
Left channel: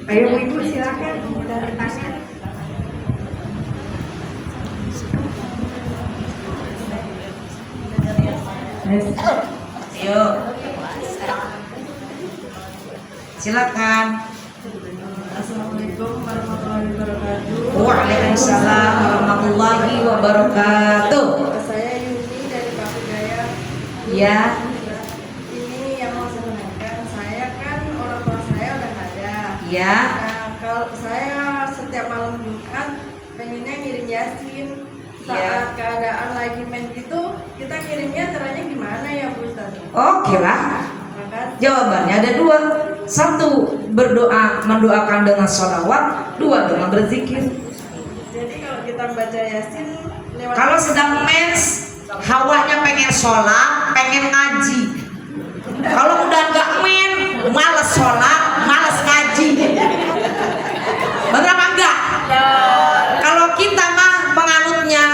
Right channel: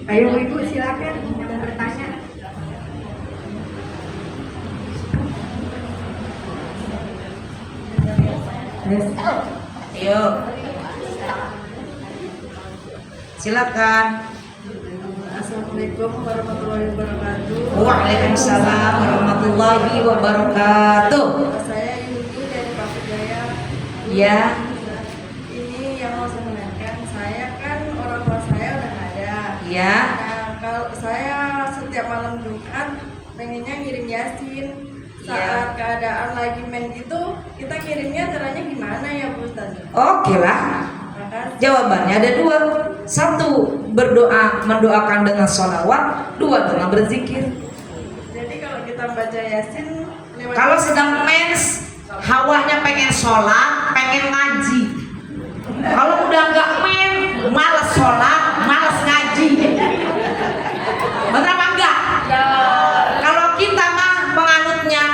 Ayo ibu silakan yang bertanya. Ayo. Silakan. Assalamualaikum warahmatullahi wabarakatuh. Waalaikumsalam warahmatullahi wabarakatuh. Saya Yuni dari Bapak Jaya. Ya. Ini yang mau saya tanyakan, saya kan orang tua saya udah nggak ada. Ya. Nah, kalau saya setiap malam Jumat pengennya ngirim Yasin. Saat keadaan lagi main gitu, kita ngirimnya caranya gimana ya Bu Ustaz? Oke lah. Makasih. Jawabannya ada 2. 1, berdoa, mendoakan dengan sholawat. 2, dengan berzikir. Jadi kalau kita baca Yasin lewat Kalau sedang mens, hawanya pengen sholat, pengen ngaji. Kalau udah nggak men, males sholat, males ngaji. Bener apa enggak? Kalau kita mah penganutnya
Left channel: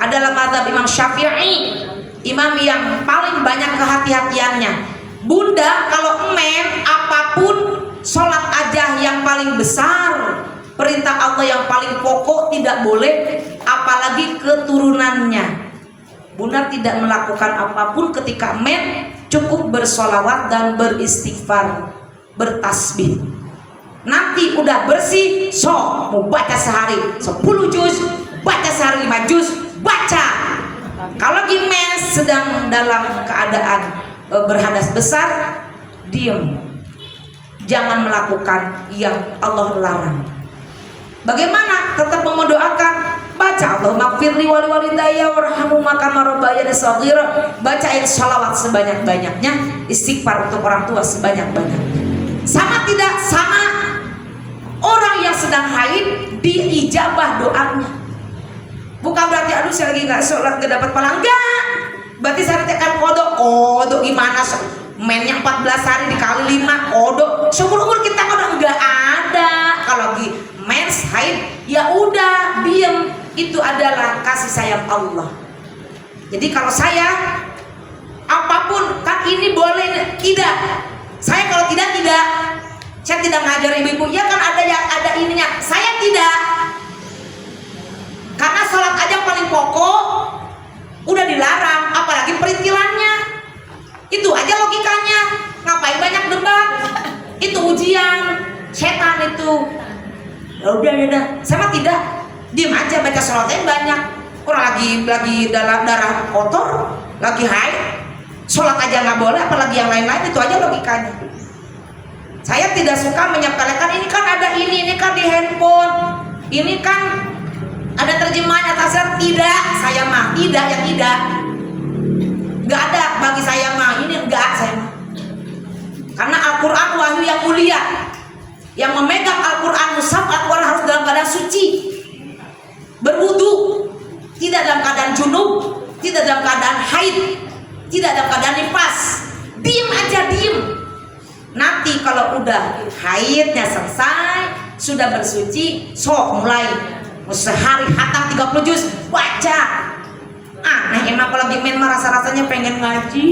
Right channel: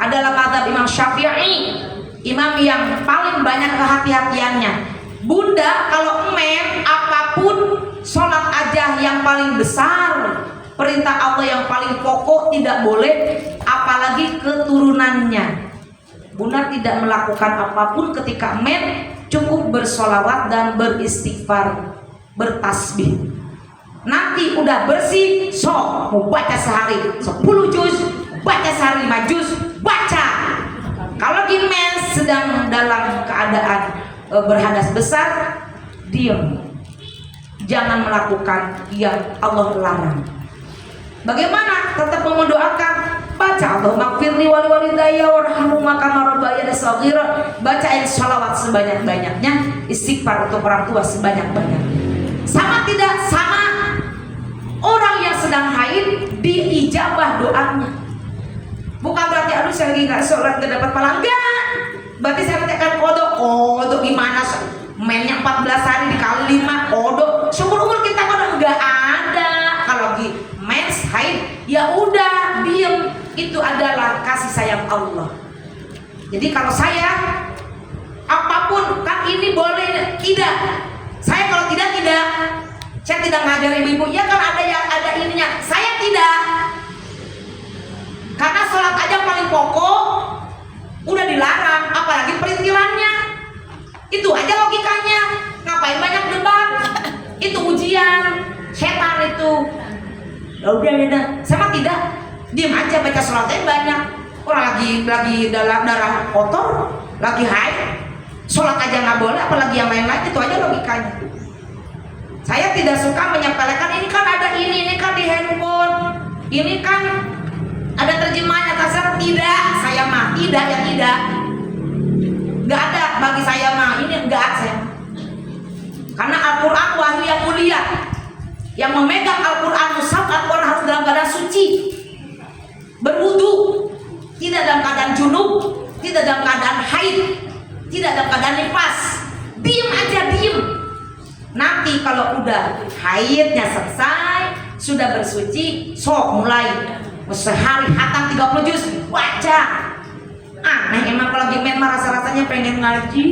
adalah mazhab Imam Syafi'i, imam yang paling banyak kehati-hatiannya. Bunda, kalau men apapun sholat aja yang paling besar, perintah Allah yang paling pokok tidak boleh, apalagi keturunannya. Bunda tidak melakukan apapun ketika men, cukup bersolawat dan beristighfar, bertasbih. Nanti udah bersih, so mau baca sehari 10 juz, baca sehari 5 juz, baca. Kalau di men sedang dalam keadaan berhadas besar, diam, jangan melakukan yang Allah larang. Bagaimana? Tetap mendoakan, baca Allahumma gfirli wa liwalidayya warhamhuma kama rabbayani shaghira, baca ayat sholawat sebanyak-banyaknya, istighfar untuk orang tua sebanyak-banyaknya. Sama tidak? Sama. Orang yang sedang haid diijabah doanya. Bukan berarti aduh saya lagi nggak sholat gak dapat pahala, enggak. Berarti saya tekan kodok gimana? Mainnya 14 hari dikali 5 kodok. Seumur-umur kita kodok nggak ada. Kalau lagi mens haid, ya udah diem. Itu adalah kasih sayang Allah. Jadi kalau saya apapun kan ini boleh tidak. Saya kalau tidak. Saya tidak ngajar ibu-ibu. Ya kan ada yang ada ininya. Saya tidak. Karena sholat aja paling pokok udah dilarang, apalagi perintilannya. Itu aja logikanya. Ngapain banyak debat? Itu ujian setan itu. Ya udah. Sama tidak. Diam aja, baca sholatnya banyak. Orang lagi dalam darah kotor, lagi haid, sholat aja nggak boleh, apalagi yang lain-lain. Itu aja logikanya. Saya tidak suka menyepelekan ini kan ada ini kan di handphone, ini kan ada terjemahnya. Tidak, saya mah tidak. Nggak ada bagi saya mah, ini enggak saya. Karena Al-Quran wahyu yang mulia. Yang memegang Al-Quran, mushaf Al-Quran harus dalam keadaan suci, berwudu, tidak dalam keadaan junub, tidak dalam keadaan haid, tidak dalam keadaan nifas. Diem aja. Nanti kalau udah haidnya selesai, sudah bersuci, sok mulai sehari hatam 30 juz, baca. Aneh emang kalau lagi memang rasa-rasanya pengen ngaji.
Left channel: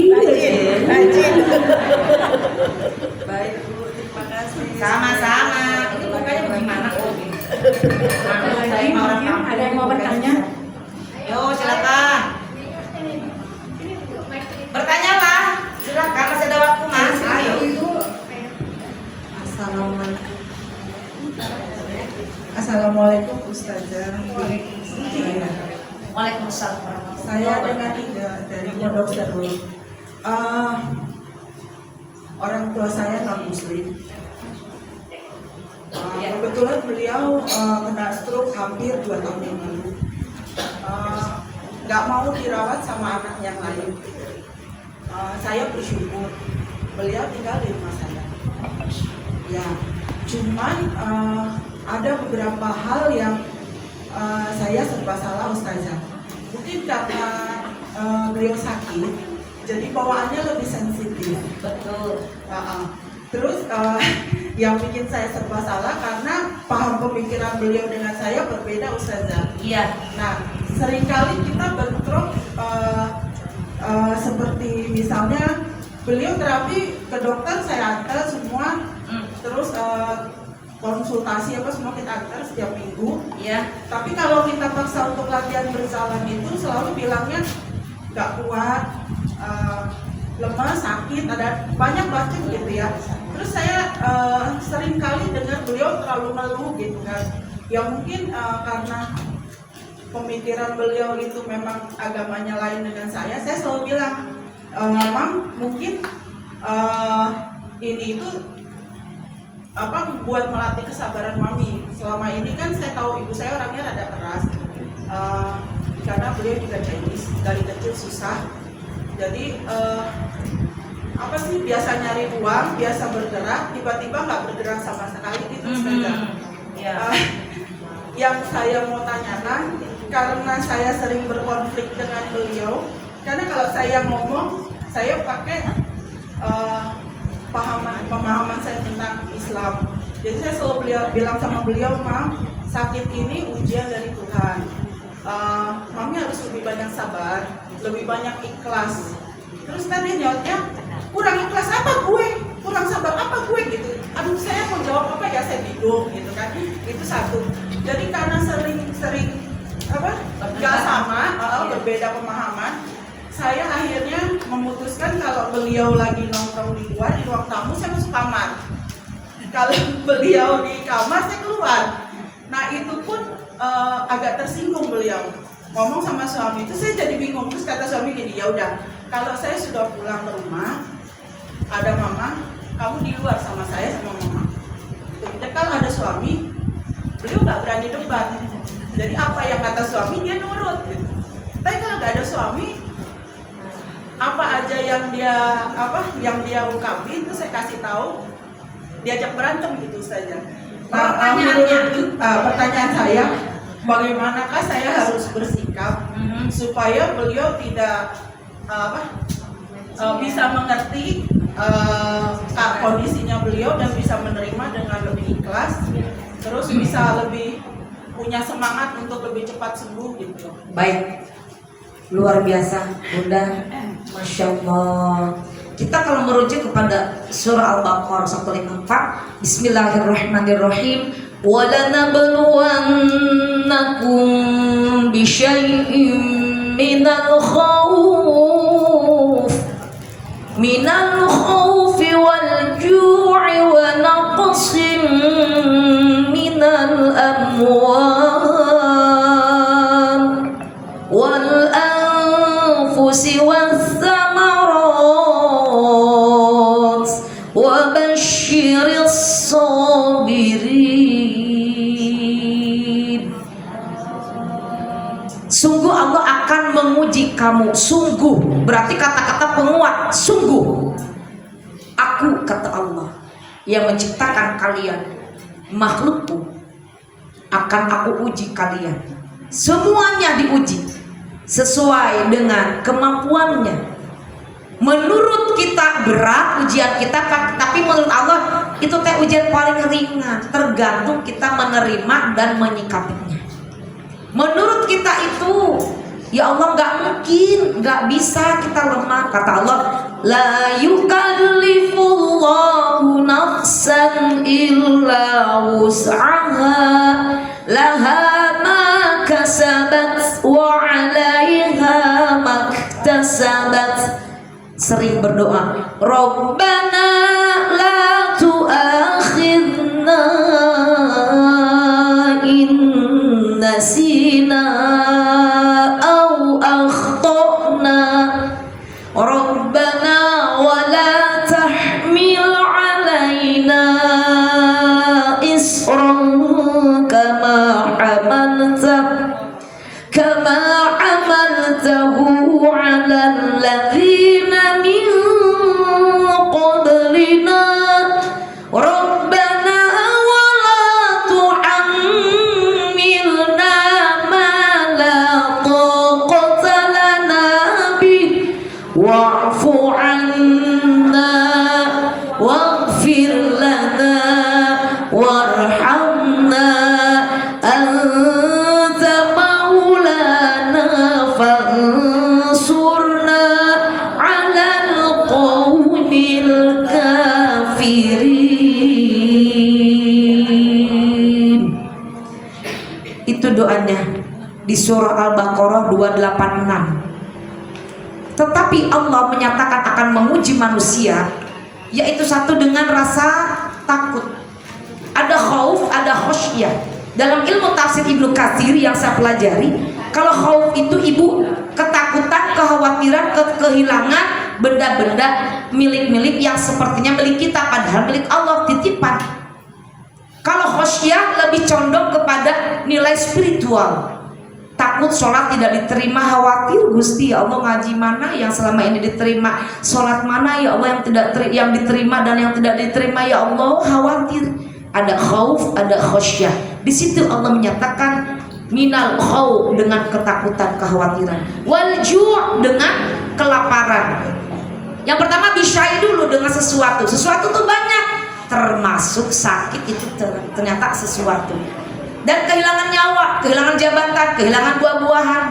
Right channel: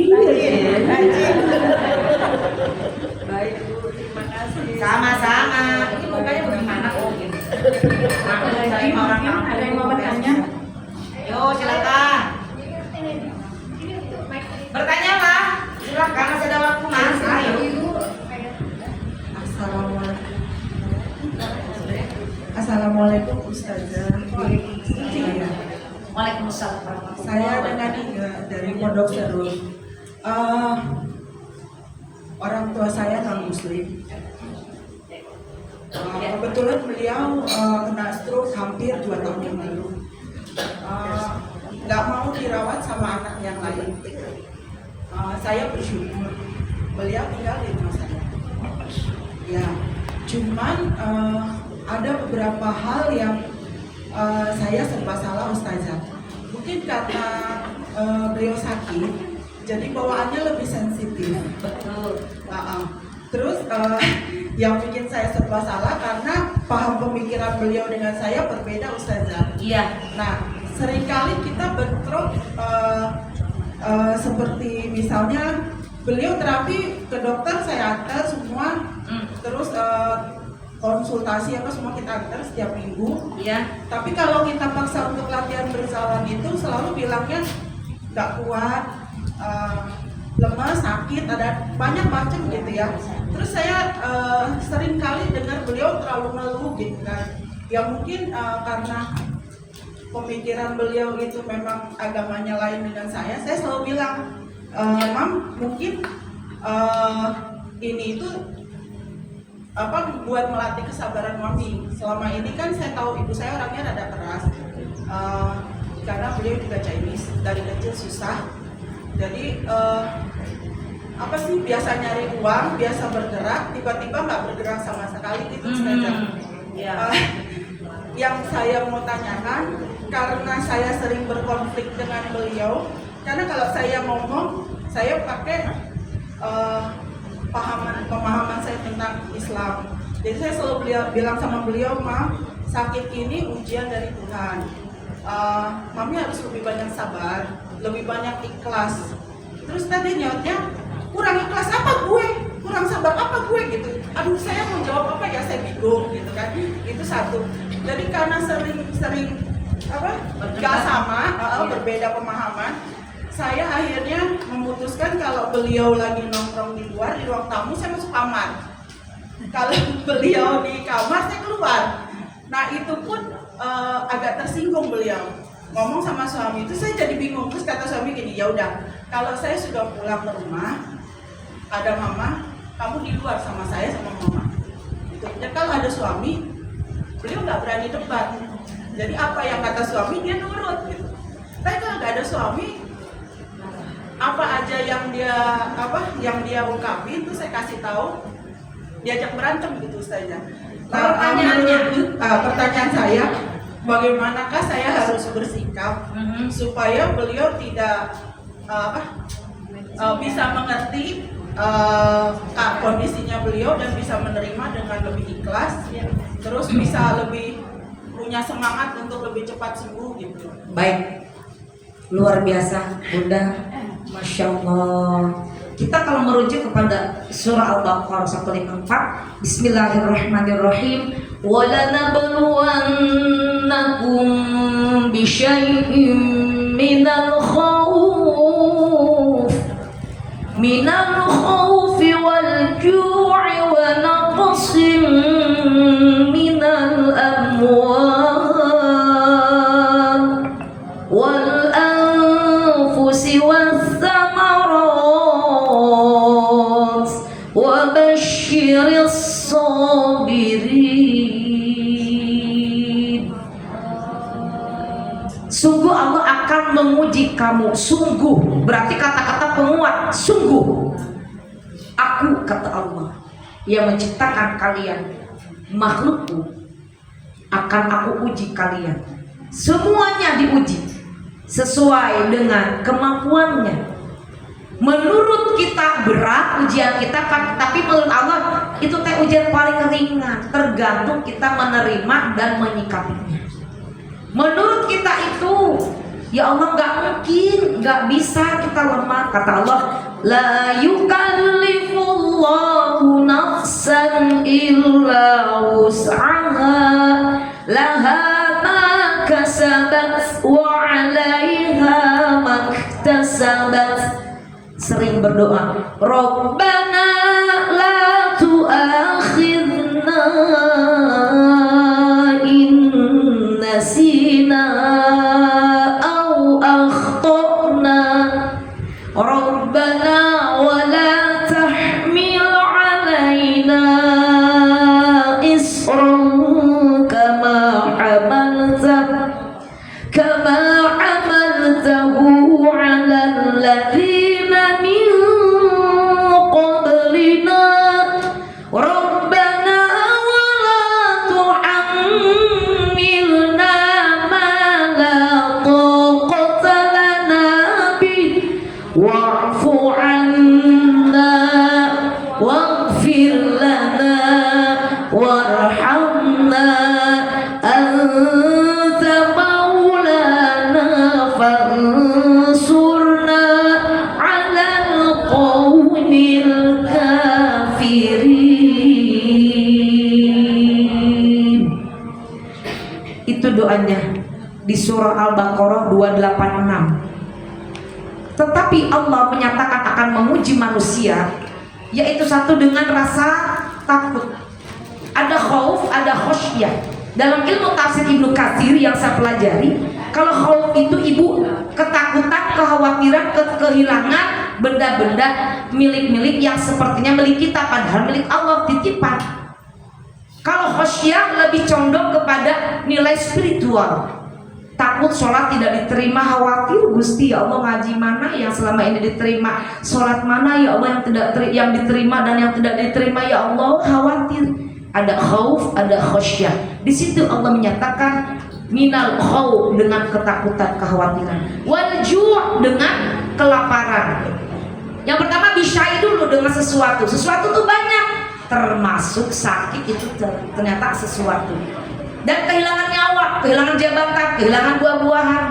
Baik Bu, terima kasih. Sama-sama. Ini mukanya bagaimana kok? Ada yang mau bertanya? Yo, silakan. Bertanya Pak, silakan masih ada waktu Mas. Ayo. Assalamualaikum. Assalamualaikum Ustazah. Waalaikumsalam warahmatullahi Saya dengan wabarakatuh. dari Pondok Serul. Orang tua saya non Muslim. Kebetulan beliau kena stroke hampir 2 tahun yang lalu. Nggak mau dirawat sama anak yang lain. Saya bersyukur beliau tinggal di rumah saya. Ya, cuman ada beberapa hal yang saya serba salah Ustazah. Mungkin karena beliau sakit, jadi bawaannya lebih sensitif. Betul. Terus yang bikin saya serba salah karena paham pemikiran beliau dengan saya berbeda Ustazah. Iya. Nah, seringkali kita bentrok seperti misalnya beliau terapi ke dokter saya antar semua, terus konsultasi apa semua kita antar setiap minggu. Iya. Tapi kalau kita paksa untuk latihan berjalan itu selalu bilangnya nggak kuat, lemas, sakit, ada banyak macam gitu ya. Terus saya sering kali dengar beliau terlalu ngeluh gitu kan. Ya mungkin karena pemikiran beliau itu memang agamanya lain dengan saya selalu bilang, Mam mungkin ini itu apa buat melatih kesabaran mami. Selama ini kan saya tahu ibu saya orangnya rada keras, karena beliau juga Chinese, dari kecil susah. Jadi apa sih, biasa nyari uang, biasa bergerak, tiba-tiba nggak bergerak sama sekali gitu Ustazah. Yang saya mau tanyakan, karena saya sering berkonflik dengan beliau, karena kalau saya ngomong, saya pakai pemahaman saya tentang Islam. Jadi saya selalu bilang sama beliau, Mam, sakit ini ujian dari Tuhan. Mami harus lebih banyak sabar, lebih banyak ikhlas. Terus tadi jawabnya, kurang ikhlas apa gue? Kurang sabar apa gue gitu? Aduh, saya mau jawab apa ya, saya bingung gitu kan. Itu satu. Jadi karena sering apa? Gak sama, berbeda pemahaman. Saya akhirnya memutuskan kalau beliau lagi nongkrong di luar, di ruang tamu, saya masuk kamar. Kalau beliau di kamar, saya keluar. Nah itu pun agak tersinggung beliau. Ngomong sama suami itu saya jadi bingung. Terus kata suami gini, ya udah, kalau saya sudah pulang ke rumah, ada mama, kamu di luar sama saya sama mama. Dan kalau ada suami, beliau nggak berani debat. Jadi apa yang kata suami dia nurut gitu. Tapi kalau nggak ada suami, apa aja yang dia ungkapin itu saya kasih tahu, diajak berantem gitu saja. Pertanyaan saya, bagaimanakah saya harus bersikap supaya beliau tidak bisa mengerti kondisinya beliau dan bisa menerima dengan lebih ikhlas, terus bisa lebih punya semangat untuk lebih cepat sembuh gitu. Baik, luar biasa Bunda, Masya Allah. Kita kalau merujuk kepada surah Al-Baqarah 154, Bismillahirrahmanirrahim. وَلَنَبْلُوَنَّكُمْ بِشَيْءٍ مِّنَ الْخَوْفِ وَالْجُوعِ وَنَقْصٍ مِّنَ الْأَمْوَالِ وَالْأَنفُسِ وَالثَّمَرَاتِ وَبَشِّرِ الصَّابِرِينَ. Sungguh Allah akan menguji kamu. Sungguh berarti kata-kata penguat. Sungguh aku, kata Allah, yang menciptakan kalian, makhlukku, akan aku uji kalian. Semuanya diuji sesuai dengan kemampuannya. Menurut kita berat ujian kita kan, tapi menurut Allah itu teh ujian paling ringan, tergantung kita menerima dan menyikapinya. Menurut kita itu, ya Allah nggak mungkin, nggak bisa, kita lemah. Kata Allah, la yukallifullahu nafsan illa wus'aha laha ma kasabat wa 'alaiha maktasabat. Sering berdoa, Rabbana la tu'akhidna in nasina au akhtana, Rabbana wa la tahmil 'alaina isran kama amaltahu 'alal ladzina min qablina, Rabbana wa la tuhammilna ma la taqata lana bih wa'fu 'anna waghfir lana warhamna anta maulana fansurna 'alal qawmil kafirin. Itu doanya di surah Al-Baqarah 286. Tetapi Allah menyatakan akan menguji manusia, yaitu satu dengan rasa takut. Ada khauf, ada khosyah. Dalam ilmu tafsir Ibnu Katsir yang saya pelajari, kalau khauf itu ibu ketakutan, kekhawatiran, kehilangan benda-benda milik-milik yang sepertinya milik kita padahal milik Allah, titipan. Kalau khosyah lebih condong kepada nilai spiritual. Takut sholat tidak diterima, khawatir, Gusti ya Allah ngaji mana yang selama ini diterima, sholat mana ya Allah yang diterima dan yang tidak diterima ya Allah, khawatir. Ada khauf, ada khosyah. Di situ Allah menyatakan minal khauf dengan ketakutan, kekhawatiran, wal ju' dengan kelaparan. Yang pertama bisyai dulu dengan sesuatu tuh banyak, termasuk sakit itu ternyata sesuatu. Dan kehilangan nyawa, kehilangan jabatan, kehilangan buah-buahan.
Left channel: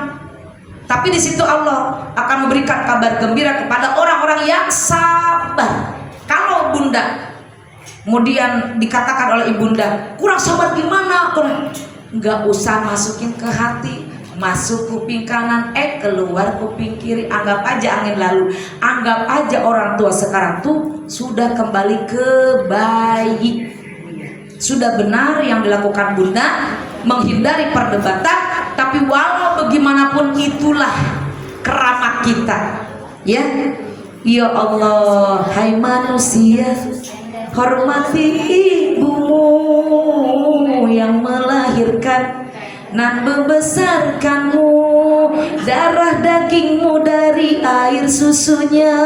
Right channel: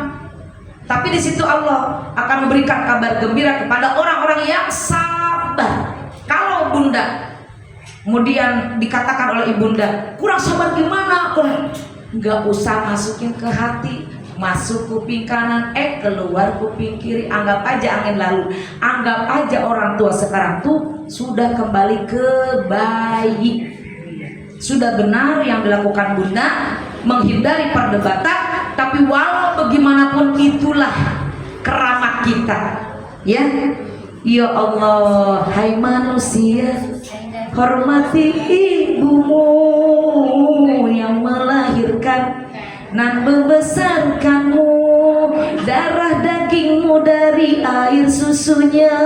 Tapi di situ Allah akan memberikan kabar gembira kepada orang-orang yang sabar. Kalau bunda, kemudian dikatakan oleh ibunda, kurang sabar gimana? Nggak usah masukin ke hati, masuk kuping kanan, keluar kuping kiri. Anggap aja angin lalu. Anggap aja orang tua sekarang tuh sudah kembali ke bayi. Sudah benar yang dilakukan bunda, menghindari perdebatan. Tapi walau bagaimanapun itulah keramat kita, ya. Ya Allah, hai manusia, hormati ibumu yang melahirkan dan membesarkanmu, darah dagingmu dari air susunya,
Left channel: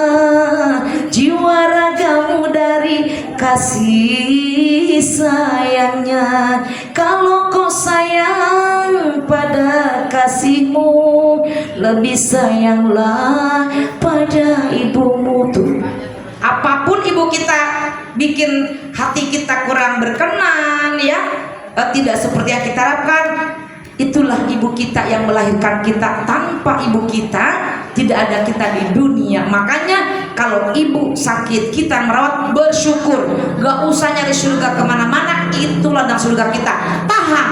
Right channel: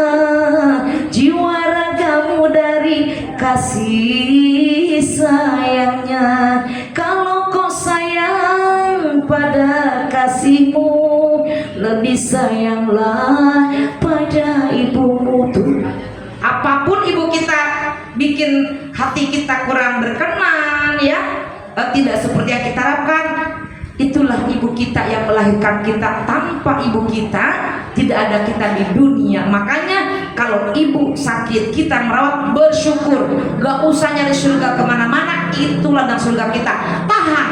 jiwa ragamu dari kasih sayangnya. Kalau kau sayang pada kasihmu, lebih sayanglah pada ibumu. Tuh, apapun ibu kita bikin hati kita kurang berkenan, ya, tidak seperti yang kita harapkan, itulah ibu kita yang melahirkan kita. Tanpa ibu kita tidak ada kita di dunia. Makanya kalau ibu sakit, kita merawat, bersyukur. Gak usah nyari surga kemana-mana, itu ladang surga kita. Tahan,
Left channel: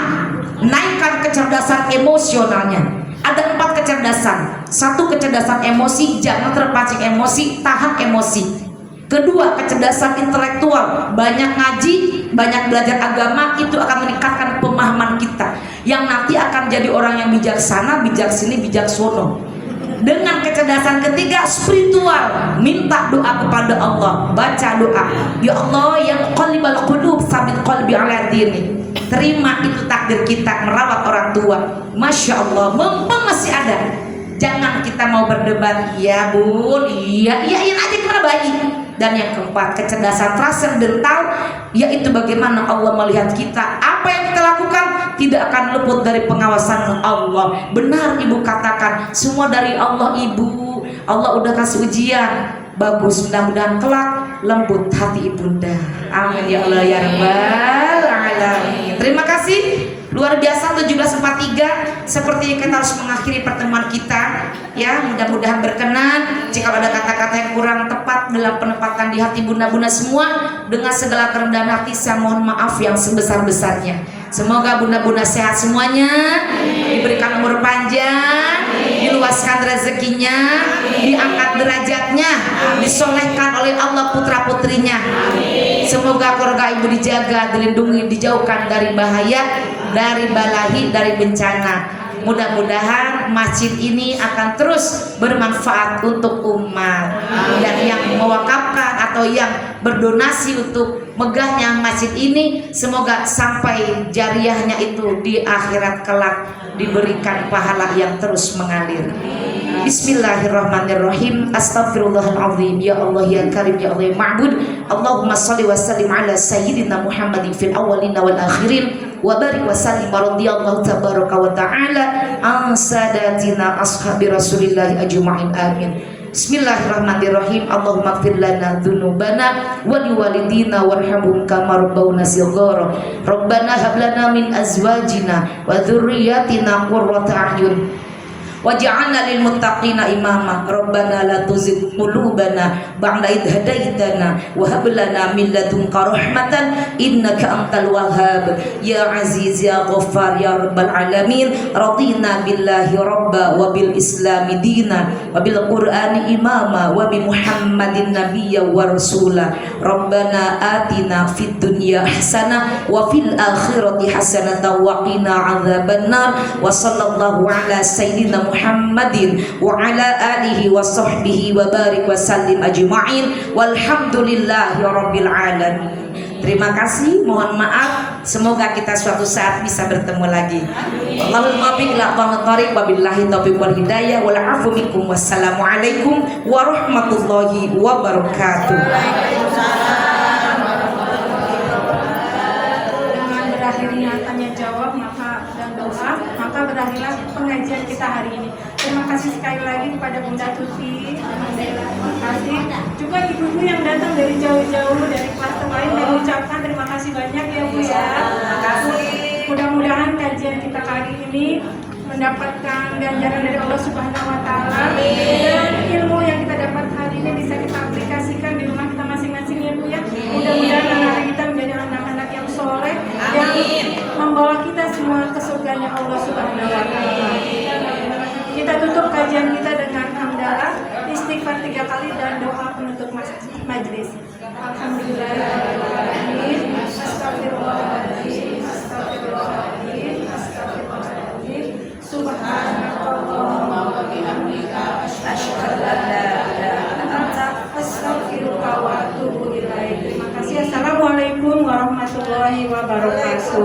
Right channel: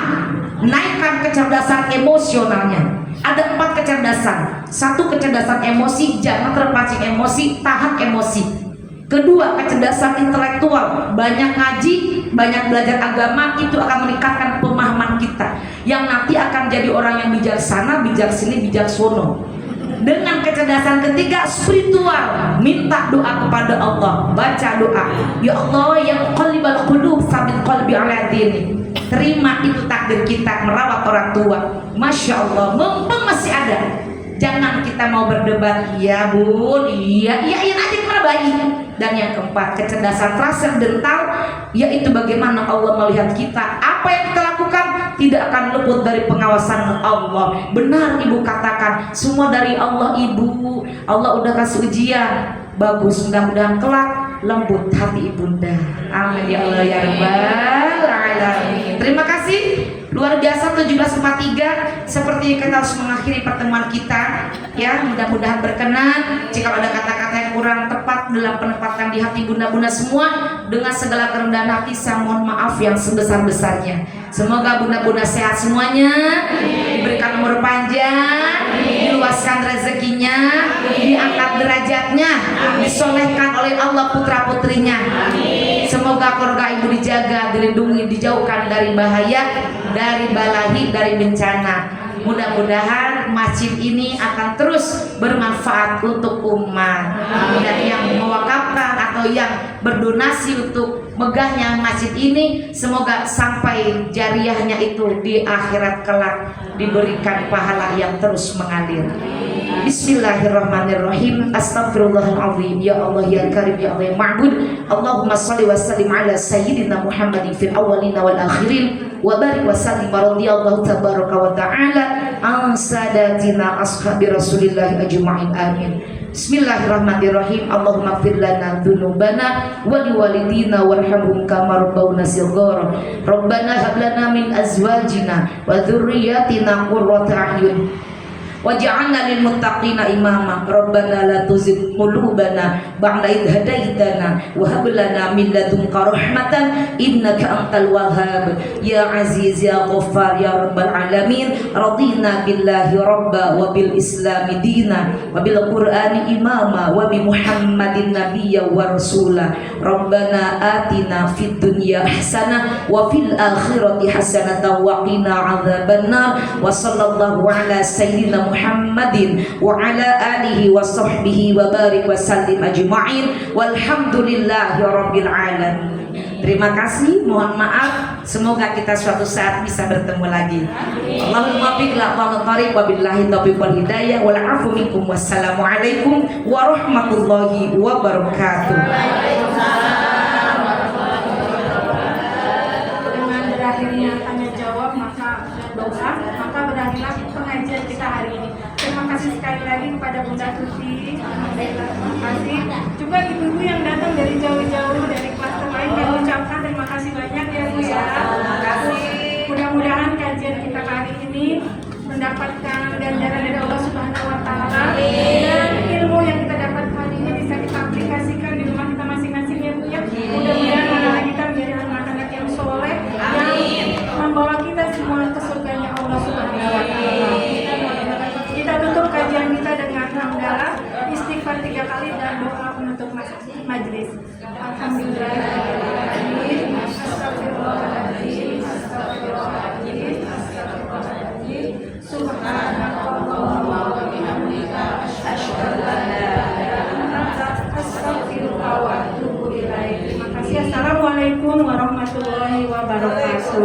naikkan kecerdasan emosionalnya. Ada 4 kecerdasan. 1, kecerdasan emosi, jangan terpancing emosi, tahan emosi. Kedua, kecerdasan intelektual, banyak ngaji, banyak belajar agama, itu akan meningkatkan pemahaman kita, yang nanti akan jadi orang yang bijaksana, bijaksini, bijaksono. Dengan kecerdasan ketiga, spiritual, minta doa kepada Allah, baca doa, ya Allah yang muqallibal qulub tsabbit qalbi ala dini. Terima itu takdir kita merawat orang tua. Masya Allah, mumpung masih ada. Jangan kita mau berdebat, ya bun, iya aja kita bayi. Dan yang keempat, kecerdasan transendental, yaitu bagaimana Allah melihat kita. Apa yang kita lakukan tidak akan luput dari pengawasan Allah. Benar ibu katakan, semua dari Allah ibu. Allah udah kasih ujian, bagus, mudah-mudahan kelak lembut hati ibunda. Amin ya Allah ya Rabbal alamin. Terima kasih. Luar biasa 1743. Seperti kita harus mengakhiri pertemuan kita, ya, mudah-mudahan berkenan. Jika ada kata-kata yang kurang tepat dalam penempatan di hati bunda-bunda semua, dengan segala kerendahan hati saya mohon maaf yang sebesar-besarnya. Semoga bunda-bunda sehat semuanya, diberikan umur panjang, diluaskan rezekinya, diangkat derajatnya, disolehkan oleh Allah putra-putrinya. Semoga keluarga ibu dijaga, dilindungi, dijauhkan dari bahaya, dari balahi, dari bencana. Mudah-mudahan masjid ini akan terus bermanfaat untuk umat. Dan yang mewakafkan atau yang berdonasi untuk megahnya masjid ini, semoga sampai jariahnya itu di akhirat kelak diberikan pahala yang terus mengalir. Bismillahirrahmanirrahim. Astaghfirullahaladzim. Ya Allah ya Karim ya Allah ya Ma'bud. Allahumma salli wa sallim ala sayyidina Muhammadin fil awwalina wal akhirin wa barik wa sallim wa radiyallahu tabaraka wa ta'ala an sadatina ashabi Rasulillah ajma'in. Amin. Bismillahirrahmanirrahim. Allahumma ighfir lana dzunubana wa liwalidina warhamhum kama rabbawna shighara. Rabbana hab lana min azwajina wa dzurriyyatina qurrata a'yun waj'alna lil muttaqina imama. Rabbana la tuzigh qulubana ba'da idh hadaitana wa hab lana min ladunka rahmatan innaka antal wahhab. Ya aziz ya ghaffar ya rabbal alamin. Radina billahi rabba wa bil islami dina wa bil qur'ani imama wa bi muhammadin nabiyya wa rasula. Rabbana atina fid dunya hasanah wa fil akhirati hasanah wa qina adzabannar. Wa sallallahu ala sayyidina Muhammadin wa ala alihi wa sahbihi wa barik wa sallim ajma'in walhamdulillahi rabbil alamin. Terima kasih, mohon maaf, semoga kita suatu saat bisa bertemu lagi. Allahumma biqil aqamat tariq wa billahi taufiq wal hidayah wal afu minkum. Wassalamualaikum warahmatullahi wabarakatuh. Dengan berakhirnya tanya jawab dan doa, maka berakhirlah pengajian kita hari ini. Terima kasih sekali lagi kepada Bunda Tuti, terima kasih juga ibu-ibu yang datang dari jauh-jauh dari klaster lain. Kami ucapkan terima kasih banyak ya Bu ya. Terima kasih. Mudah-mudahan kajian kita kali ini mendapatkan ganjaran dari Allah Subhanahu Wa Taala, dan ilmu yang kita dapat hari ini bisa kita aplikasikan di rumah kita masing-masing ya Bu ya. Mudah-mudahan anak kita menjadi anak-anak yang soleh yang membawa kita semua ke surganya Allah Subhanahu Wa Taala. Kita tutup kajian kita dengan hamdalah, istighfar 3 kali dan doa penutup majlis. Alhamdulillahirrahmanirrahim. Astagfirullahaladzim. Astagfirullahaladzim. Astagfirullahaladzim. Subhanallah wa bihamdika asyhadu an la ilaha illa anta astaghfiruka wa atubu ilaik. Terima kasih. Assalamualaikum warahmatullahi wabarakatuh.